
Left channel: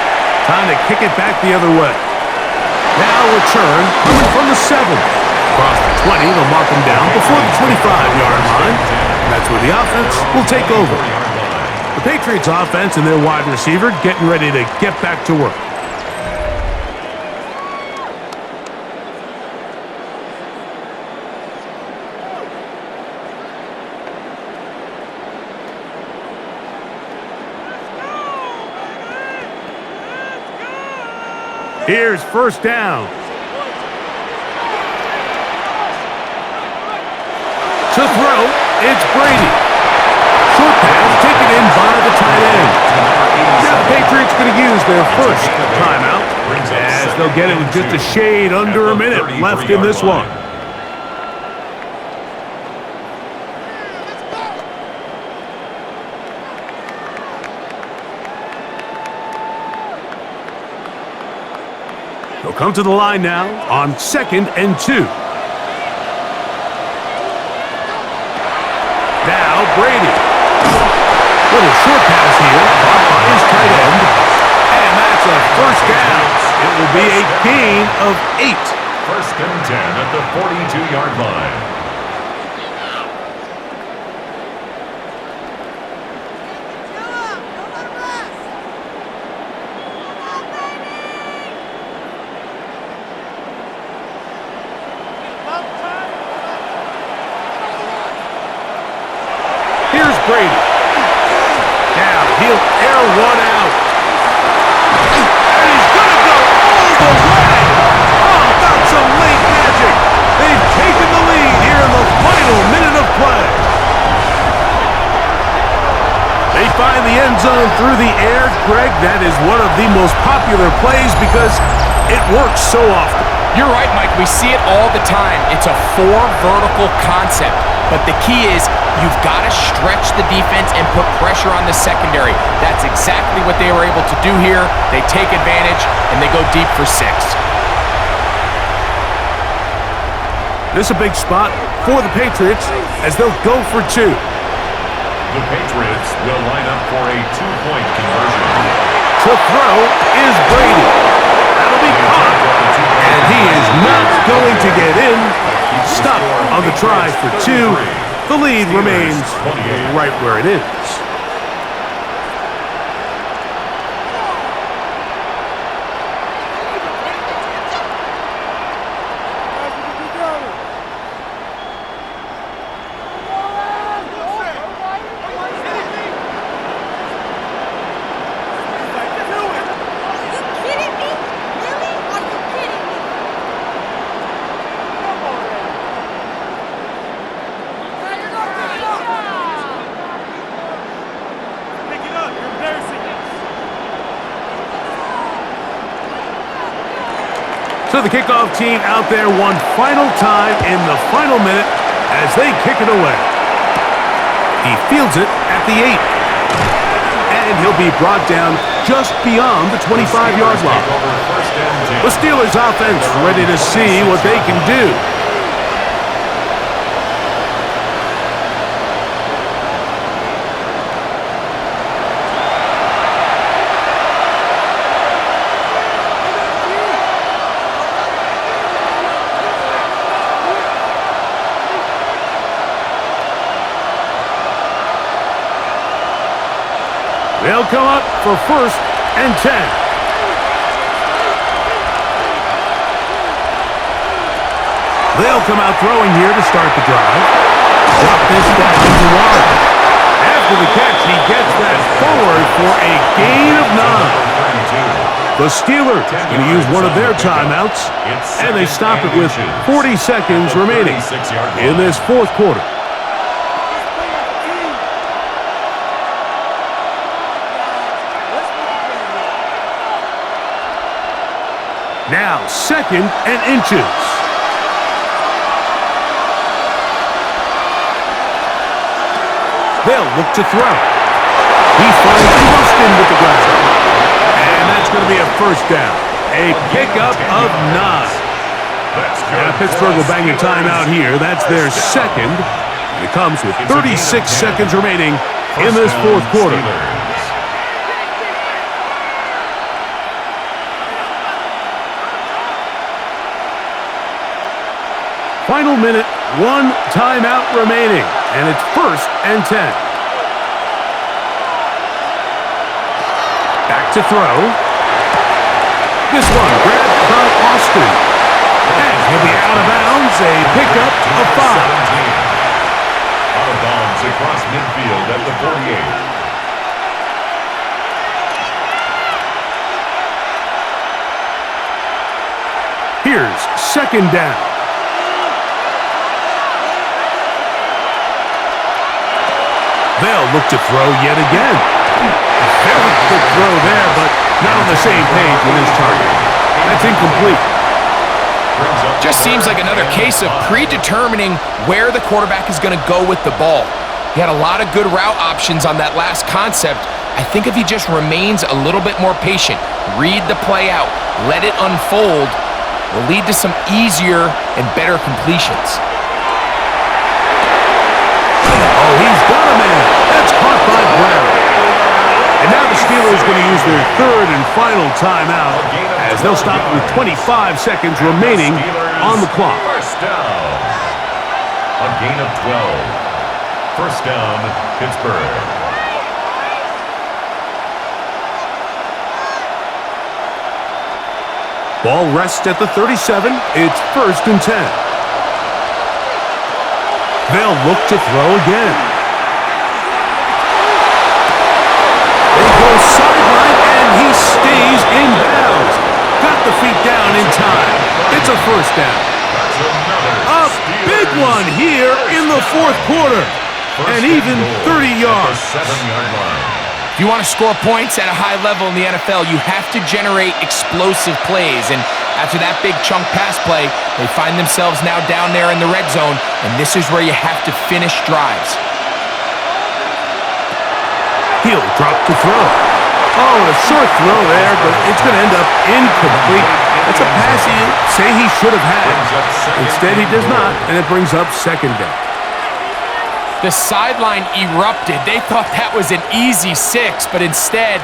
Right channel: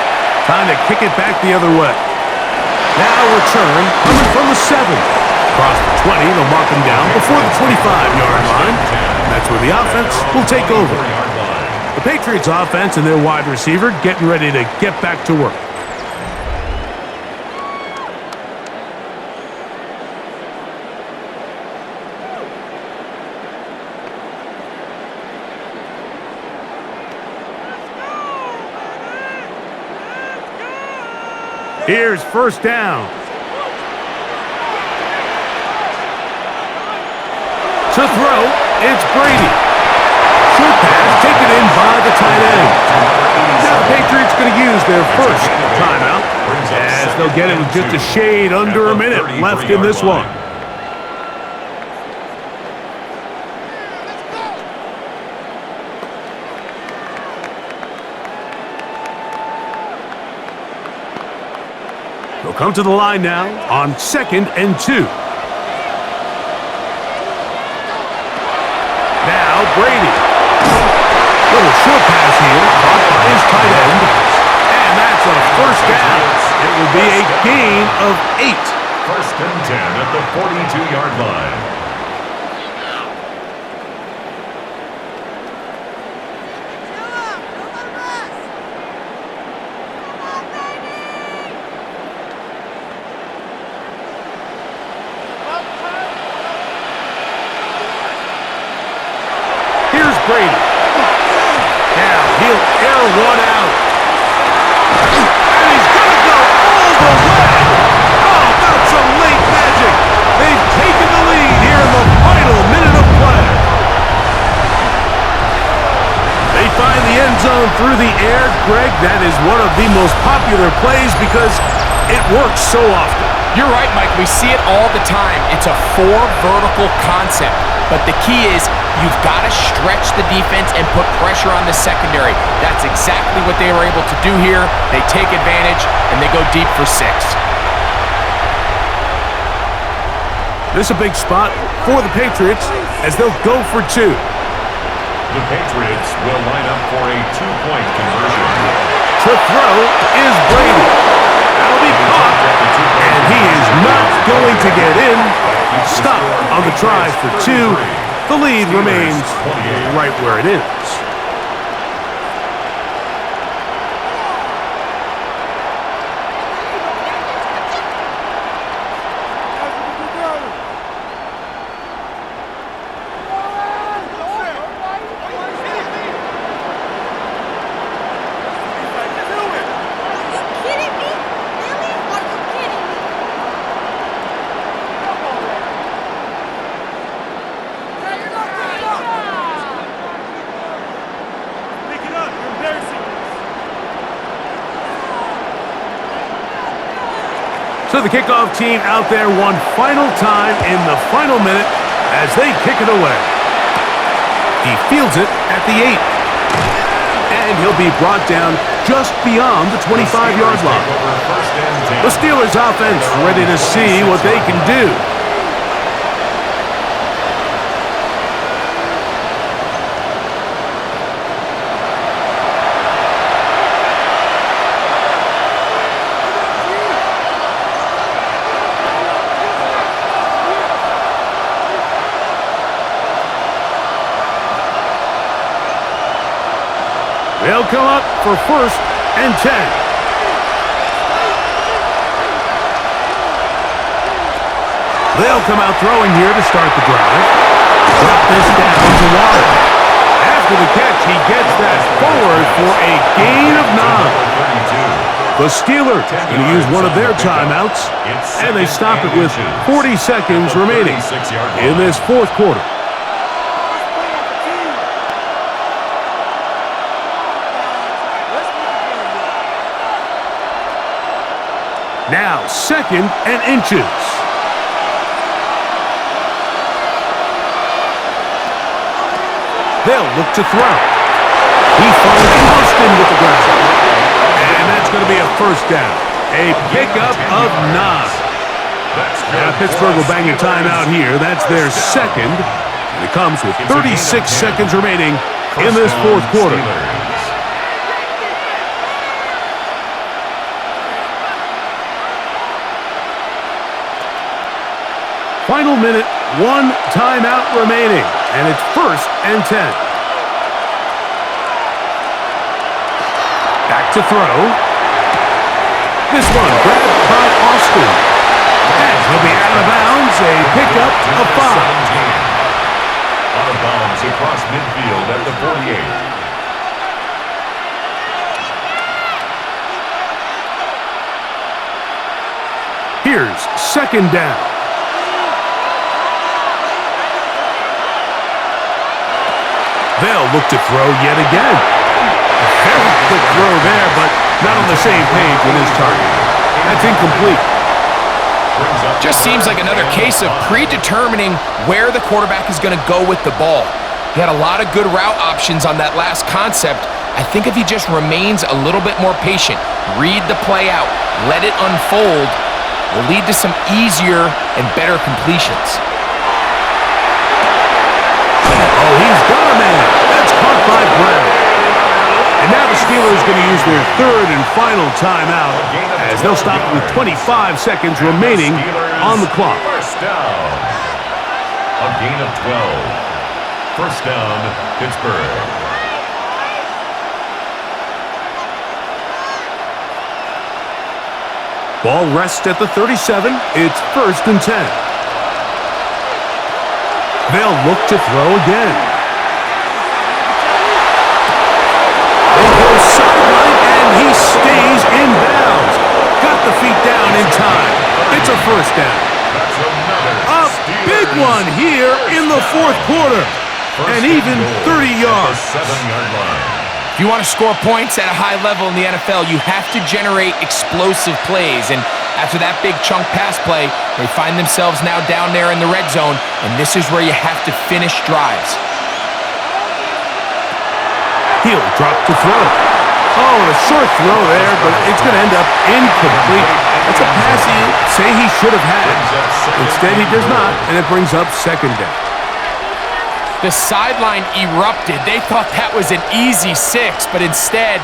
Time to kick it back the other way. Now return coming from the 7. Across the 20, they'll mark him down before the 25-yard line. That's where the offense will take over. The Patriots offense and their wide receiver getting ready to get back to work. Here's first down. To throw, it's Brady. Short pass taken in by the tight end. Now the Patriots going to use their first timeout as they'll get it with just a shade under a minute left in this one. They'll come to the line now on 2nd and 2. Now Brady. Little short pass here, caught by his tight end. That's a first down. It will be a gain of 8. First and 10 at the 42-yard line. Here's Brady. Now he'll air one out. And he's going to go all the way. How about some late magic? They've taken the lead here in the final minute of play. They find the end zone through the air. Greg, that is one of the most popular plays because it works so often. You're right, Mike. We see it all the time. It's a 4 vertical concept. But the key is you've got to stretch the defense and put pressure on the secondary. That's exactly what they were able to do here. They take advantage, and they go deep for 6. This is a big spot for the Patriots as they'll go for 2. The Patriots will line up for a 2-point conversion. To throw is Brady. That'll be caught, and he is not going to get in. Stop on the try for 2. The lead remains right where it is. So the kickoff team out there one final time in the final minute as they kick it away. He fields it at the 8. And he'll be brought down just beyond the 25-yard line. The Steelers offense ready to see what they can do. They'll come up for 1st and 10. They'll come out throwing here to start the drive. Drop this down to Warren. After the catch, he gets that forward for a gain of 9. The Steelers going to use one of their timeouts, and they stop it with 40 seconds remaining in this 4th quarter. Now, 2nd and inches. They'll look to throw. He finds Austin with the ground. And that's going to be a 1st down. A pickup of 9. Now, Pittsburgh will bang a timeout here. That's their 2nd. And it comes with 36 seconds remaining in this 4th quarter. Final minute, 1 timeout remaining, and it's 1st and 10. Back to throw. This one grabbed by Austin. And he'll be out of bounds, a pickup of 5. Out of bounds across midfield at the 48. Here's 2nd down. They'll look to throw yet again. Very quick throw there, but not on the same page with his target. That's incomplete. Just seems like another case of predetermining where the quarterback is going to go with the ball. He had a lot of good route options on that last concept. I think if he just remains a little bit more patient, read the play out, let it unfold, will lead to some easier and better completions. Oh, he's got a man. That's caught by Brown. And Now the Steelers going to use their third and final timeout as they'll stop with 25 seconds remaining on the clock. First down. A gain of 12. First down, Pittsburgh. Ball rests at the 37. It's first and 10. They'll look to throw again. They go sideline, and he stays in bounds. Got the feet down in time. It's a first down. A big one here in the fourth quarter. And even 30 yards. 7-yard line. If you want to score points at a high level in the NFL, you have to generate explosive plays. And after that big chunk pass play, they find themselves now down there in the red zone, and this is where you have to finish drives. He'll drop to throw. Oh, and a short throw there, but it's going to end up incomplete. That's a pass he say he should have had. Instead, he does not, and it brings up second down. The sideline erupted. They thought that was an easy 6, but instead,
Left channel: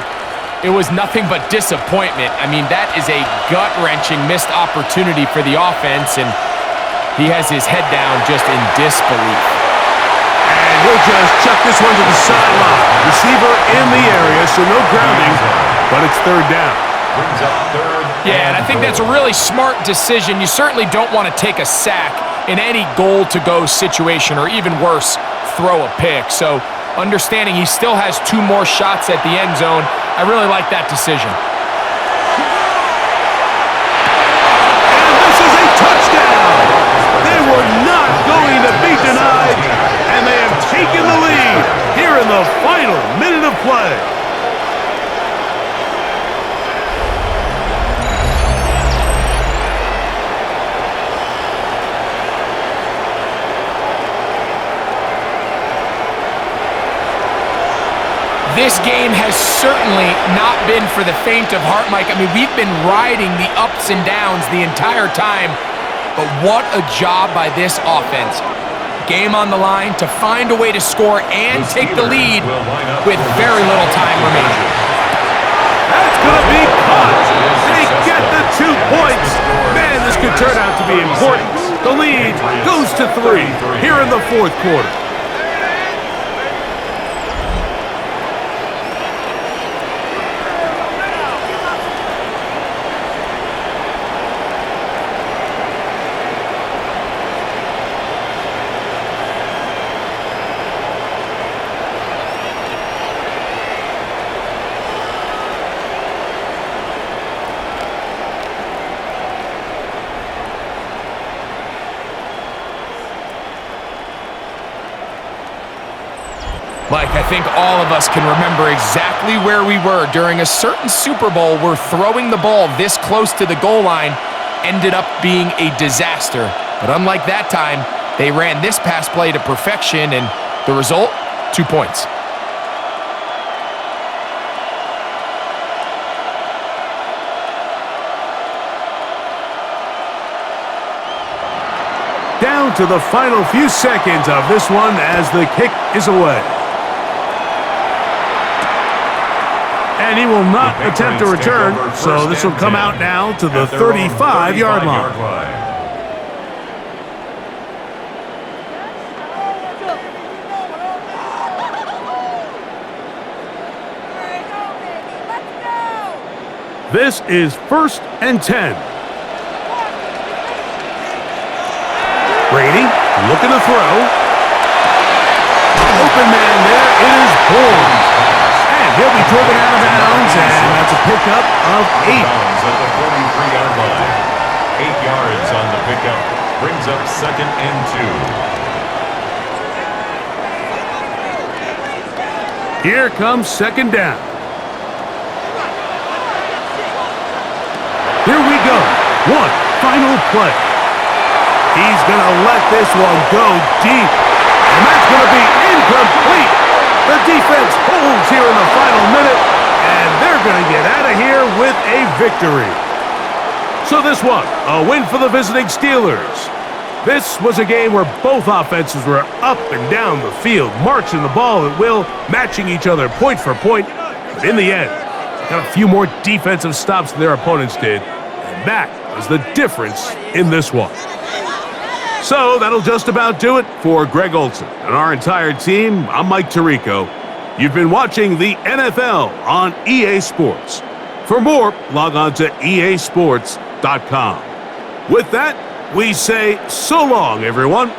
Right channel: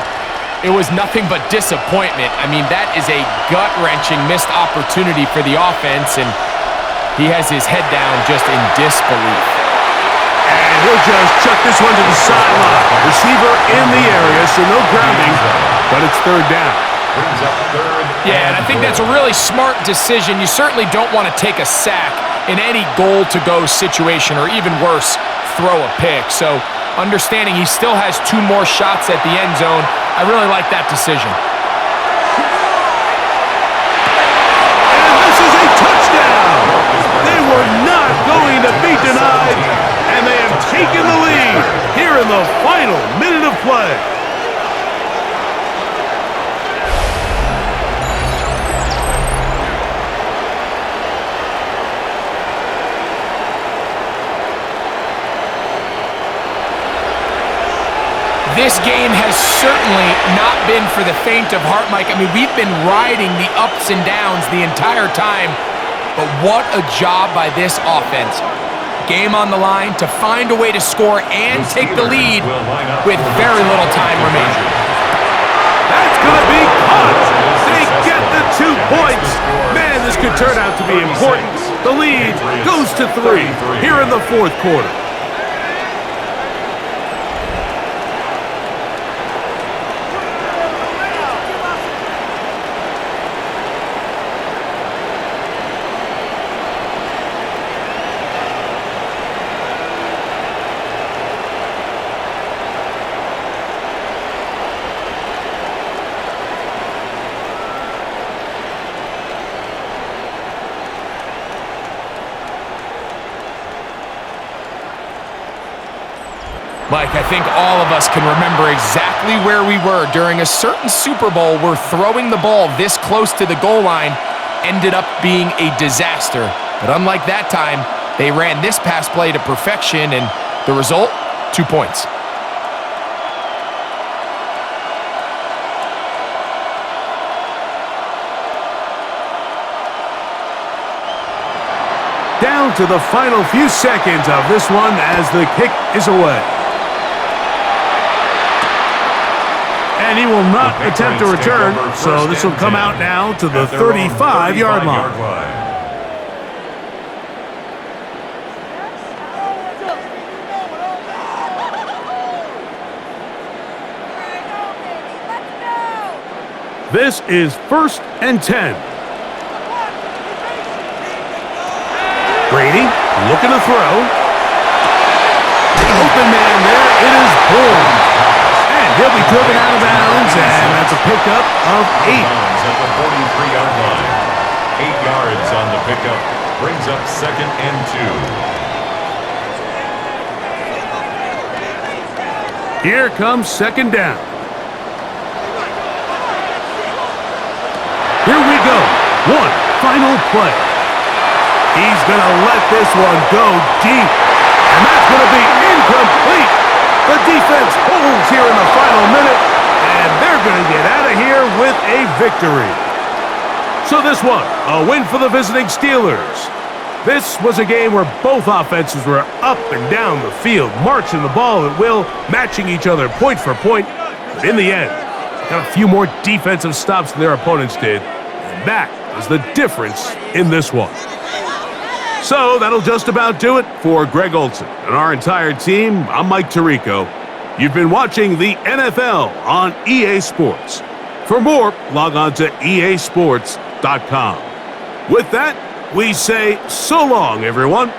it was nothing but disappointment. I mean, that is a gut-wrenching missed opportunity for the offense, and he has his head down just in disbelief. And he'll just chuck this one to the sideline. Receiver in the area, so no grounding, but it's third down. Brings up third. Yeah, and I think that's a really smart decision. You certainly don't want to take a sack in any goal-to-go situation, or even worse, throw a pick. So understanding he still has 2 more shots at the end zone, I really like that decision. And this is a touchdown! They were not going to be denied, and they have taken the lead here in the final minute of play. This game has certainly not been for the faint of heart, Mike. I mean, we've been riding the ups and downs the entire time, but what a job by this offense. Game on the line to find a way to score and take the lead with very little time remaining. That's going to be caught. They get the 2 points. Man, this could turn out to be important. The lead goes to 3 here in the fourth quarter. Mike, I think all of us can remember exactly where we were during a certain Super Bowl where throwing the ball this close to the goal line ended up being a disaster. But unlike that time, they ran this pass play to perfection, and the result, 2 points. Down to the final few seconds of this one as the kick is away. And he will not attempt to return, so this will come out now to the 35-yard line. This is first and 10. Brady looking to throw. Open man there, it is Bourne. And he'll be driven out of bounds, and that's a pickup of 8. At the 43-yard line. 8 yards on the pickup. Brings up second and 2. Here comes second down. Here we go. One final play. He's going to let this one go deep. And that's going to be incomplete. The defense holds here in the final minute, and they're going to get out of here with a victory. So this one, a win for the visiting Steelers. This was a game where both offenses were up and down the field, marching the ball at will, matching each other point for point. But in the end, they got a few more defensive stops than their opponents did, and that is the difference in this one. So that'll just about do it for Greg Olson and our entire team. I'm Mike Tirico. You've been watching the NFL on EA Sports. For more, log on to easports.com. With that, we say so long, everyone.